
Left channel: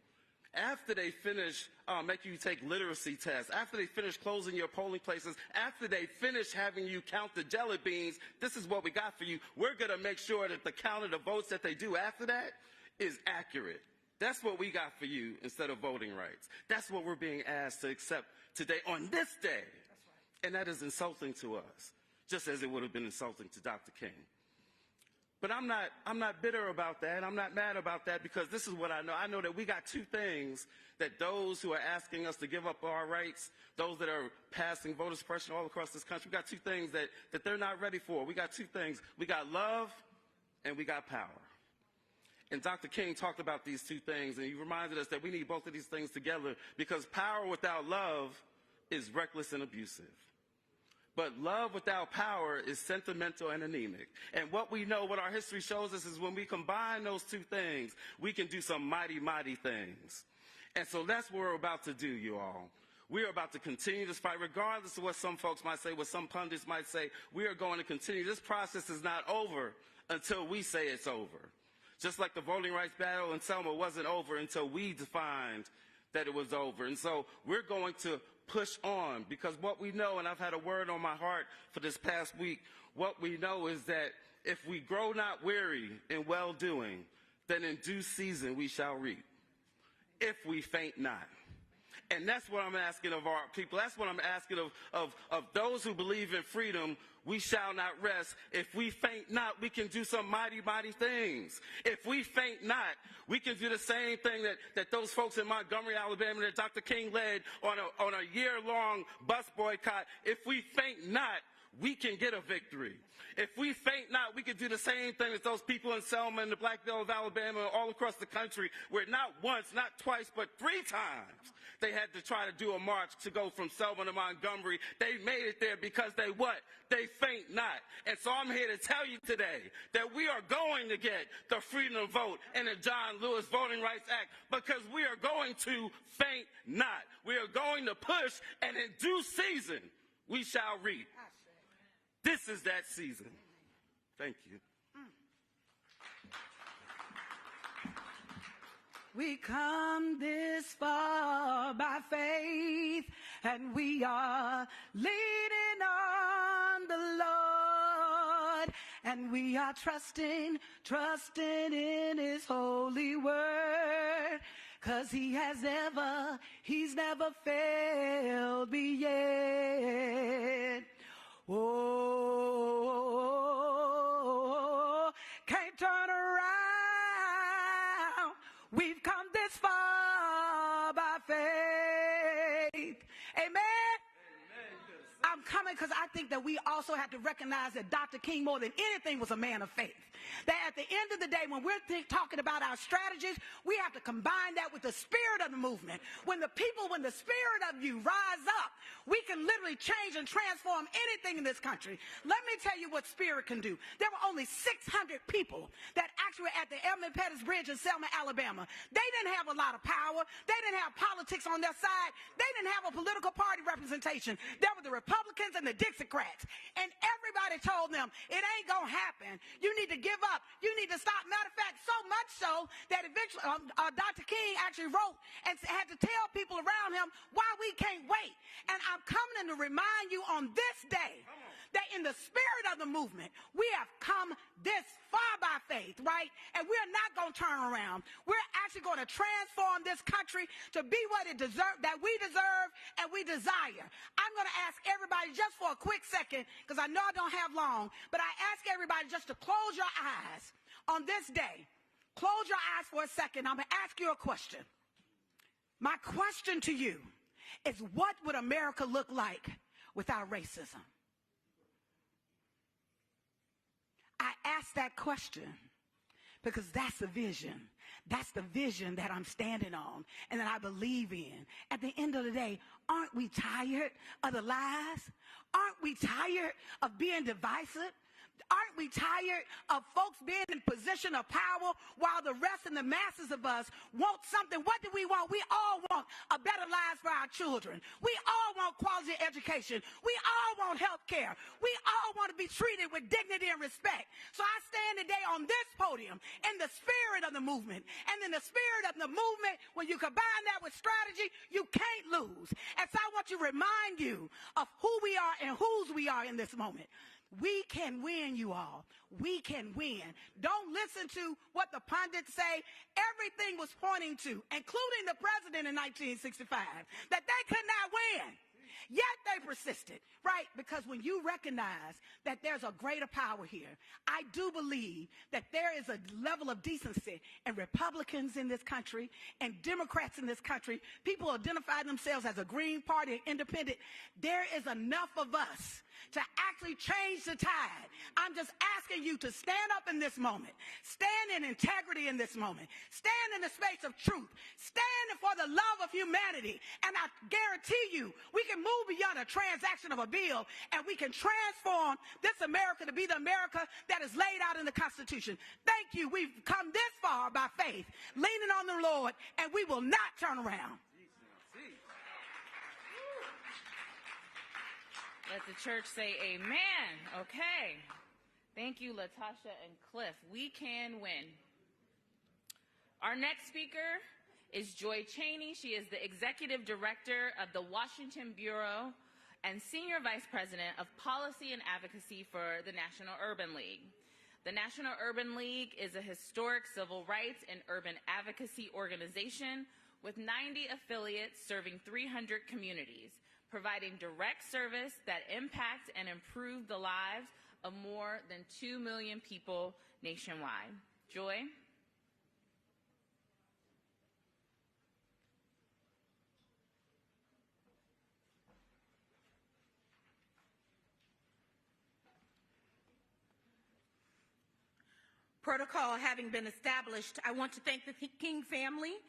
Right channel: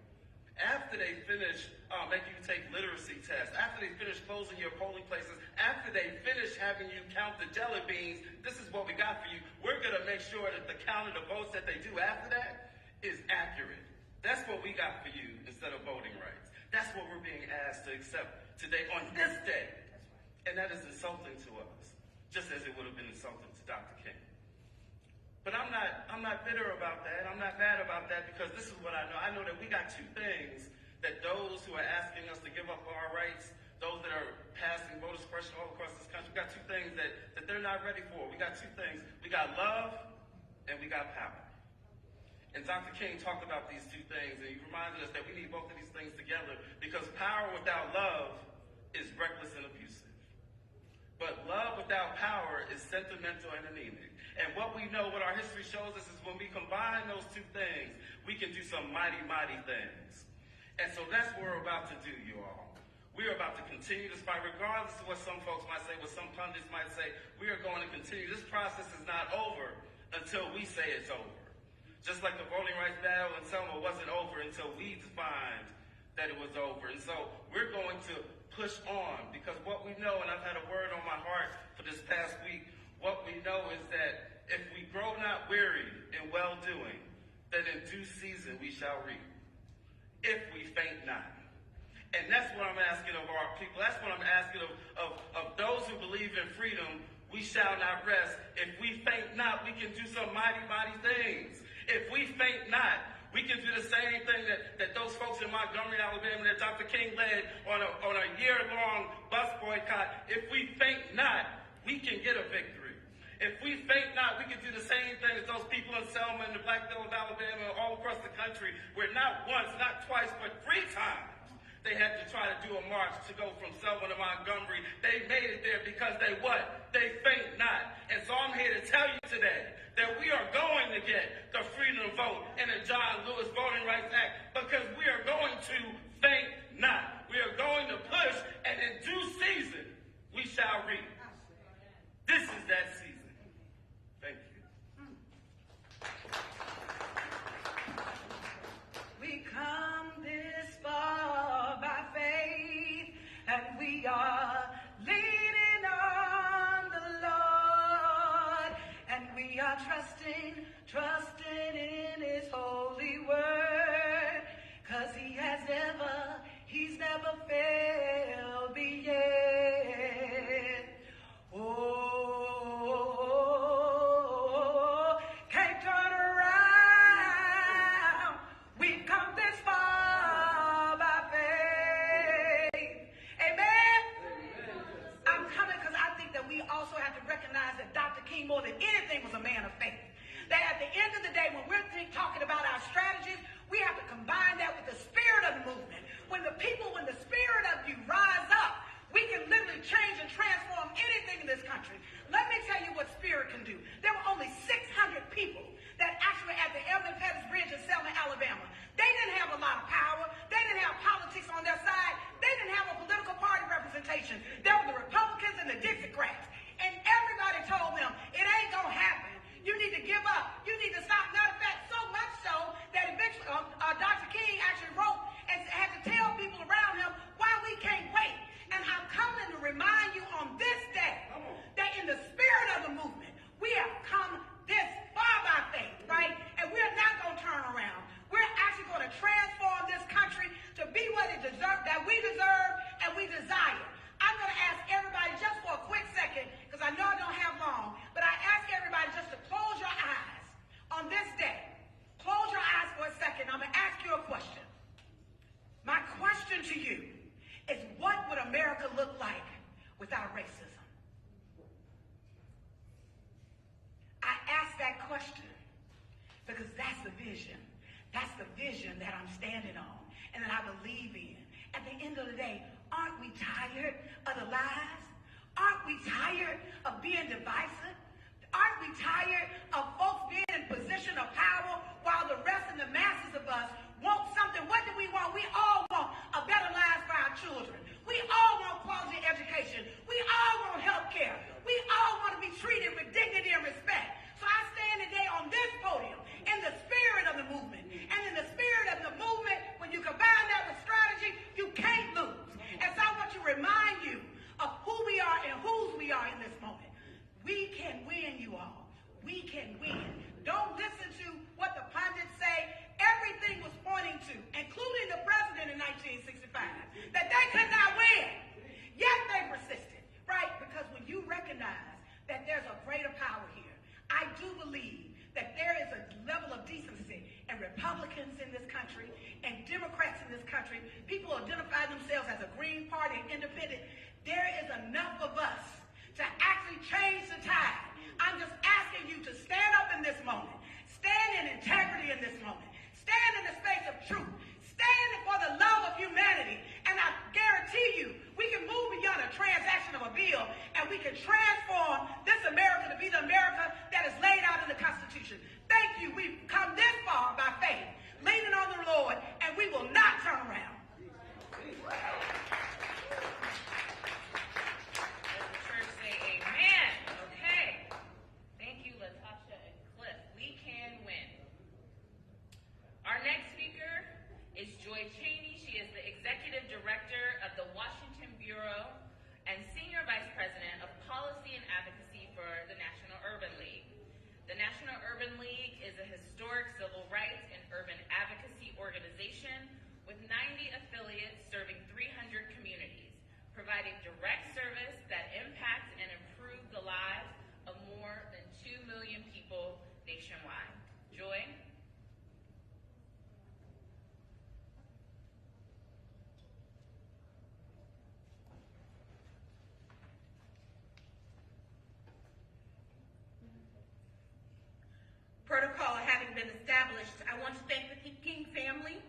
after they finish making you take literacy tests, after they finish closing your polling places, after they finish having you count the jelly beans, this is what we got for you. We're going to make sure that the count of the votes that they do after that is accurate. That's what we got for you instead of voting rights. That's what we're being asked to accept today on this day. And that is insulting to us, just as it would have been insulting to Dr. King. But I'm not bitter about that. I'm not mad about that, because this is what I know. I know that we got two things that those who are asking us to give up our rights, those that are passing voter suppression all across this country, we got two things that they're not ready for. We got two things. We got love and we got power. And Dr. King talked about these two things, and he reminded us that we need both of these things together, because power without love is reckless and abusive. But love without power is sentimental and anemic. And what we know, what our history shows us, is when we combine those two things, we can do some mighty, mighty things. And so that's what we're about to do, you all. We're about to continue this fight, regardless of what some folks might say, what some pundits might say. We are going to continue. This process is not over until we say it's over. Just like the voting rights battle in Selma wasn't over until we defined that it was over. And so we're going to push on, because what we know, and I've had a word on my heart for this past week, what we know is that if we grow not weary in well-doing, then in due season we shall reap, if we faint not. And that's what I'm asking of our people. That's what I'm asking of those who believe in freedom. We shall not rest. If we faint not, we can do some mighty, mighty things. If we faint not, we can do the same thing that those folks in Montgomery, Alabama, that Dr. King led on a year-long bus boycott. If we faint not, we can get a victory. If we faint not, we can do the same thing as those people in Selma and the Black Belt of Alabama and all across the country, where not once, not twice, but 3 times they had to try to do a march to go from Selma to Montgomery. They made it there because they what? They faint not. And so I'm here to tell you today that we are going to get the freedom vote and the John Lewis Voting Rights Act, because we are going to faint not. We are going to push, and in due season, we shall reap. This is that season. Thank you. We come this far by faith, and we are leaning on the Lord. and we are trusting in his holy word, 'cause he's never failed me yet. Oh, can't turn around. We've come this far by faith. Amen? I'm coming because I think that we also have to recognize that Dr. King, more than anything, was a man of faith. That at the end of the day, when we're talking about our strategies, we have to combine that with the spirit of the movement. When the spirit of you rise up, we can literally change and transform anything in this country. Let me tell you what spirit can do. There were only 600 people that actually at the Ebenezer Baptist Bridge in Selma, Alabama. They didn't have a lot of power. They didn't have politics on their side. They didn't have a political party representation. There were the Republicans and the Dixiecrats. And everybody told them, it ain't going to happen. You need to give up. You need to stop. Matter of fact, so much so that eventually Dr. King actually wrote and had to tell people around him why we can't wait. And I'm coming to remind you on this day that in the spirit of the movement, we have come this far by faith, right? And we're not going to turn around. We're actually going to transform this country to be what it deserves, that we deserve and we desire. I'm going to ask everybody just for a quick second, because I know I don't have long, but I ask everybody just to close your eyes on this day. Close your eyes for a second. I'm going to ask you a question. My question to you is, what would America look like without racism? I ask that question because that's the vision. That's the vision that I'm standing on and that I believe in. At the end of the day, aren't we tired of the lies? Aren't we tired of being divisive? Aren't we tired of folks being in position of power while the rest and the masses of us want something? What do we want? We all want a better life for our children. We all want quality education. We all want health care. We all want to be treated with dignity and respect. So I stand today on this podium in the spirit of the movement. And in the spirit of the movement, when you combine that with strategy, you can't lose. And so I want to remind you of who we are and whose we are in this moment. We can win, you all. We can win. Don't listen to what the pundits say. Everything was pointing to, including the president in 1965, that they could not win. Yet they persisted, right? Because when you recognize that there's a greater power here, I do believe that there is a level of decency in Republicans in this country and Democrats in this country. People identify themselves as a Green Party and independent. There is enough of us to actually change the tide. I'm just asking you to stand up in this moment. Stand in integrity in this moment. Stand in the space of truth. Stand for the love of humanity. And I guarantee you, we can move beyond the transaction of a bill and we can transform this America to be the America that is laid out in the Constitution. Thank you. We've come this far by faith, leaning on the Lord, and we will not turn around. Church say amen. Okay. Thank you, Latasha and Cliff. We can win. Our next speaker is Joy Cheney. She is the Executive Director of the Washington Bureau and Senior Vice President of Policy and Advocacy for the National Urban League. The National Urban League is a historic civil rights and urban advocacy organization with 90 affiliates serving 300 communities, providing direct service that impacts and improve the lives of more than 2 million people nationwide. Joy? Protocol having been established, I want to thank the King family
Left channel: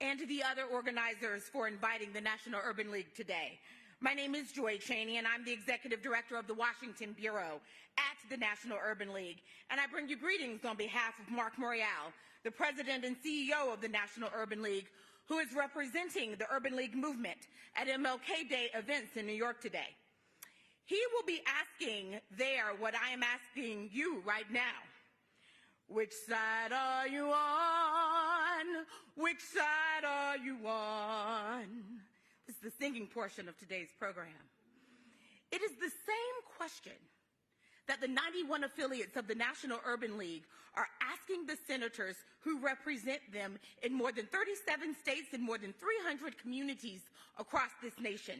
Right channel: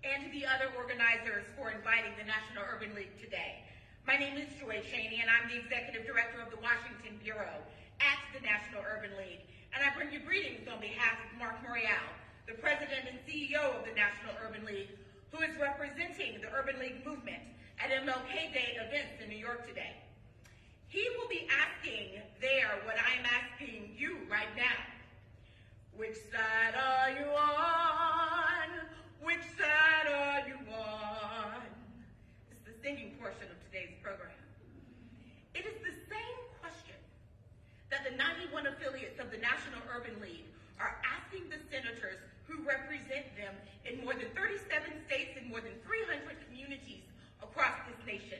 and to the other organizers for inviting the National Urban League today. My name is Joy Cheney, and I'm the Executive Director of the Washington Bureau at the National Urban League. And I bring you greetings on behalf of Mark Morial, the President and CEO of the National Urban League, who is representing the Urban League movement at MLK Day events in New York today. He will be asking there what I'm asking you right now. Which side are you on? Which side are you on? This is the singing portion of today's program. It is the same question that the 91 affiliates of the National Urban League are asking the senators who represent them in more than 37 states and more than 300 communities across this nation.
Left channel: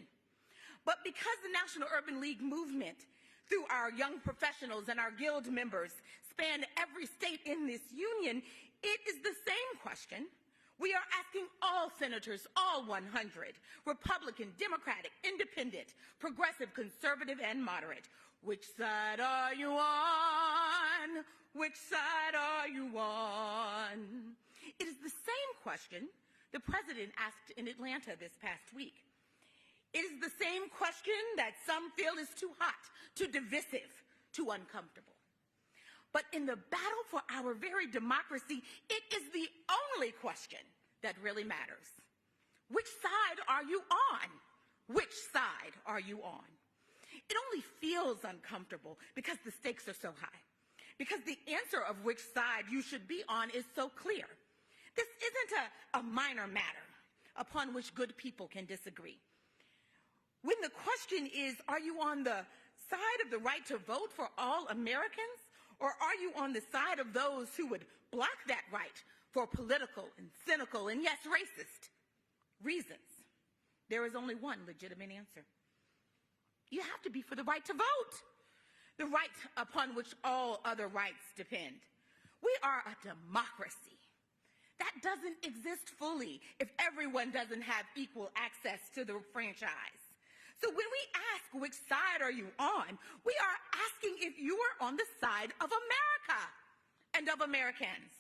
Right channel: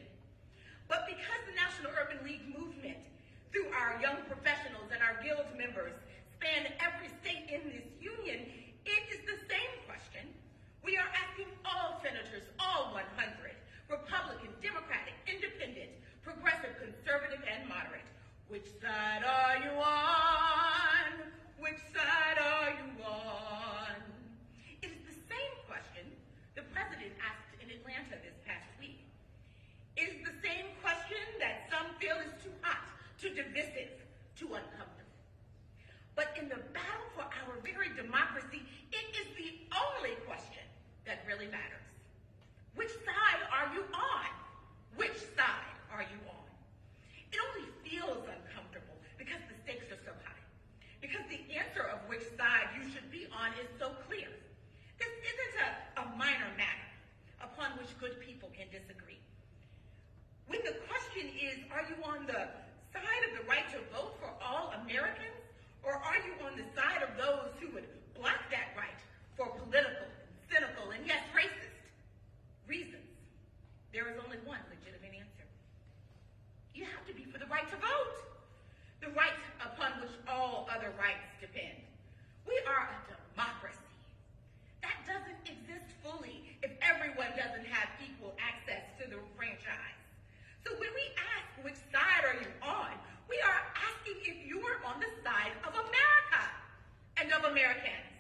But because the National Urban League movement, through our young professionals and our guild members, span every state in this union, it is the same question. We are asking all senators, all 100, Republican, Democratic, Independent, Progressive, Conservative, and Moderate, which side are you on? Which side are you on? It is the same question the president asked in Atlanta this past week. It is the same question that some feel is too hot, too divisive, too uncomfortable. But in the battle for our very democracy, it is the only question that really matters. Which side are you on? Which side are you on? It only feels uncomfortable because the stakes are so high. Because the answer of which side you should be on is so clear. This isn't a minor matter upon which good people can disagree. When the question is, are you on the side of the right to vote for all Americans? Or are you on the side of those who would block that right for political and cynical and yes, racist reasons? There is only one legitimate answer. You have to be for the right to vote, the right upon which all other rights depend. We are a democracy. That doesn't exist fully if everyone doesn't have equal access to the franchise. So when we ask which side are you on, we are asking if you are on the side of America and of Americans.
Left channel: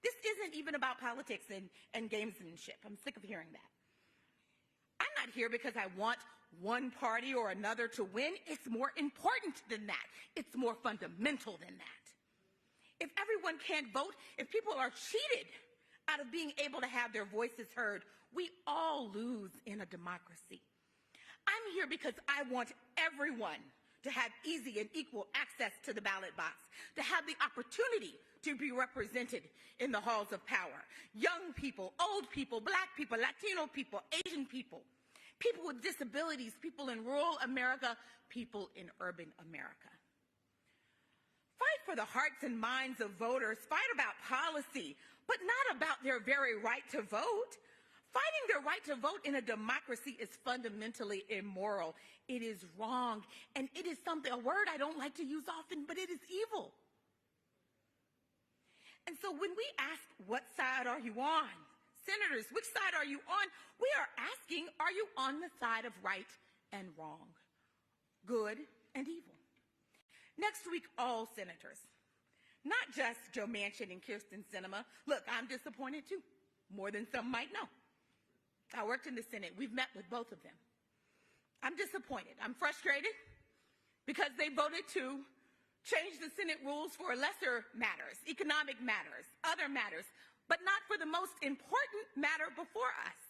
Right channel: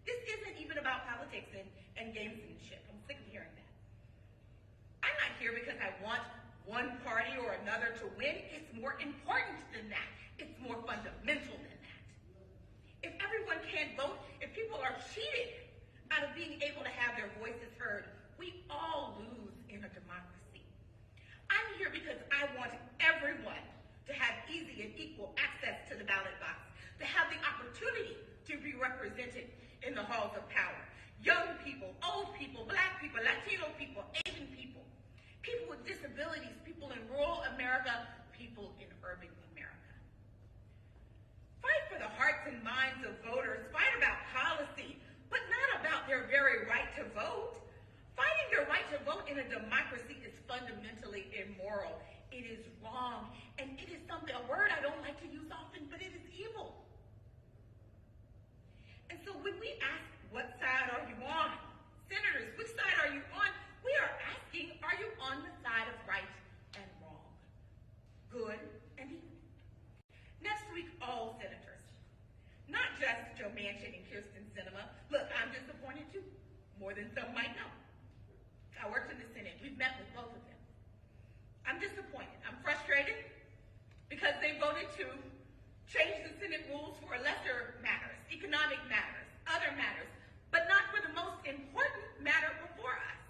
This isn't even about politics and gamesmanship. I'm sick of hearing that. I'm not here because I want one party or another to win. It's more important than that. It's more fundamental than that. If everyone can't vote, if people are cheated out of being able to have their voices heard, we all lose in a democracy. I'm here because I want everyone to have easy and equal access to the ballot box, to have the opportunity to be represented in the halls of power. Young people, old people, black people, Latino people, Asian people, people with disabilities, people in rural America, people in urban America. Fight for the hearts and minds of voters. Fight about policy, but not about their very right to vote. Fighting their right to vote in a democracy is fundamentally immoral. It is wrong, and it is something, a word I don't like to use often, but it is evil. And so when we ask, what side are you on? Senators, which side are you on? We are asking, are you on the side of right and wrong, good and evil? Next week, all senators, not just Joe Manchin and Kirsten Sinema. Look, I'm disappointed too, more than some might know. I worked in the Senate. We've met with both of them. I'm disappointed. I'm frustrated because they voted to change the Senate rules for lesser matters, economic matters, other matters, but not for the most important matter before us,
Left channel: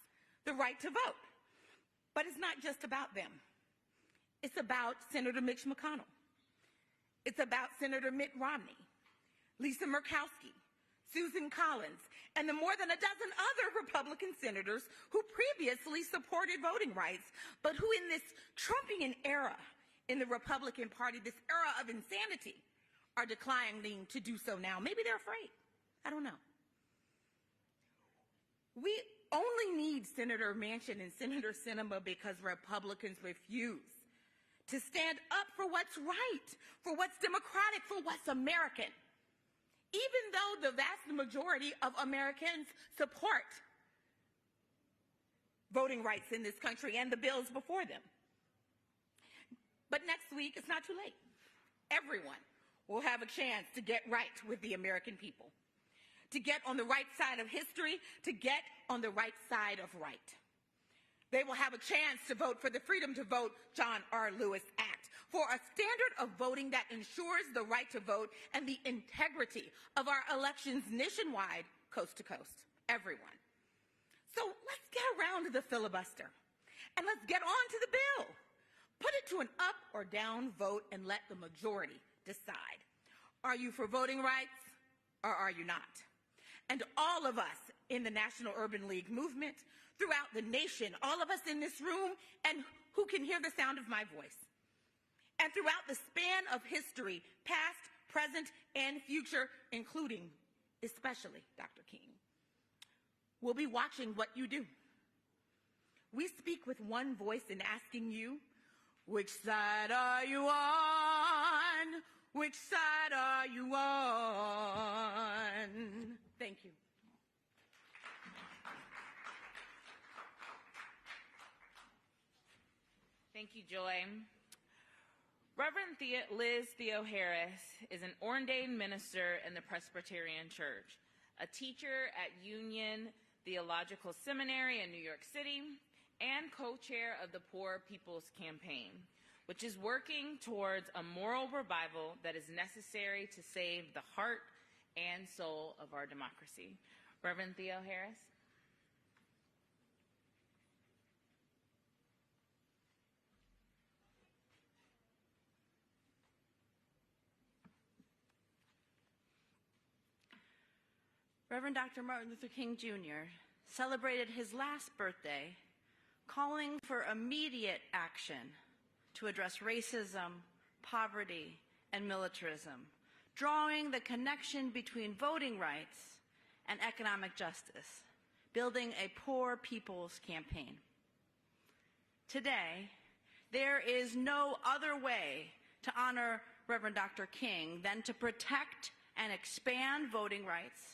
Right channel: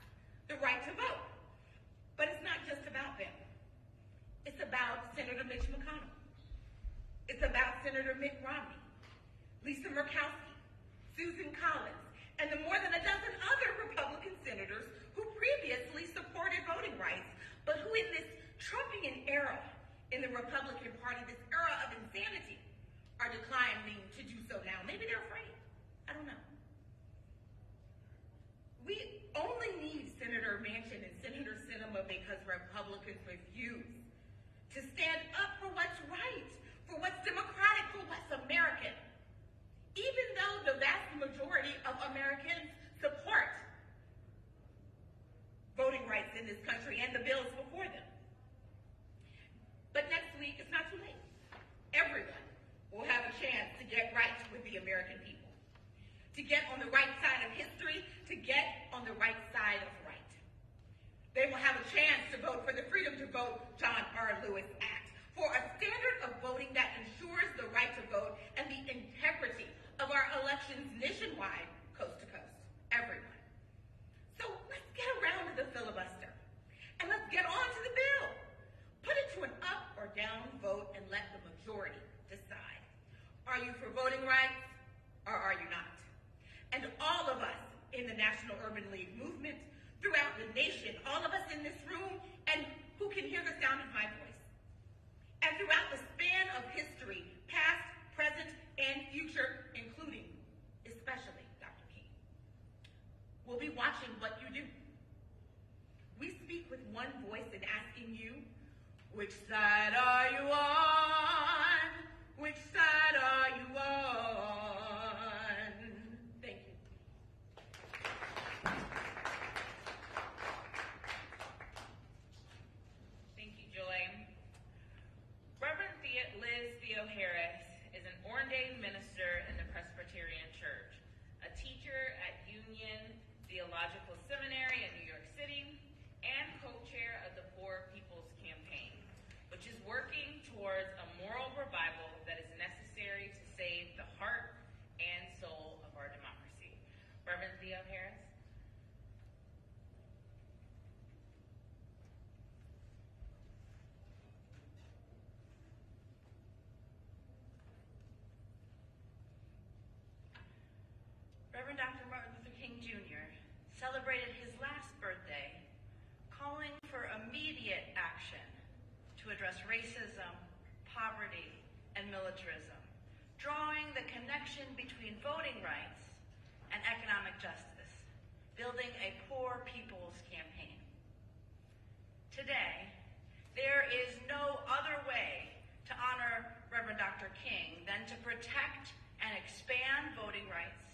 the right to vote. But it's not just about them. It's about Senator Mitch McConnell. It's about Senator Mitt Romney, Lisa Murkowski, Susan Collins, and the more than a dozen other Republican senators who previously supported voting rights, but who in this Trumpian era in the Republican Party, this era of insanity, are declining to do so now. Maybe they're afraid. I don't know. We only need Senator Manchin and Senator Sinema because Republicans refuse to stand up for what's right, for what's democratic, for what's American. Even though the vast majority of Americans support voting rights in this country and the bills before them. But next week, it's not too late. Everyone will have a chance to get right with the American people, to get on the right side of history, to get on the right side of right. They will have a chance to vote for the Freedom to Vote John R. Lewis Act, for a standard of voting that ensures the right to vote and the integrity of our elections nationwide, coast to coast, everyone. So let's get around to the filibuster, and let's get on to the bill. Put it to an up or down vote and let the majority decide. Are you for voting rights, or are you not? And all of us in the National Urban League movement, throughout the nation, all of us in this room, and who can hear the sound of my voice, and throughout the span of history, history, past, present, and future, including, especially, Dr. King. We'll be watching what you do. We speak with one voice in asking you, which side are you on? Which side are you on? Thank you. Thank you, Joy. Reverend Liz Theo Harris is an ordained minister in the Presbyterian Church, a teacher at Union Theological Seminary in New York City, and co-chair of the Poor People's Campaign, which is working towards a moral revival that is necessary to save the heart and soul of our democracy. Reverend Theo Harris. Reverend Dr. Martin Luther King Jr. celebrated his last birthday calling for immediate action to address racism, poverty, and militarism, drawing the connection between voting rights and economic justice, building a poor people's campaign. Today, there is no other way to honor Reverend Dr. King than to protect and expand voting rights,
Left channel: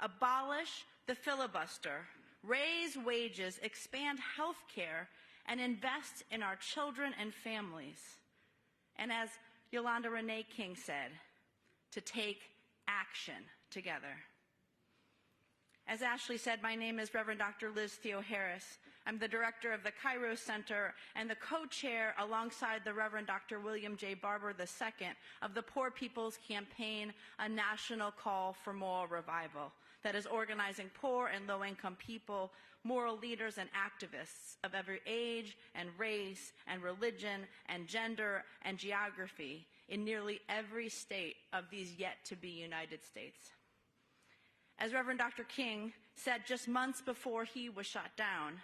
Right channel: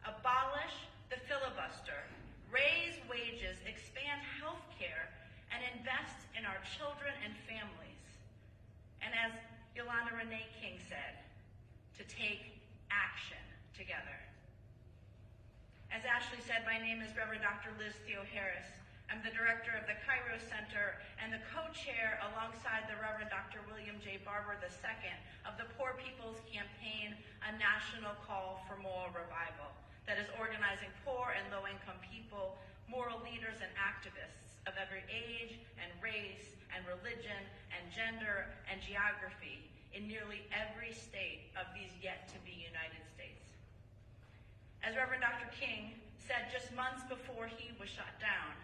abolish the filibuster, raise wages, expand health care, and invest in our children and families. And as Yolanda Renee King said, to take action together. As Ashley said, my name is Reverend Dr. Liz Theo Harris. I'm the director of the Cairo Center and the co-chair alongside the Reverend Dr. William J. Barber II of the Poor People's Campaign, a national call for moral revival that is organizing poor and low-income people, moral leaders, and activists of every age and race and religion and gender and geography in nearly every state of these yet-to-be United States. As Reverend Dr. King said just months before he was shut down,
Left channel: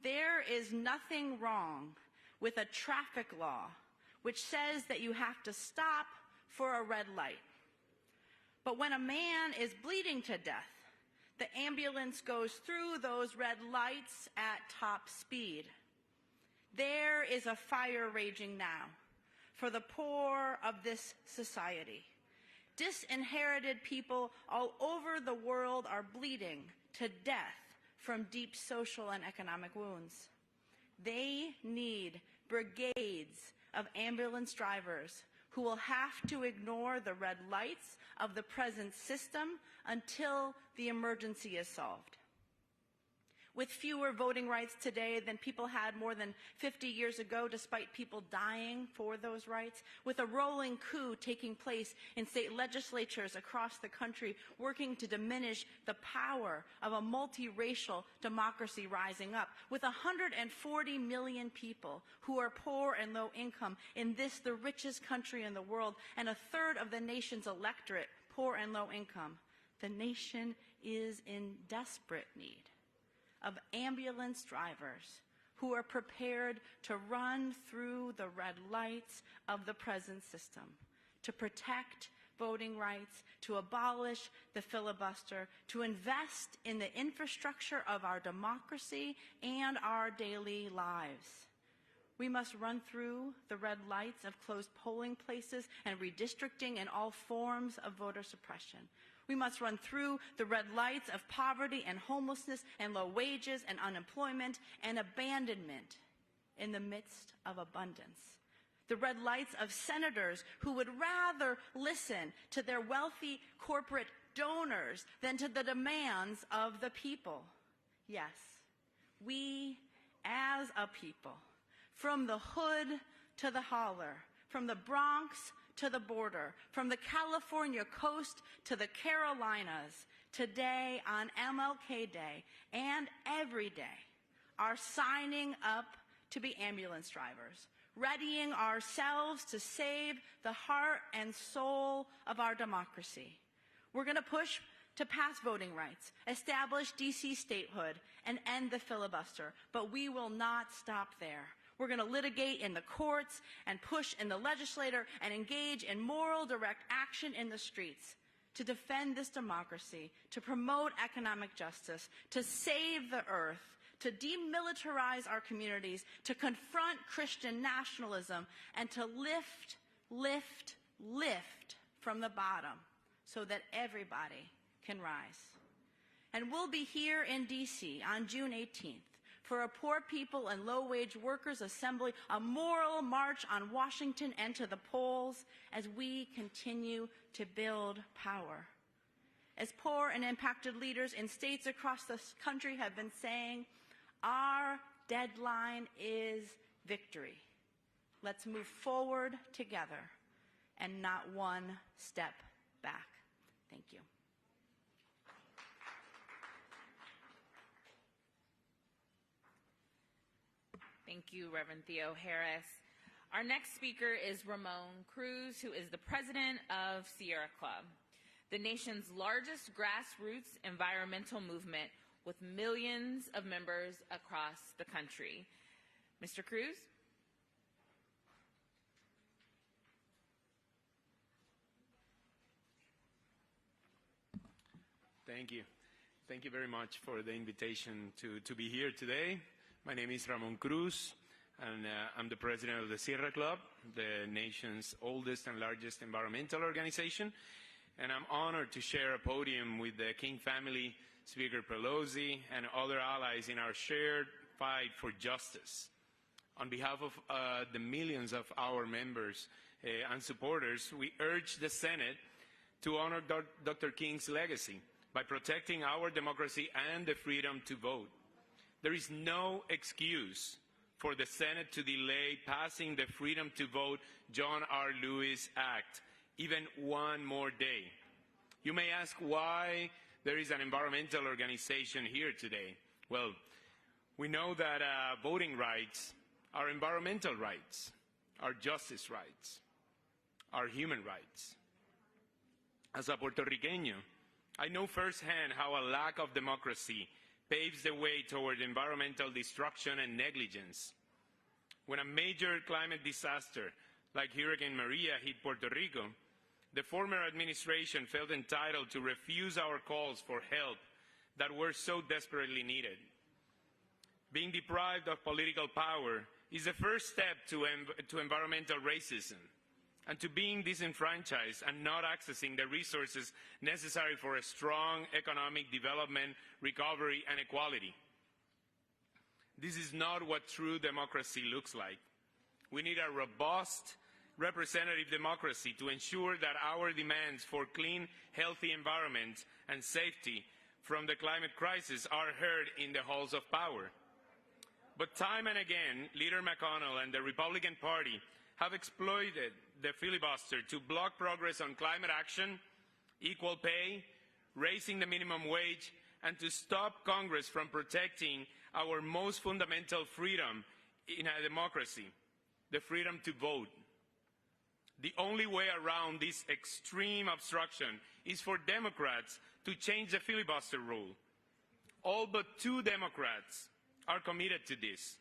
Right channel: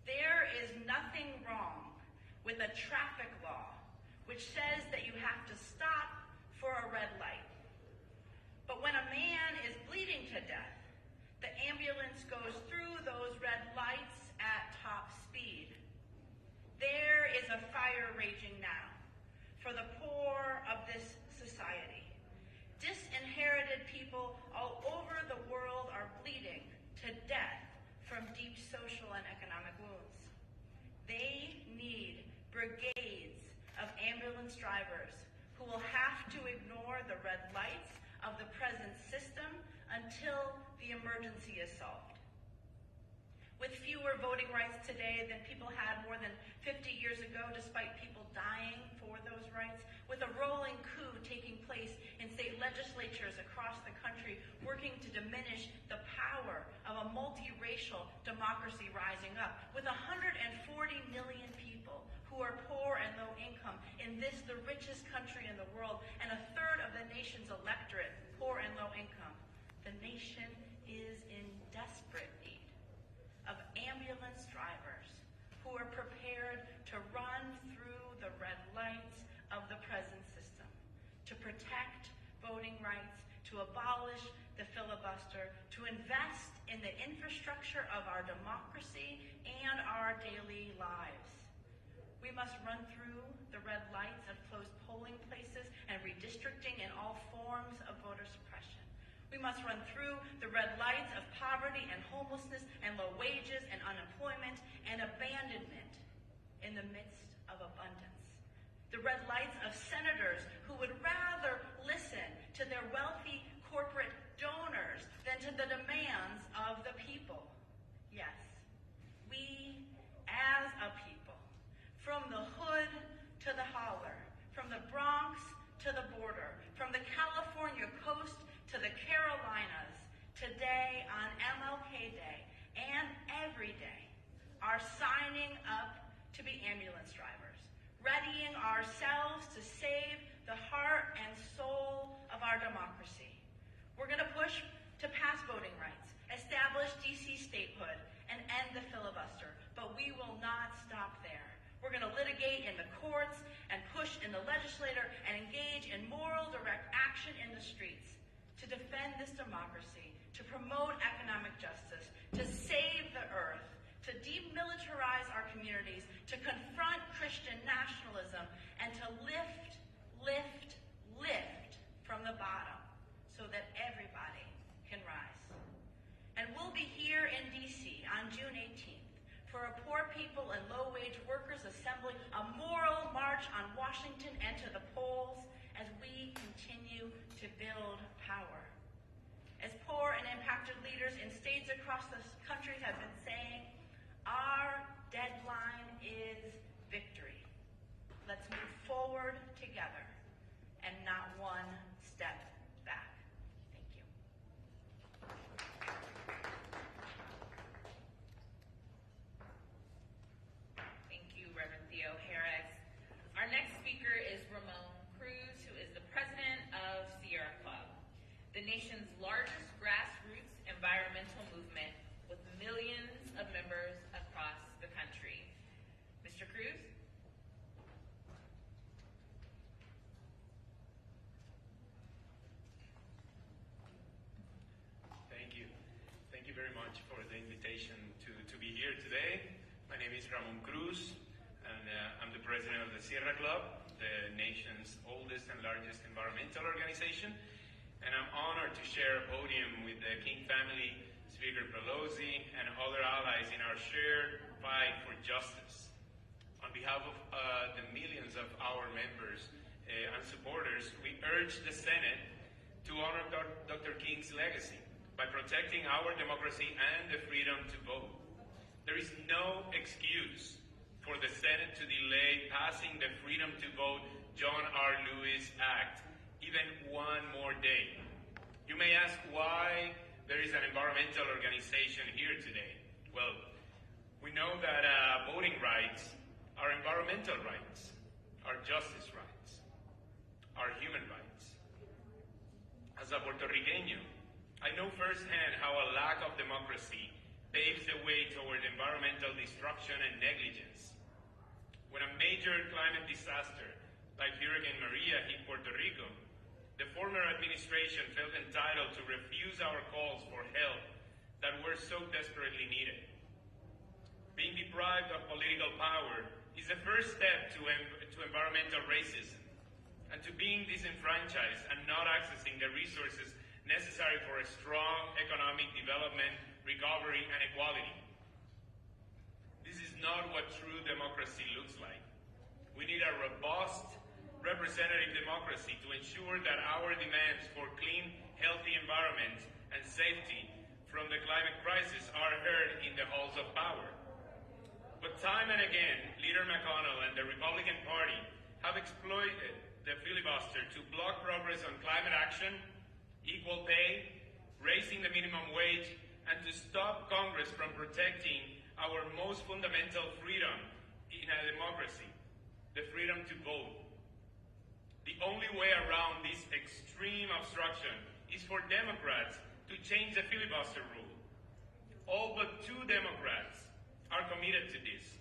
there is nothing wrong with a traffic law which says that you have to stop for a red light. But when a man is bleeding to death, the ambulance goes through those red lights at top speed. There is a fire raging now for the poor of this society. Disinherited people all over the world are bleeding to death from deep social and economic wounds. They need brigades of ambulance drivers who will have to ignore the red lights of the present system until the emergency is solved. With fewer voting rights today than people had more than 50 years ago, despite people dying for those rights, with a rolling coup taking place in state legislatures across the country, working to diminish the power of a multiracial democracy rising up, with 140 million people who are poor and low income in this, the richest country in the world, and a third of the nation's electorate poor and low income, the nation is in desperate need of ambulance drivers who are prepared to run through the red lights of the present system, to protect voting rights, to abolish the filibuster, to invest in the infrastructure of our democracy and our daily lives. We must run through the red lights of closed polling places and redistricting and all forms of voter suppression. We must run through the red lights of poverty and homelessness and low wages and unemployment and abandonment in the midst of abundance. The red lights of senators who would rather listen to their wealthy corporate donors than to the demands of the people. Yes, we as a people, from the hood to the holler, from the Bronx to the border, from the California coast to the Carolinas, today on MLK Day and every day, are signing up to be ambulance drivers, readying ourselves to save the heart and soul of our democracy. We're going to push to pass voting rights, establish DC statehood, and end the filibuster, but we will not stop there. We're going to litigate in the courts and push in the legislature and engage in moral direct action in the streets to defend this democracy, to promote economic justice, to save the earth, to demilitarize our communities, to confront Christian nationalism, and to lift, lift, lift from the bottom so that everybody can rise. And we'll be here in D.C. on June 18th for a Poor People and Low-Wage Workers Assembly, a moral march on Washington and to the polls as we continue to build power. As poor and impacted leaders in states across this country have been saying, our deadline is victory. Let's move forward together and not one step back. Thank you. Thank you, Reverend Theo Harris. Our next speaker is Ramon Cruz, who is the president of Sierra Club, the nation's largest grassroots environmental movement with millions of members across the country. Mr. Cruz? Thank you. Thank you very much for the invitation to be here today. My name is Ramon Cruz, and I'm the president of the Sierra Club, the nation's oldest and largest environmental organization. And I'm honored to share a podium with the King family, Speaker Pelosi, and other allies in our shared fight for justice. On behalf of the millions of our members and supporters, we urge the Senate to honor Dr. King's legacy by protecting our democracy and the freedom to vote. There is no excuse for the Senate to delay passing the Freedom to Vote John R. Lewis Act even one more day. You may ask why there is an environmental organization here today. Well, we know that voting rights are environmental rights, are justice rights, are human rights. As a Puerto Riqueño, I know firsthand how a lack of democracy paves the way toward environmental destruction and negligence. When a major climate disaster like Hurricane Maria hit Puerto Rico, the former administration felt entitled to refuse our calls for help that were so desperately needed. Being deprived of political power is the first step to environmental racism, and to being disenfranchised and not accessing the resources necessary for a strong economic development, recovery, and equality. This is not what true democracy looks like. We need a robust representative democracy to ensure that our demands for clean, healthy environments and safety from the climate crisis are heard in the halls of power. But time and again, Leader McConnell and the Republican Party have exploited the filibuster to block progress on climate action, equal pay, raising the minimum wage, and to stop Congress from protecting our most fundamental freedom in a democracy, the freedom to vote. The only way around this extreme obstruction is for Democrats to change the filibuster rule. All but 2 Democrats are committed to this.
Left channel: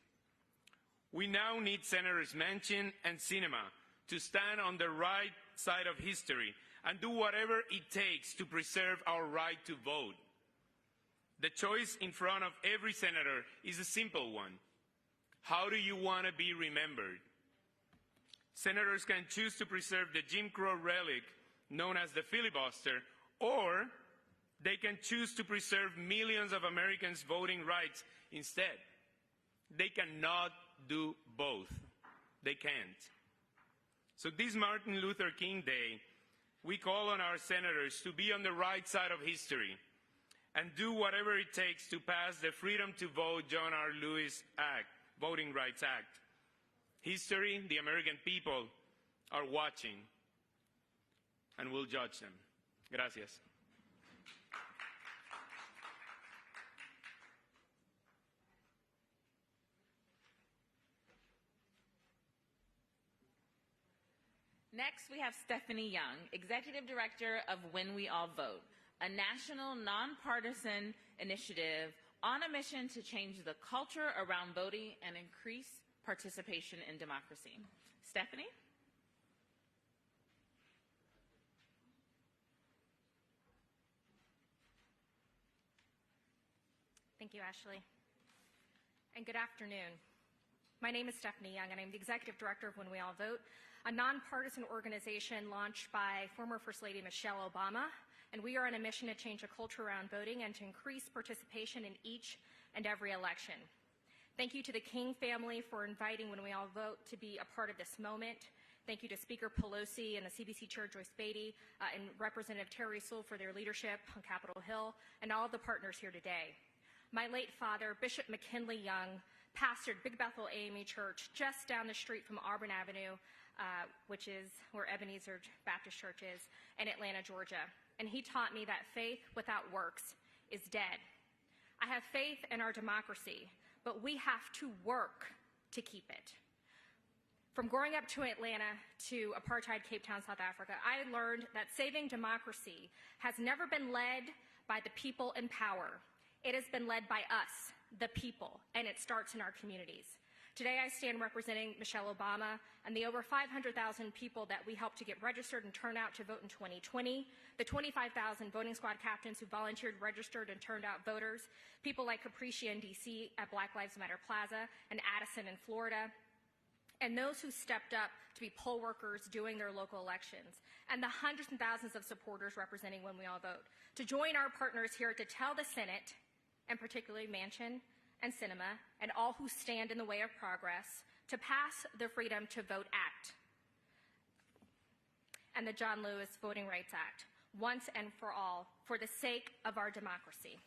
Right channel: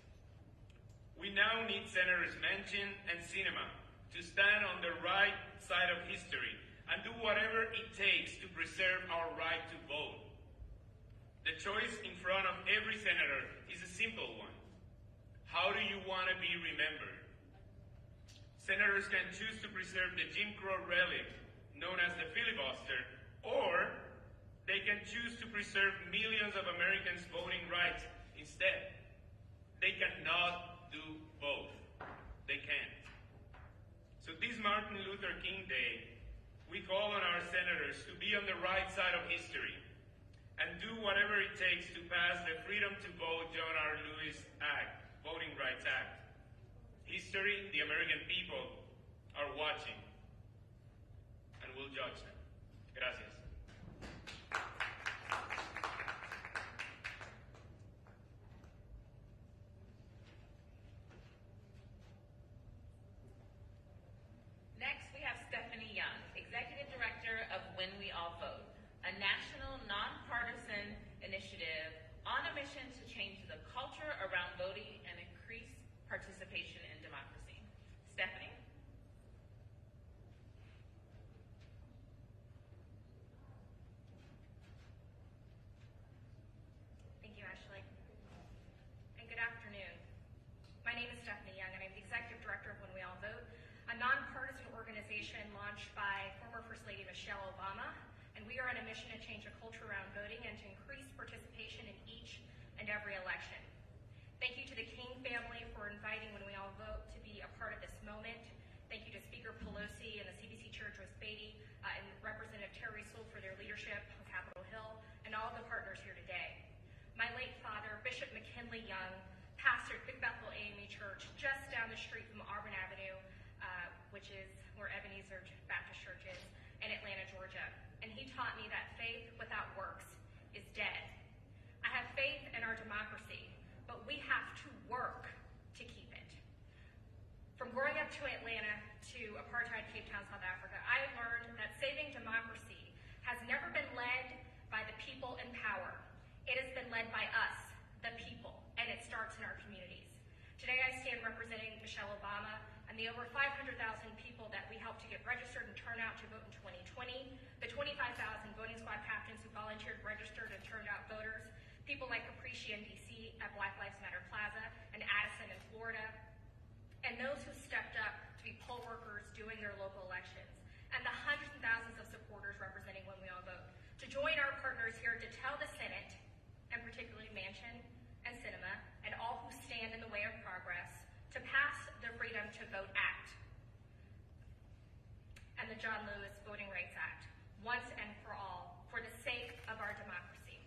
We now need Senators Manchin and Sinema to stand on the right side of history and do whatever it takes to preserve our right to vote. The choice in front of every senator is a simple one. How do you want to be remembered? Senators can choose to preserve the Jim Crow relic known as the filibuster, or they can choose to preserve millions of Americans' voting rights instead. They cannot do both. They can't. So this Martin Luther King Day, we call on our senators to be on the right side of history and do whatever it takes to pass the Freedom to Vote John R. Lewis Act, Voting Rights Act. History, the American people, are watching and will judge them. Gracias. Next, we have Stephanie Young, Executive Director of When We All Vote, a national nonpartisan initiative on a mission to change the culture around voting and increase participation in democracy. Stephanie? Thank you, Ashley. And good afternoon. My name is Stephanie Young, and I'm the Executive Director of When We All Vote, a nonpartisan organization launched by former First Lady Michelle Obama, and we are on a mission to change the culture around voting and to increase participation in each and every election. Thank you to the King family for inviting When We All Vote to be a part of this moment. Thank you to Speaker Pelosi and the CBC Chair Joyce Beatty and Representative Terry Sewell for their leadership on Capitol Hill, and all the partners here today. My late father, Bishop McKinley Young, pastored Big Bethel AME Church just down the street from Auburn Avenue, which is where Ebenezer Baptist Church is, in Atlanta, Georgia. And he taught me that faith without works is dead. I have faith in our democracy, but we have to work to keep it. From growing up to Atlanta to apartheid Cape Town, South Africa, I learned that saving democracy has never been led by the people in power. It has been led by us, the people, and it starts in our communities. Today I stand representing Michelle Obama and the over 500,000 people that we helped to get registered and turn out to vote in 2020, the 25,000 voting squad captains who volunteered, registered, and turned out voters, people like Capricia in DC at Black Lives Matter Plaza, and Addison in Florida, and those who stepped up to be poll workers doing their local elections, and the hundreds and thousands of supporters representing When We All Vote, to join our partners here to tell the Senate, and particularly Manchin and Sinema, and all who stand in the way of progress, to pass the Freedom to Vote Act and the John Lewis Voting Rights Act, once and for all, for the sake of our democracy.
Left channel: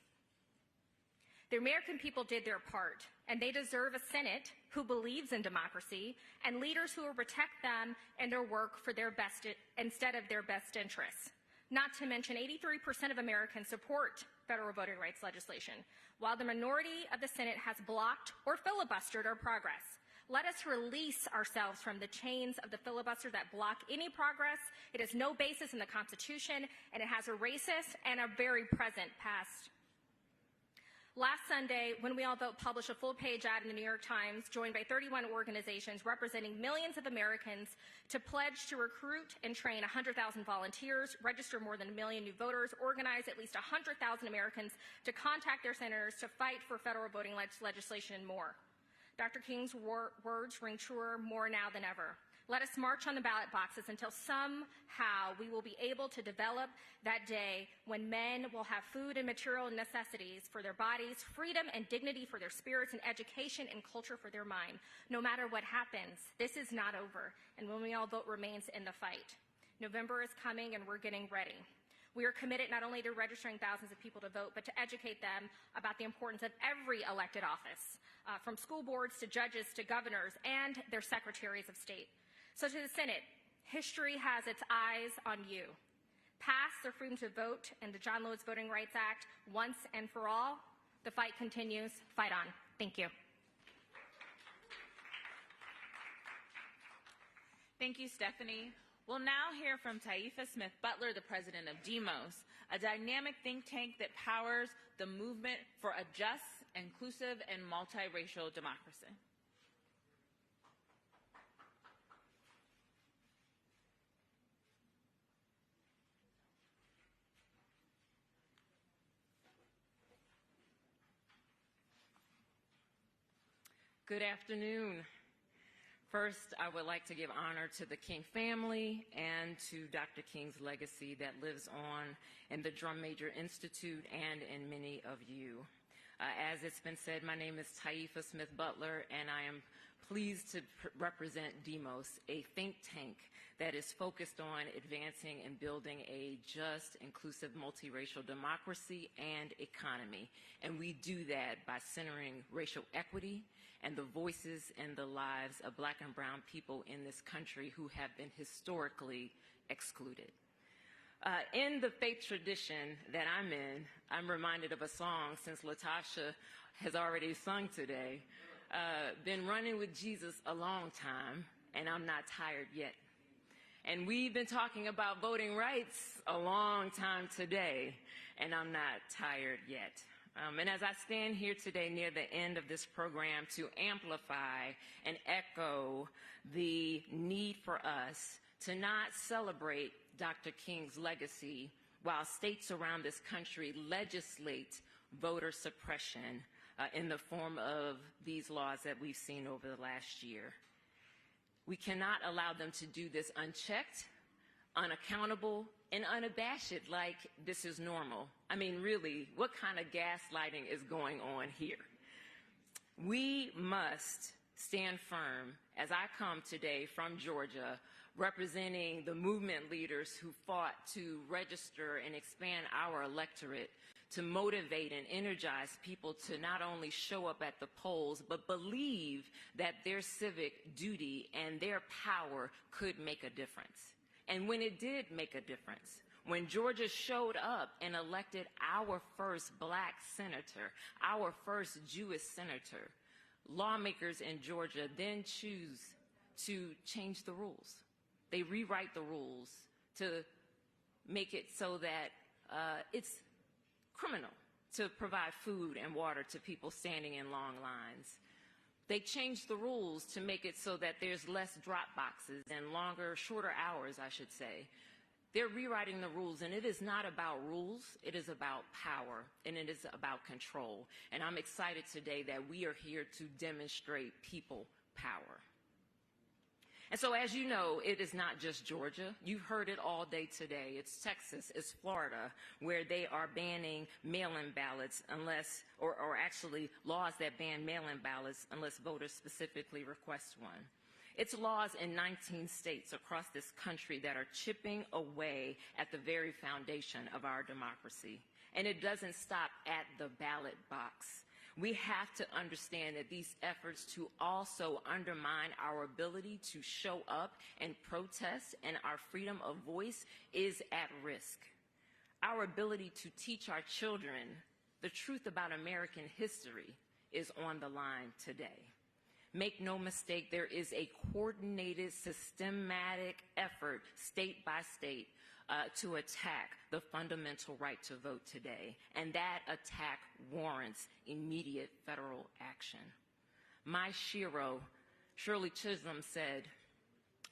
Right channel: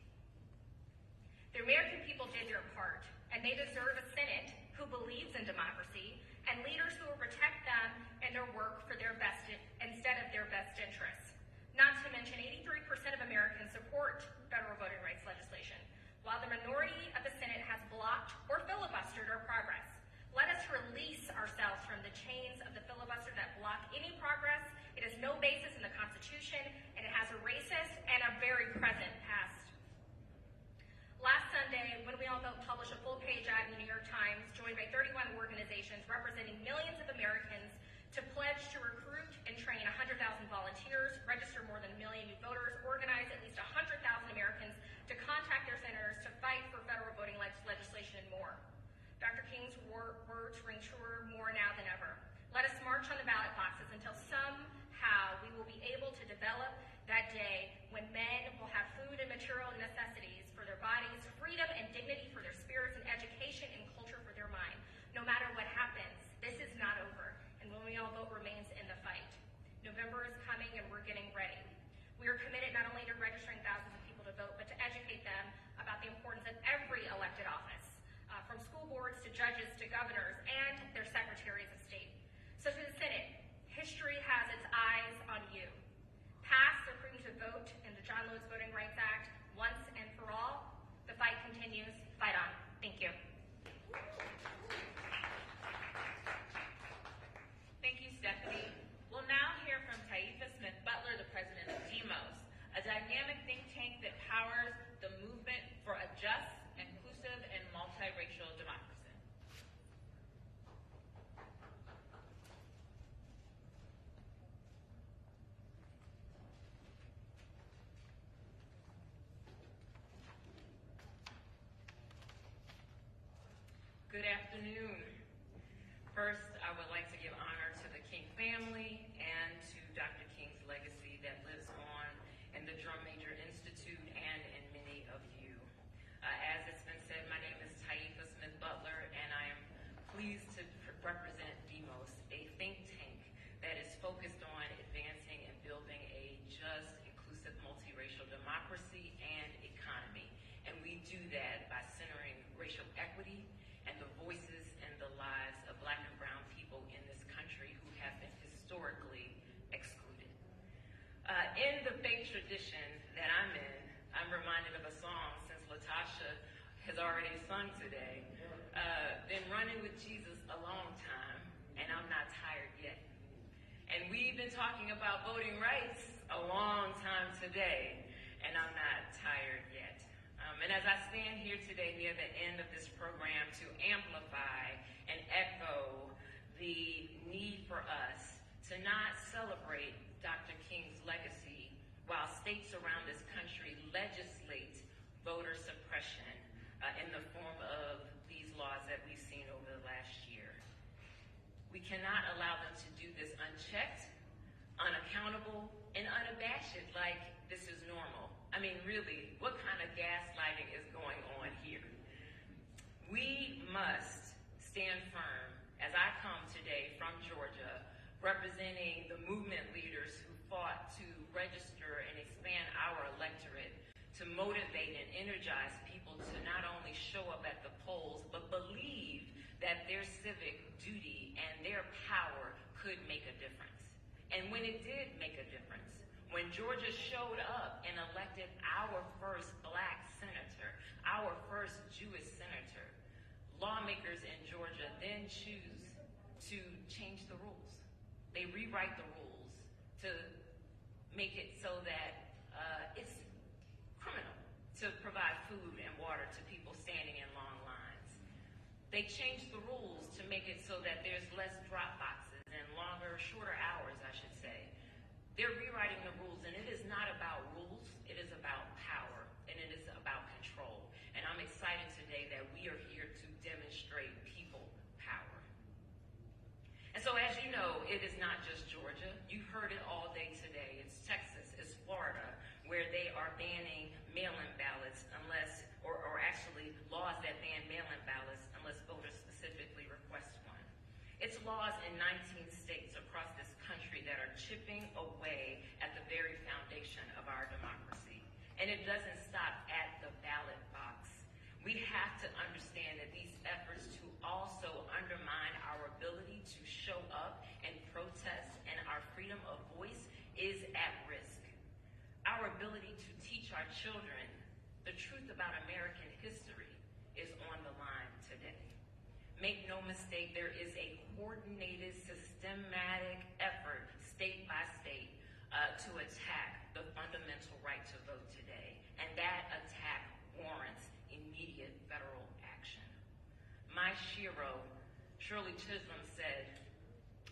The American people did their part, and they deserve a Senate who believes in democracy and leaders who will protect them and their work for their best instead of their best interests. Not to mention 83% of Americans support federal voting rights legislation, while the minority of the Senate has blocked or filibustered our progress. Let us release ourselves from the chains of the filibuster that block any progress. It has no basis in the Constitution, and it has a racist and a very present past. Last Sunday, When We All Vote published a full-page ad in the New York Times, joined by 31 organizations representing millions of Americans, to pledge to recruit and train 100,000 volunteers, register more than 1 million new voters, organize at least 100,000 Americans to contact their senators to fight for federal voting legislation and more. Dr. King's words ring truer more now than ever. Let us march on the ballot boxes until somehow we will be able to develop that day when men will have food and material necessities for their bodies, freedom and dignity for their spirits, and education and culture for their mind. No matter what happens, this is not over, and When We All Vote remains in the fight. November is coming, and we're getting ready. We are committed not only to registering thousands of people to vote, but to educate them about the importance of every elected office, from school boards to judges to governors and their secretaries of state. So to the Senate, history has its eyes on you. Pass the Freedom to Vote and the John Lewis Voting Rights Act once and for all. The fight continues. Fight on. Thank you. Thank you, Stephanie. We'll now hear from Taifa Smith Butler, the president of Demos, a dynamic think tank that powers the movement for a just, inclusive, and multiracial democracy. Good afternoon. First, I would like to give honor to the King family and to Dr. King's legacy that lives on in the Drum Major Institute and in many of you. As it's been said, my name is Taifa Smith Butler, and I am pleased to represent Demos, a think tank that is focused on advancing and building a just, inclusive, multiracial democracy and economy. And we do that by centering racial equity and the voices and the lives of Black and brown people in this country who have been historically excluded. In the faith tradition that I'm in, I'm reminded of a song, since Latasha has already sung today. Been running with Jesus a long time, and I'm not tired yet. And we've been talking about voting rights a long time today, and I'm not tired yet. And as I stand here today near the end of this program to amplify and echo the need for us to not celebrate Dr. King's legacy while states around this country legislate voter suppression in the form of these laws that we've seen over the last year. We cannot allow them to do this unchecked, unaccountable, and unabashed like this is normal. I mean, really, what kind of gaslighting is going on here? We must stand firm as I come today from Georgia, representing the movement leaders who fought to register and expand our electorate, to motivate and energize people to not only show up at the polls, but believe that their civic duty and their power could make a difference. And when it did make a difference, when Georgia showed up and elected our first black senator, our first Jewish senator, lawmakers in Georgia then choose to change the rules. They rewrite the rules to make it so that it's criminal to provide food and water to people standing in long lines. They changed the rules to make it so that there's less drop boxes and shorter hours, I should say. They're rewriting the rules, and it is not about rules, it is about power, and it is about control. And I'm excited today that we are here to demonstrate people power. And so, as you know, it is not just Georgia. You've heard it all day today. It's Texas, it's Florida, where they are banning mail-in ballots unless, or actually laws that ban mail-in ballots unless voters specifically request one. It's laws in 19 states across this country that are chipping away at the very foundation of our democracy. And it doesn't stop at the ballot box. We have to understand that these efforts to also undermine our ability to show up and protest and our freedom of voice is at risk. Our ability to teach our children the truth about American history is on the line today. Make no mistake, there is a coordinated, systematic effort, state by state, to attack the fundamental right to vote today. And that attack warrants immediate federal action. My Shiro, Shirley Chisholm, said,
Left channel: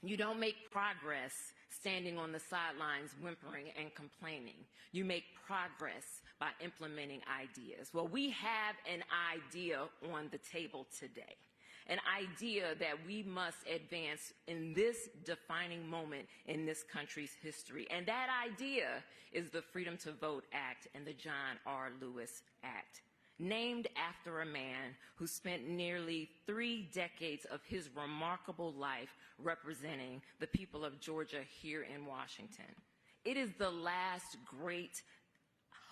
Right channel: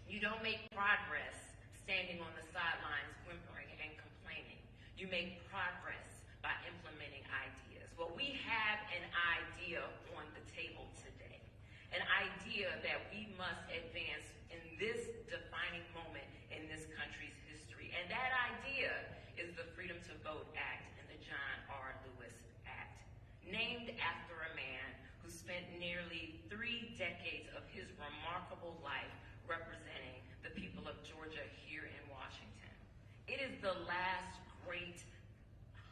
"You don't make progress standing on the sidelines whimpering and complaining. You make progress by implementing ideas." Well, we have an idea on the table today. An idea that we must advance in this defining moment in this country's history. And that idea is the Freedom to Vote Act and the John R. Lewis Act, named after a man who spent nearly 3 decades of his remarkable life representing the people of Georgia here in Washington. It is the last great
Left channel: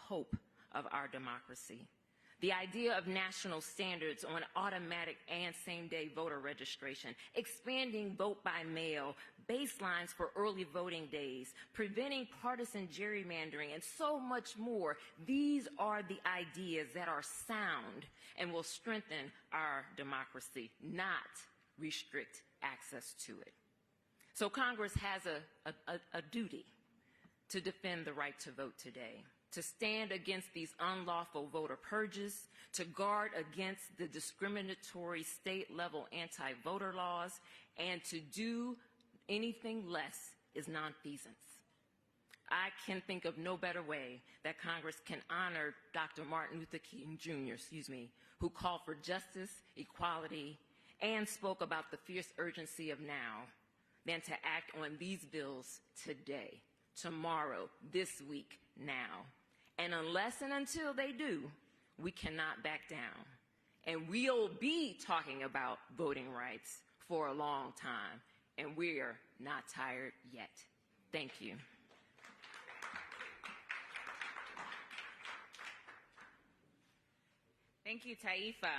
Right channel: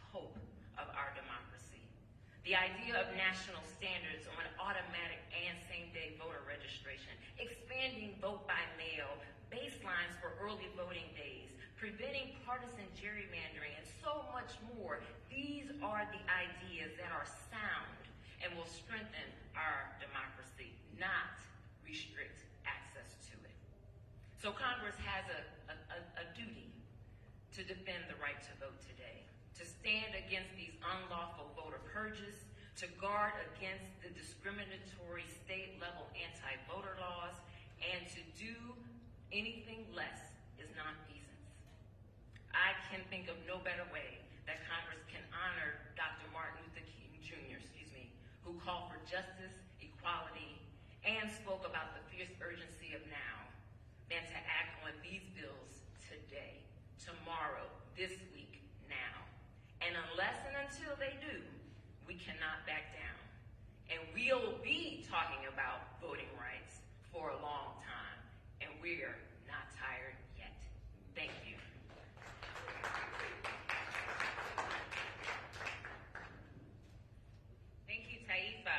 hope of our democracy. The idea of national standards on automatic and same-day voter registration, expanding vote by mail, baselines for early voting days, preventing partisan gerrymandering, and so much more. These are the ideas that are sound and will strengthen our democracy, not restrict access to it. So Congress has a duty to defend the right to vote today, to stand against these unlawful voter purges, to guard against the discriminatory state-level anti-voter laws, and to do anything less is nonfeasance. I can think of no better way that Congress can honor Dr. Martin Luther King Jr., who called for justice, equality, and spoke about the fierce urgency of now, than to act on these bills today, tomorrow, this week, now. And unless and until they do, we cannot back down. And we'll be talking about voting rights for a long time, and we're not tired yet. Thank you. Thank you, Taifa.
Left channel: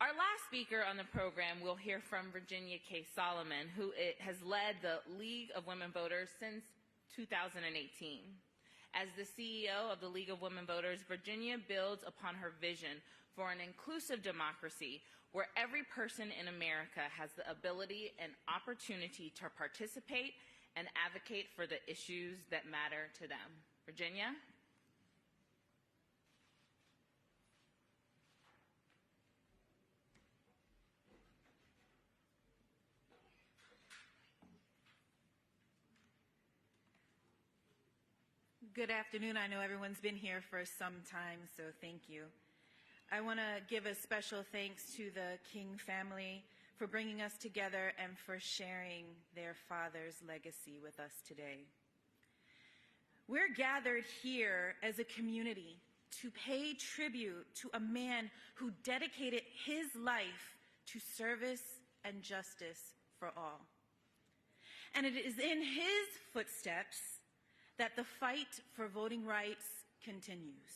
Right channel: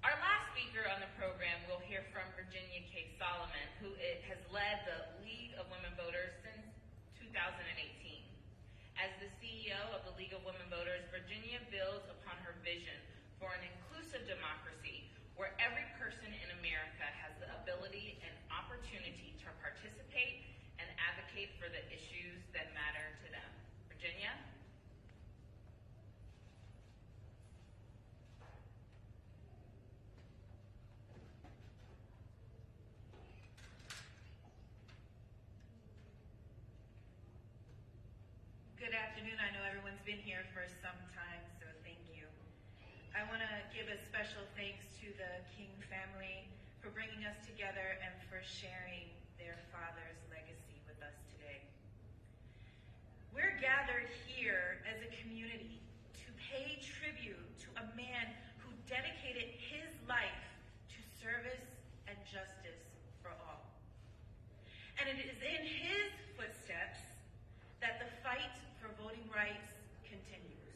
Our last speaker on the program, we'll hear from Virginia K. Solomon, who has led the League of Women Voters since 2018. As the CEO of the League of Women Voters, Virginia builds upon her vision for an inclusive democracy where every person in America has the ability and opportunity to participate and advocate for the issues that matter to them. Virginia? Good afternoon. I know everyone's been here for some time, so thank you. I want to give a special thanks to the King family for bringing us together and for sharing their father's legacy with us today. We're gathered here as a community to pay tribute to a man who dedicated his life to service and justice for all. And it is in his footsteps that the fight for voting rights continues.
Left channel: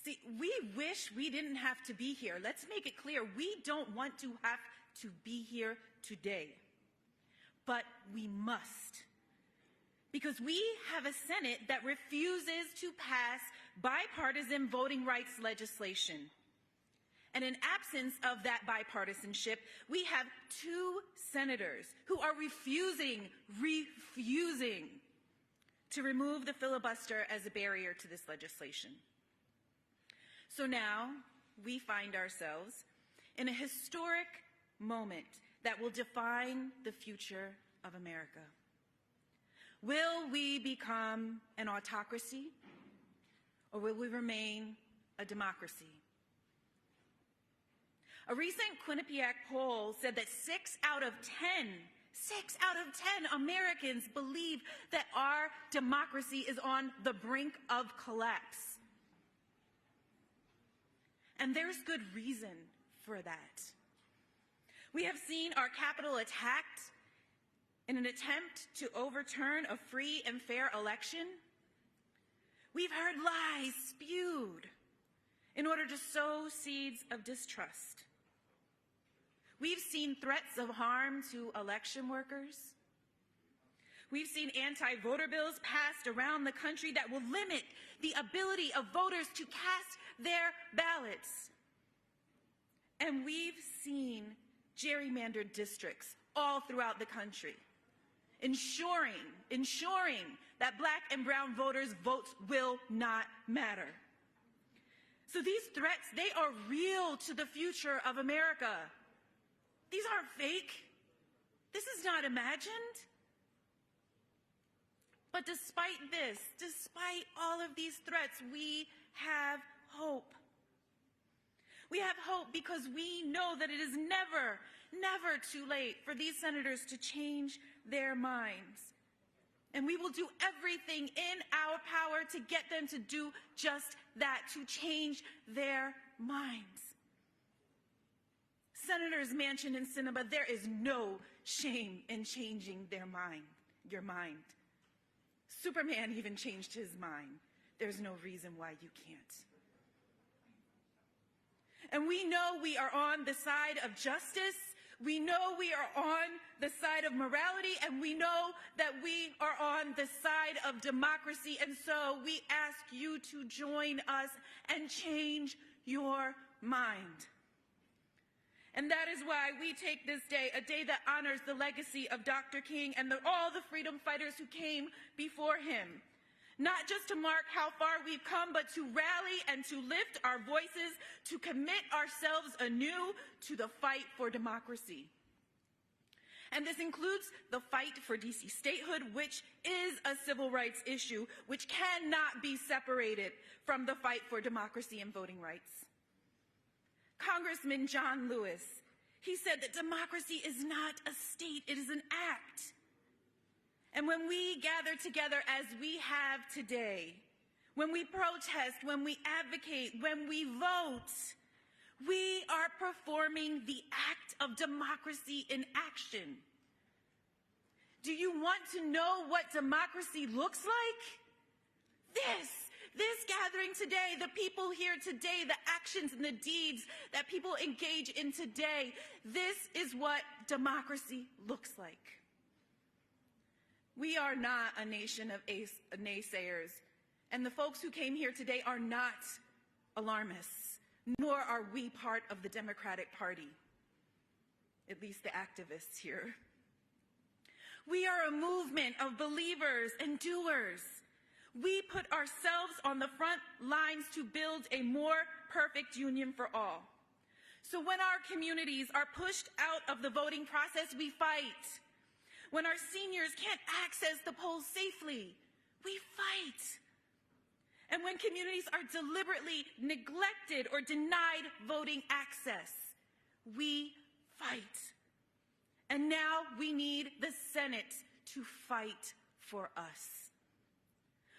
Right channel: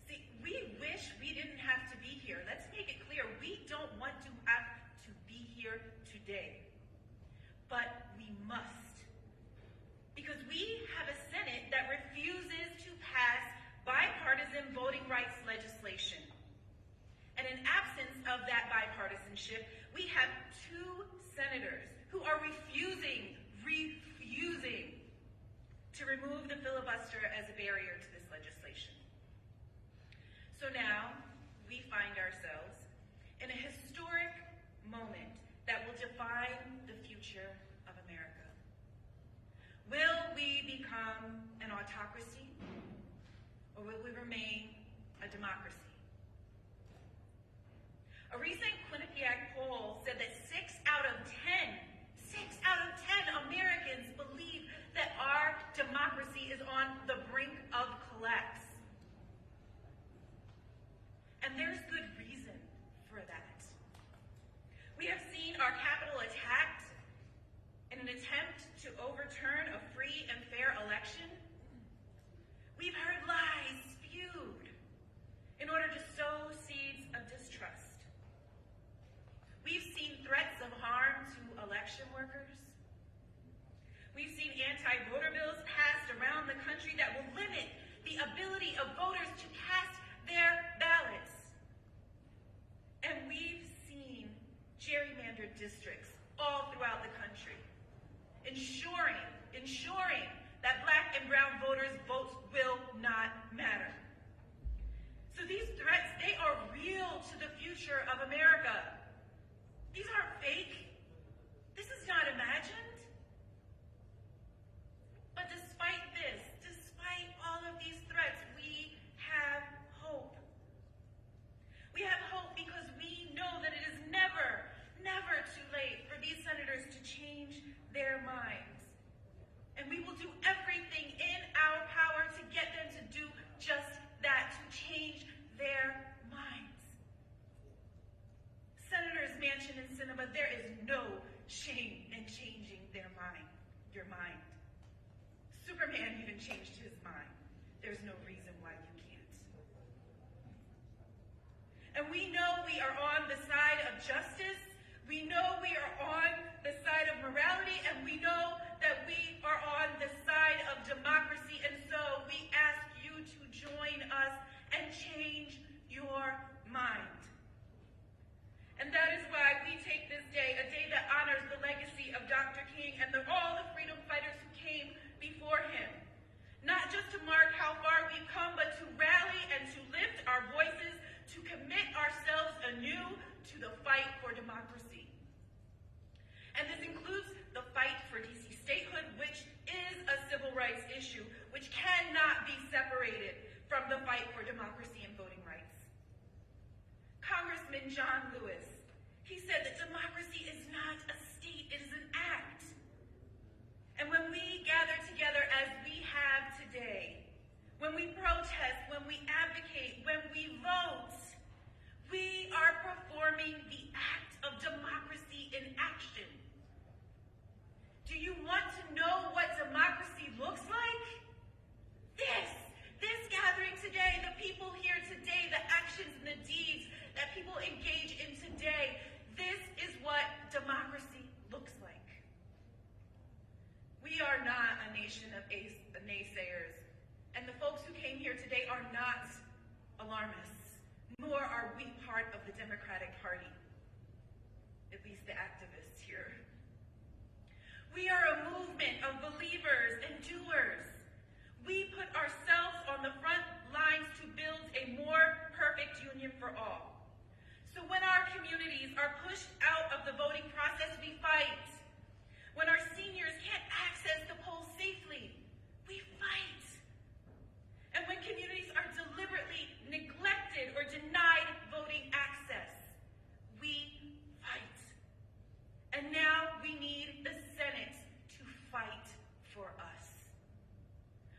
See, we wish we didn't have to be here. Let's make it clear, we don't want to have to be here today. But we must. Because we have a Senate that refuses to pass bipartisan voting rights legislation. And in absence of that bipartisanship, we have two senators who are refusing to remove the filibuster as a barrier to this legislation. So now we find ourselves in a historic moment that will define the future of America. Will we become an autocracy, or will we remain a democracy? A recent Quinnipiac poll said that 6 out of 10 Americans believe that our democracy is on the brink of collapse. And there's good reason for that. We have seen our Capitol attacked in an attempt to overturn a free and fair election. We've heard lies spewed in order to sow seeds of distrust. We've seen threats of harm to election workers. We've seen anti-voter bills passed around the country that will limit the ability of voters to cast their ballots. And we've seen gerrymandered districts all throughout the country, ensuring that Black and brown voters' votes will not matter. So these threats, they are real to the future of America. These aren't fake. This is not imagined. But despite this, despite all of these threats, we have hope. We have hope because we know that it is never too late for these senators to change their minds. And we will do everything in our power to get them to do just that, to change their minds. Senators Manchin and Sinema, there is no shame in changing your mind. Superman even changed his mind. There's no reason why you can't. And we know we are on the side of justice. We know we are on the side of morality, and we know that we are on the side of democracy. And so we ask you to join us and change your mind. And that is why we take this day, a day that honors the legacy of Dr. King and all the freedom fighters who came before him. Not just to mark how far we've come, but to rally and to lift our voices, to commit ourselves anew to the fight for democracy. And this includes the fight for DC statehood, which is a civil rights issue, which cannot be separated from the fight for democracy and voting rights. Congressman John Lewis, he said that democracy is not a state, it is an act. And when we gather together as we have today, when we protest, when we advocate, when we vote, we are performing the act of democracy in action. Do you want to know what democracy looks like? This gathering today, the people here today, the actions and the deeds that people engage in today, this is what democracy looks like. We are not a nation of naysayers, and the folks who came here today are not alarmists, nor are we part of the Democratic Party, at least the activists here. We are a movement of believers and doers. We put ourselves on the front lines to build a more perfect union for all. So when our communities are pushed out of the voting process, we fight. When our seniors can't access the polls safely, we fight. and when communities are deliberately neglected or denied voting access. We fight. And now we need the Senate to fight for us.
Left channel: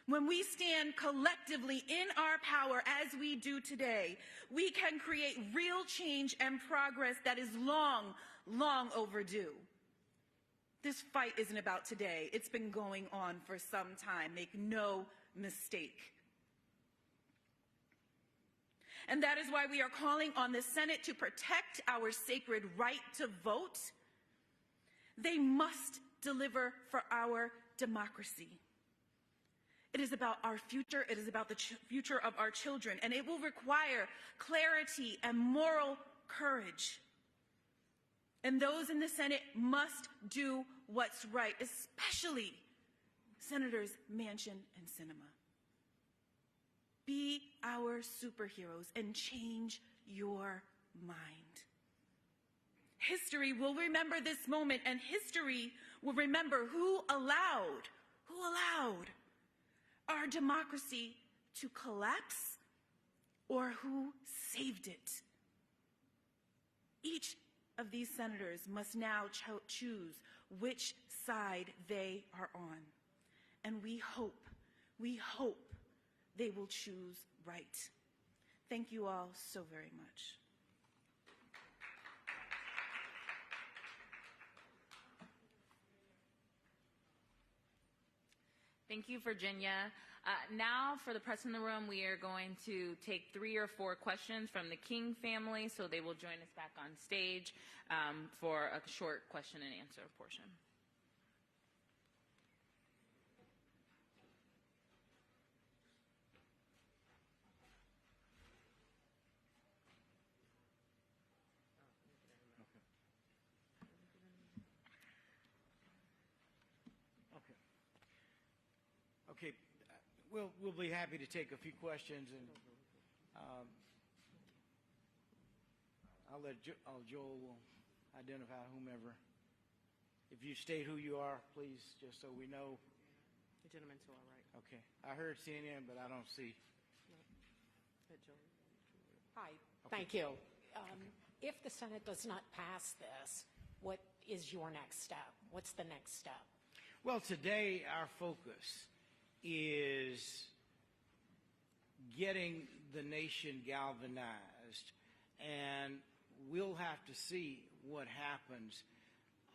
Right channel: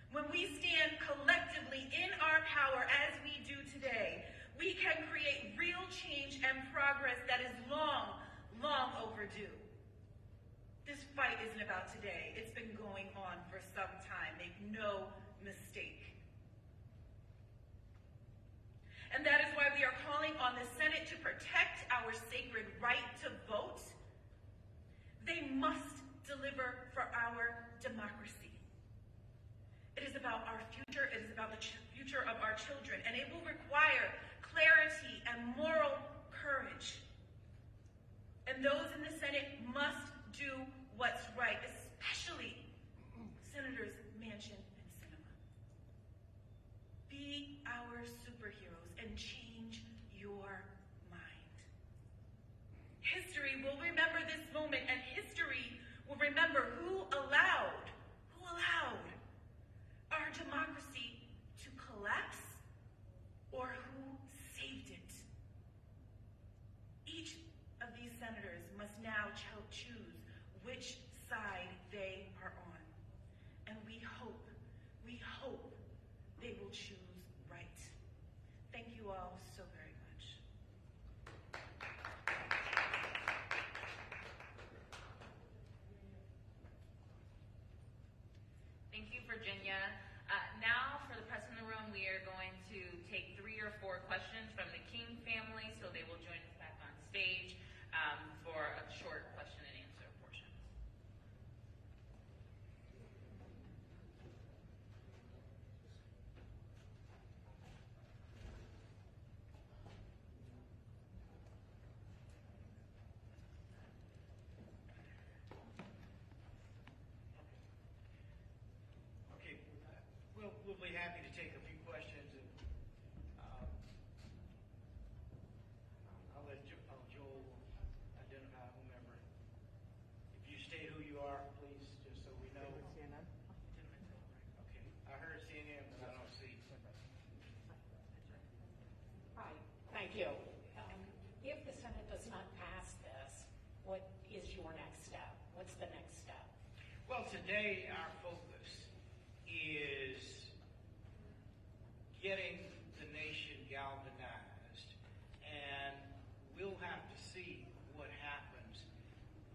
When we stand collectively in our power as we do today, we can create real change and progress that is long, long overdue. This fight isn't about today. It's been going on for some time. Make no mistake. And that is why we are calling on the Senate to protect our sacred right to vote. They must deliver for our democracy. It is about our future. It is about the future of our children. And it will require clarity and moral courage. And those in the Senate must do what's right, especially Senators Manchin and Sinema. Be our superheroes and change your mind. History will remember this moment, and history will remember who allowed our democracy to collapse or who saved it. Each of these senators must now choose which side they are on. And we hope they will choose right. Thank you all so very much. Thank you, Virginia. Now, for the press in the room, we are going to take 3 or 4 questions from the King family, so they will join us back on stage for a short question and answer portion. We'll be happy to take a few questions, and I'll let Joel identify whomever. If you state who you are, please, just so we know. CNN? The gentleman's well, right? Okay. I heard CNN, but I don't see. Hi, thank you. If the Senate does not pass this, what is your next step? What's the next step? Well, today our focus is getting the nation galvanized, and we'll have to see what happens.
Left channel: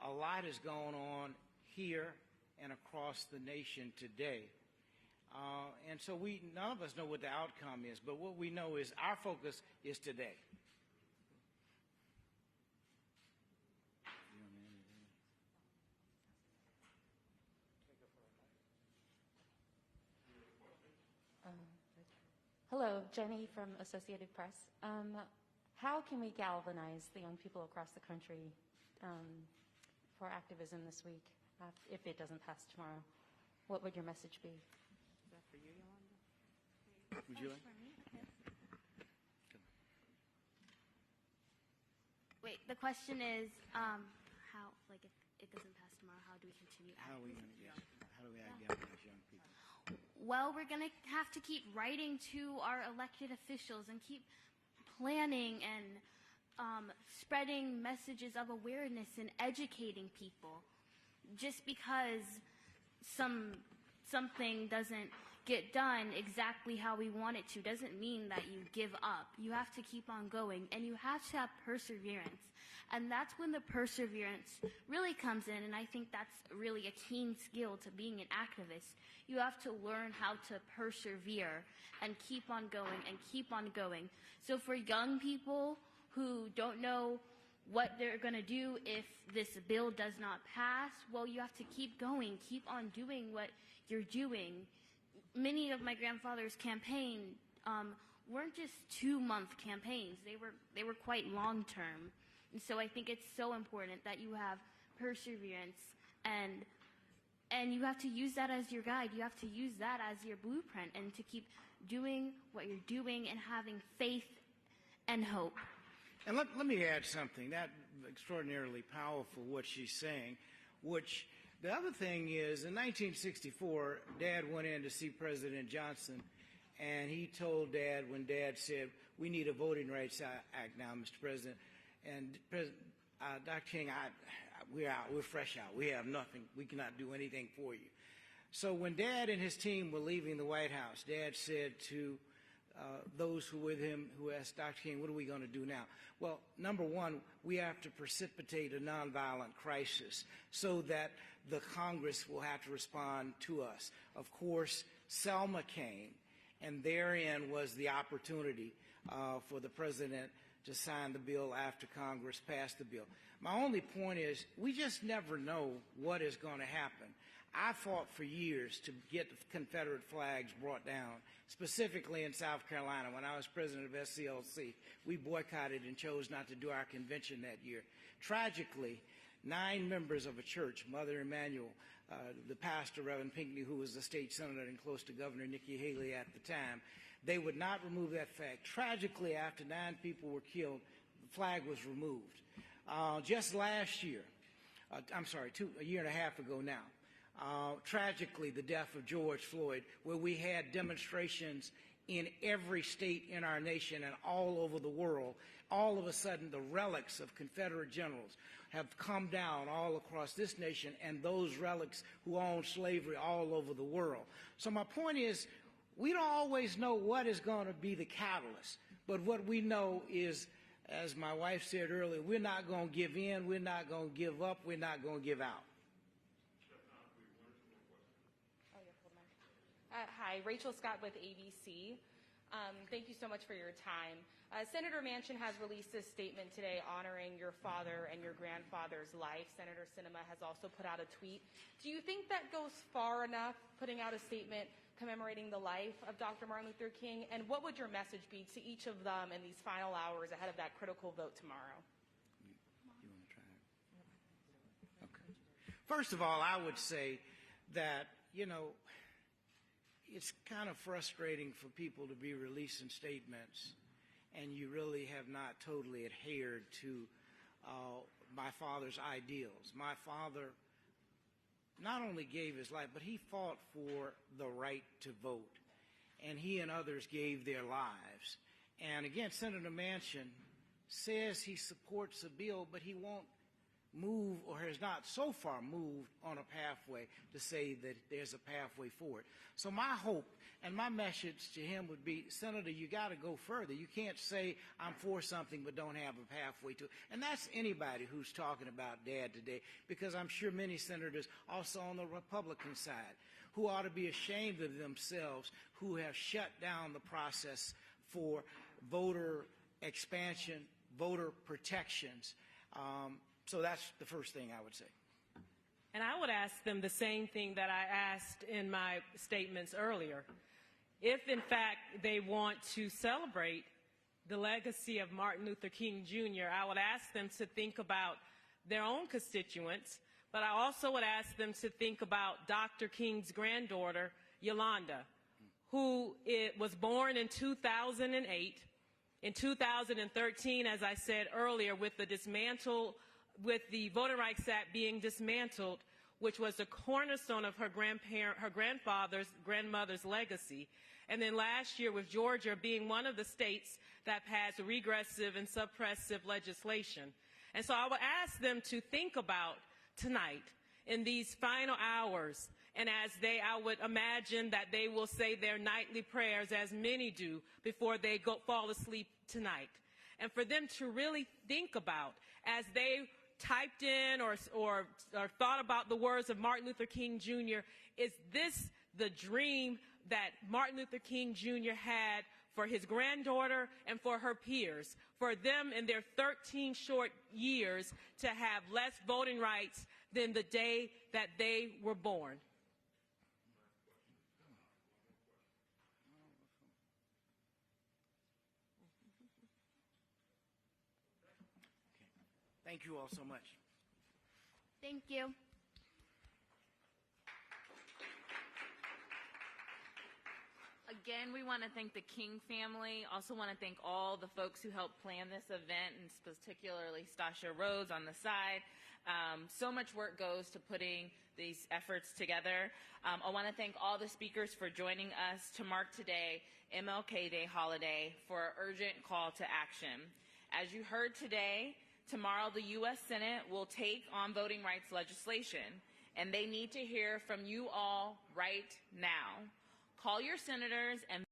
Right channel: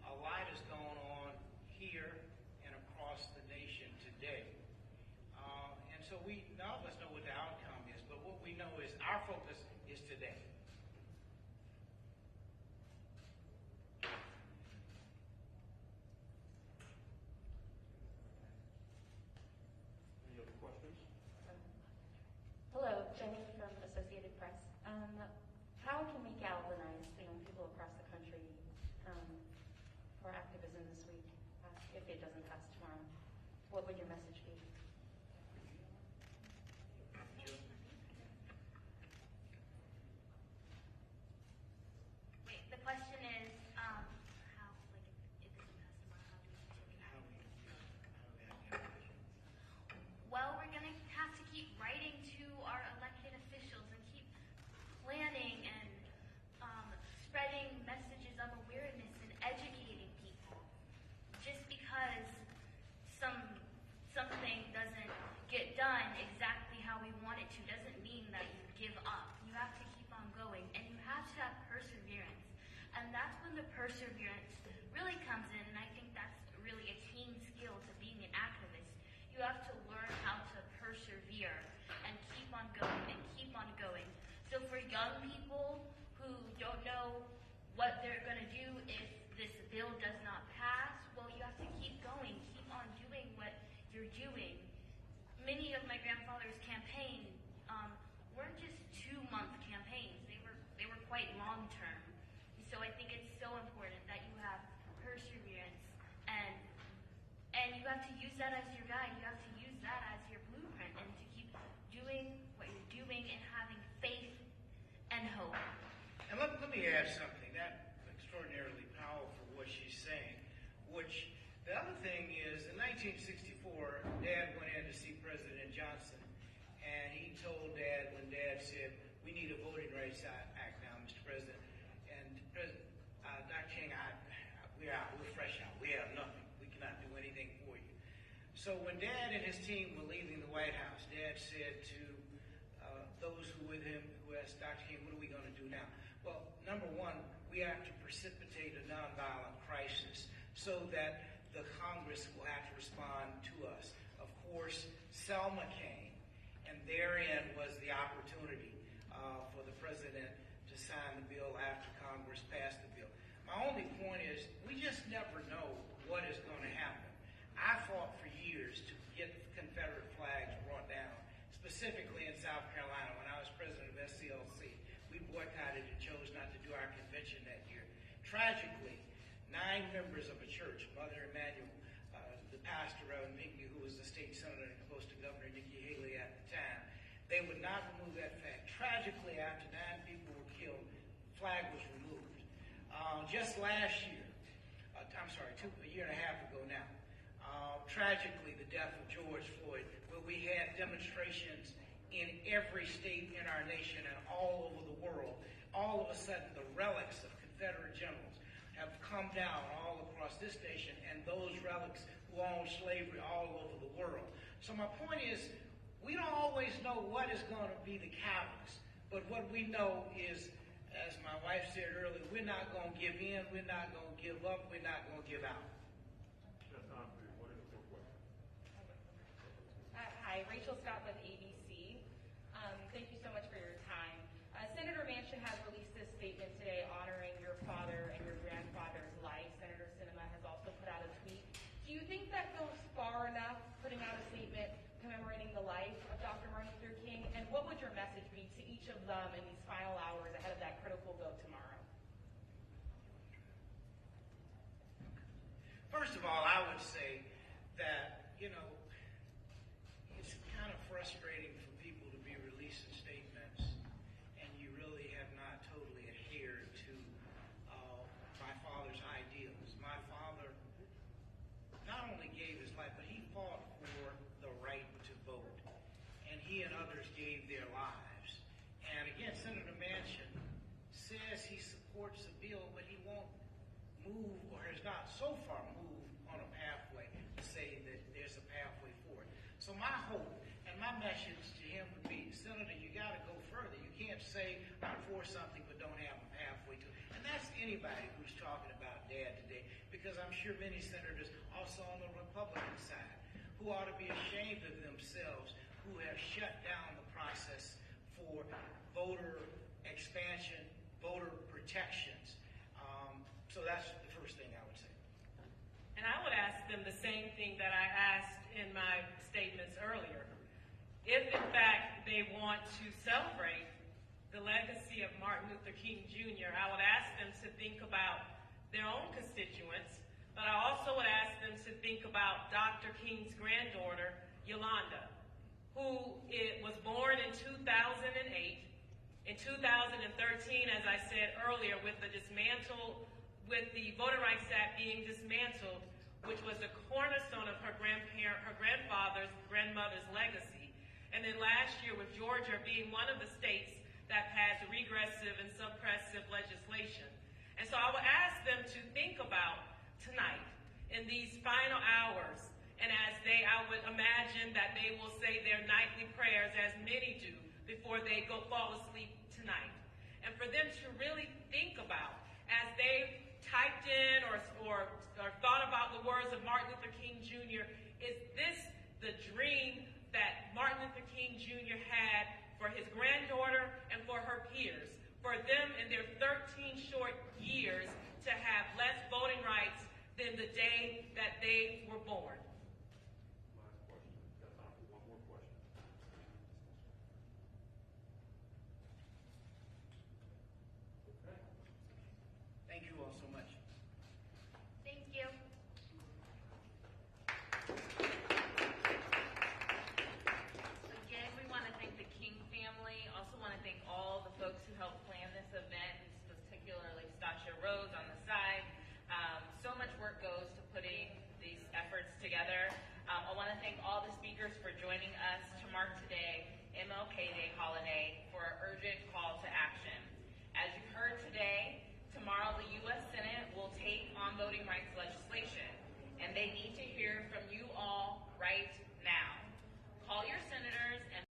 A lot is going on here and across the nation today. And so none of us know what the outcome is, but what we know is our focus is today. Hello, Jenny from Associated Press. How can we galvanize the young people across the country for activism this week if it doesn't pass tomorrow? What would your message be? Wait, the question is, how, like, if it doesn't pass tomorrow, how do we continue activism? Well, we're going to have to keep writing to our elected officials and keep planning and spreading messages of awareness and educating people. Just because something doesn't get done exactly how we want it to doesn't mean that you give up. You have to keep on going, and you have to have perseverance. And that's when the perseverance really comes in, and I think that's really a keen skill to being an activist. You have to learn how to persevere and keep on going and keep on going. So for young people who don't know what they're going to do if this bill does not pass, well, you have to keep going, keep on doing what you're doing. Many of my grandfather's campaign weren't just 2-month campaigns. They were quite long-term. And so I think it's so important that you have perseverance and you have to use that as your guide. You have to use that as your blueprint and to keep doing what you're doing and having faith and hope. And let me add something. That's extraordinarily powerful what she's saying, which the other thing is in 1964, Dad went in to see President Johnson, and he told Dad when Dad said, "We need a Voting Rights Act now, Mr. President." And Dr. King, we're out. We're fresh out. We have nothing. We cannot do anything for you. So when Dad and his team were leaving the White House, Dad said to those who were with him, who asked Dr. King, "What are we going to do now?" Well, number one, we have to precipitate a nonviolent crisis so that the Congress will have to respond to us. Of course, Selma came, and therein was the opportunity for the president to sign the bill after Congress passed the bill. My only point is, we just never know what is going to happen. I fought for years to get Confederate flags brought down, specifically in South Carolina. When I was president of SCLC, we boycotted and chose not to do our convention that year. Tragically, 9 members of a church, Mother Emanuel, the pastor, Reverend Pinckney, who was the state senator and close to Governor Nikki Haley at the time, they would not remove that flag. Tragically, after 9 people were killed, the flag was removed. Just last year, a year and a half ago now, tragically, the death of George Floyd, where we had demonstrations in every state in our nation and all over the world, all of a sudden the relics of Confederate generals have come down all across this nation, and those relics who owned slavery all over the world. So my point is, we don't always know what is going to be the catalyst, but what we know is, as my wife said earlier, we're not going to give in, we're not going to give up, we're not going to give out. Hi, Rachel Scott with ABC. Thank you so much for your time. Senator Manchin has released a statement today honoring your father and your grandfather's life. Senator Sinema has also put out a tweet. Do you think that goes far enough, putting out a statement commemorating the life of Dr. Martin Luther King? And what would your message be to each of them in these final hours ahead of that critical vote tomorrow? First of all, I would say that, it's kind of frustrating for people to be releasing statements and you really have not totally adhered to my father's ideals. My father not only gave his life, but he fought for the right to vote. And he and others gave their lives. And again, Senator Manchin says he supports the bill, but he won't move, or has not so far moved on a pathway to say that there's a pathway forward. So my hope and my message to him would be, Senator, you got to go further. You can't say I'm for something but don't have a pathway to it. And that's anybody who's talking about Dad today, because I'm sure many senators also on the Republican side who ought to be ashamed of themselves, who have shut down the process for voter expansion, voter protections. So that's the first thing I would say. And I would ask them the same thing that I asked in my statements earlier. If, in fact, they want to celebrate the legacy of Martin Luther King Jr., I would ask them to think about their own constituents, but I also would ask them to think about Dr. King's granddaughter, Yolanda, who was born in 2008. In 2013, as I said earlier, with the Voting Rights Act being dismantled, which was the cornerstone of her grandmother's legacy. And then last year with Georgia being one of the states that has regressive and suppressive legislation. And so I would ask them to think about tonight in these final hours, and I would imagine that they will say their nightly prayers, as many do, before they fall asleep tonight. And for them to really think about, as they typed in or thought about the words of Martin Luther King Jr., is this the dream that Martin Luther King Jr. had for his granddaughter and for her peers, for them in their 13 short years to have less voting rights than the day that they were born? Thank you all so much. Thank you. Again, we want to thank the King family. Also want to thank all the folks who helped plan this event, and particularly Stasha Rhodes on the side. So much work goes to putting these efforts together. I want to thank all the speakers for joining us to mark today, MLK Day holiday for an urgent call to action. As you heard today, tomorrow the U.S. Senate will take on voting rights legislation, and they need to hear from you all right now. Call your senators and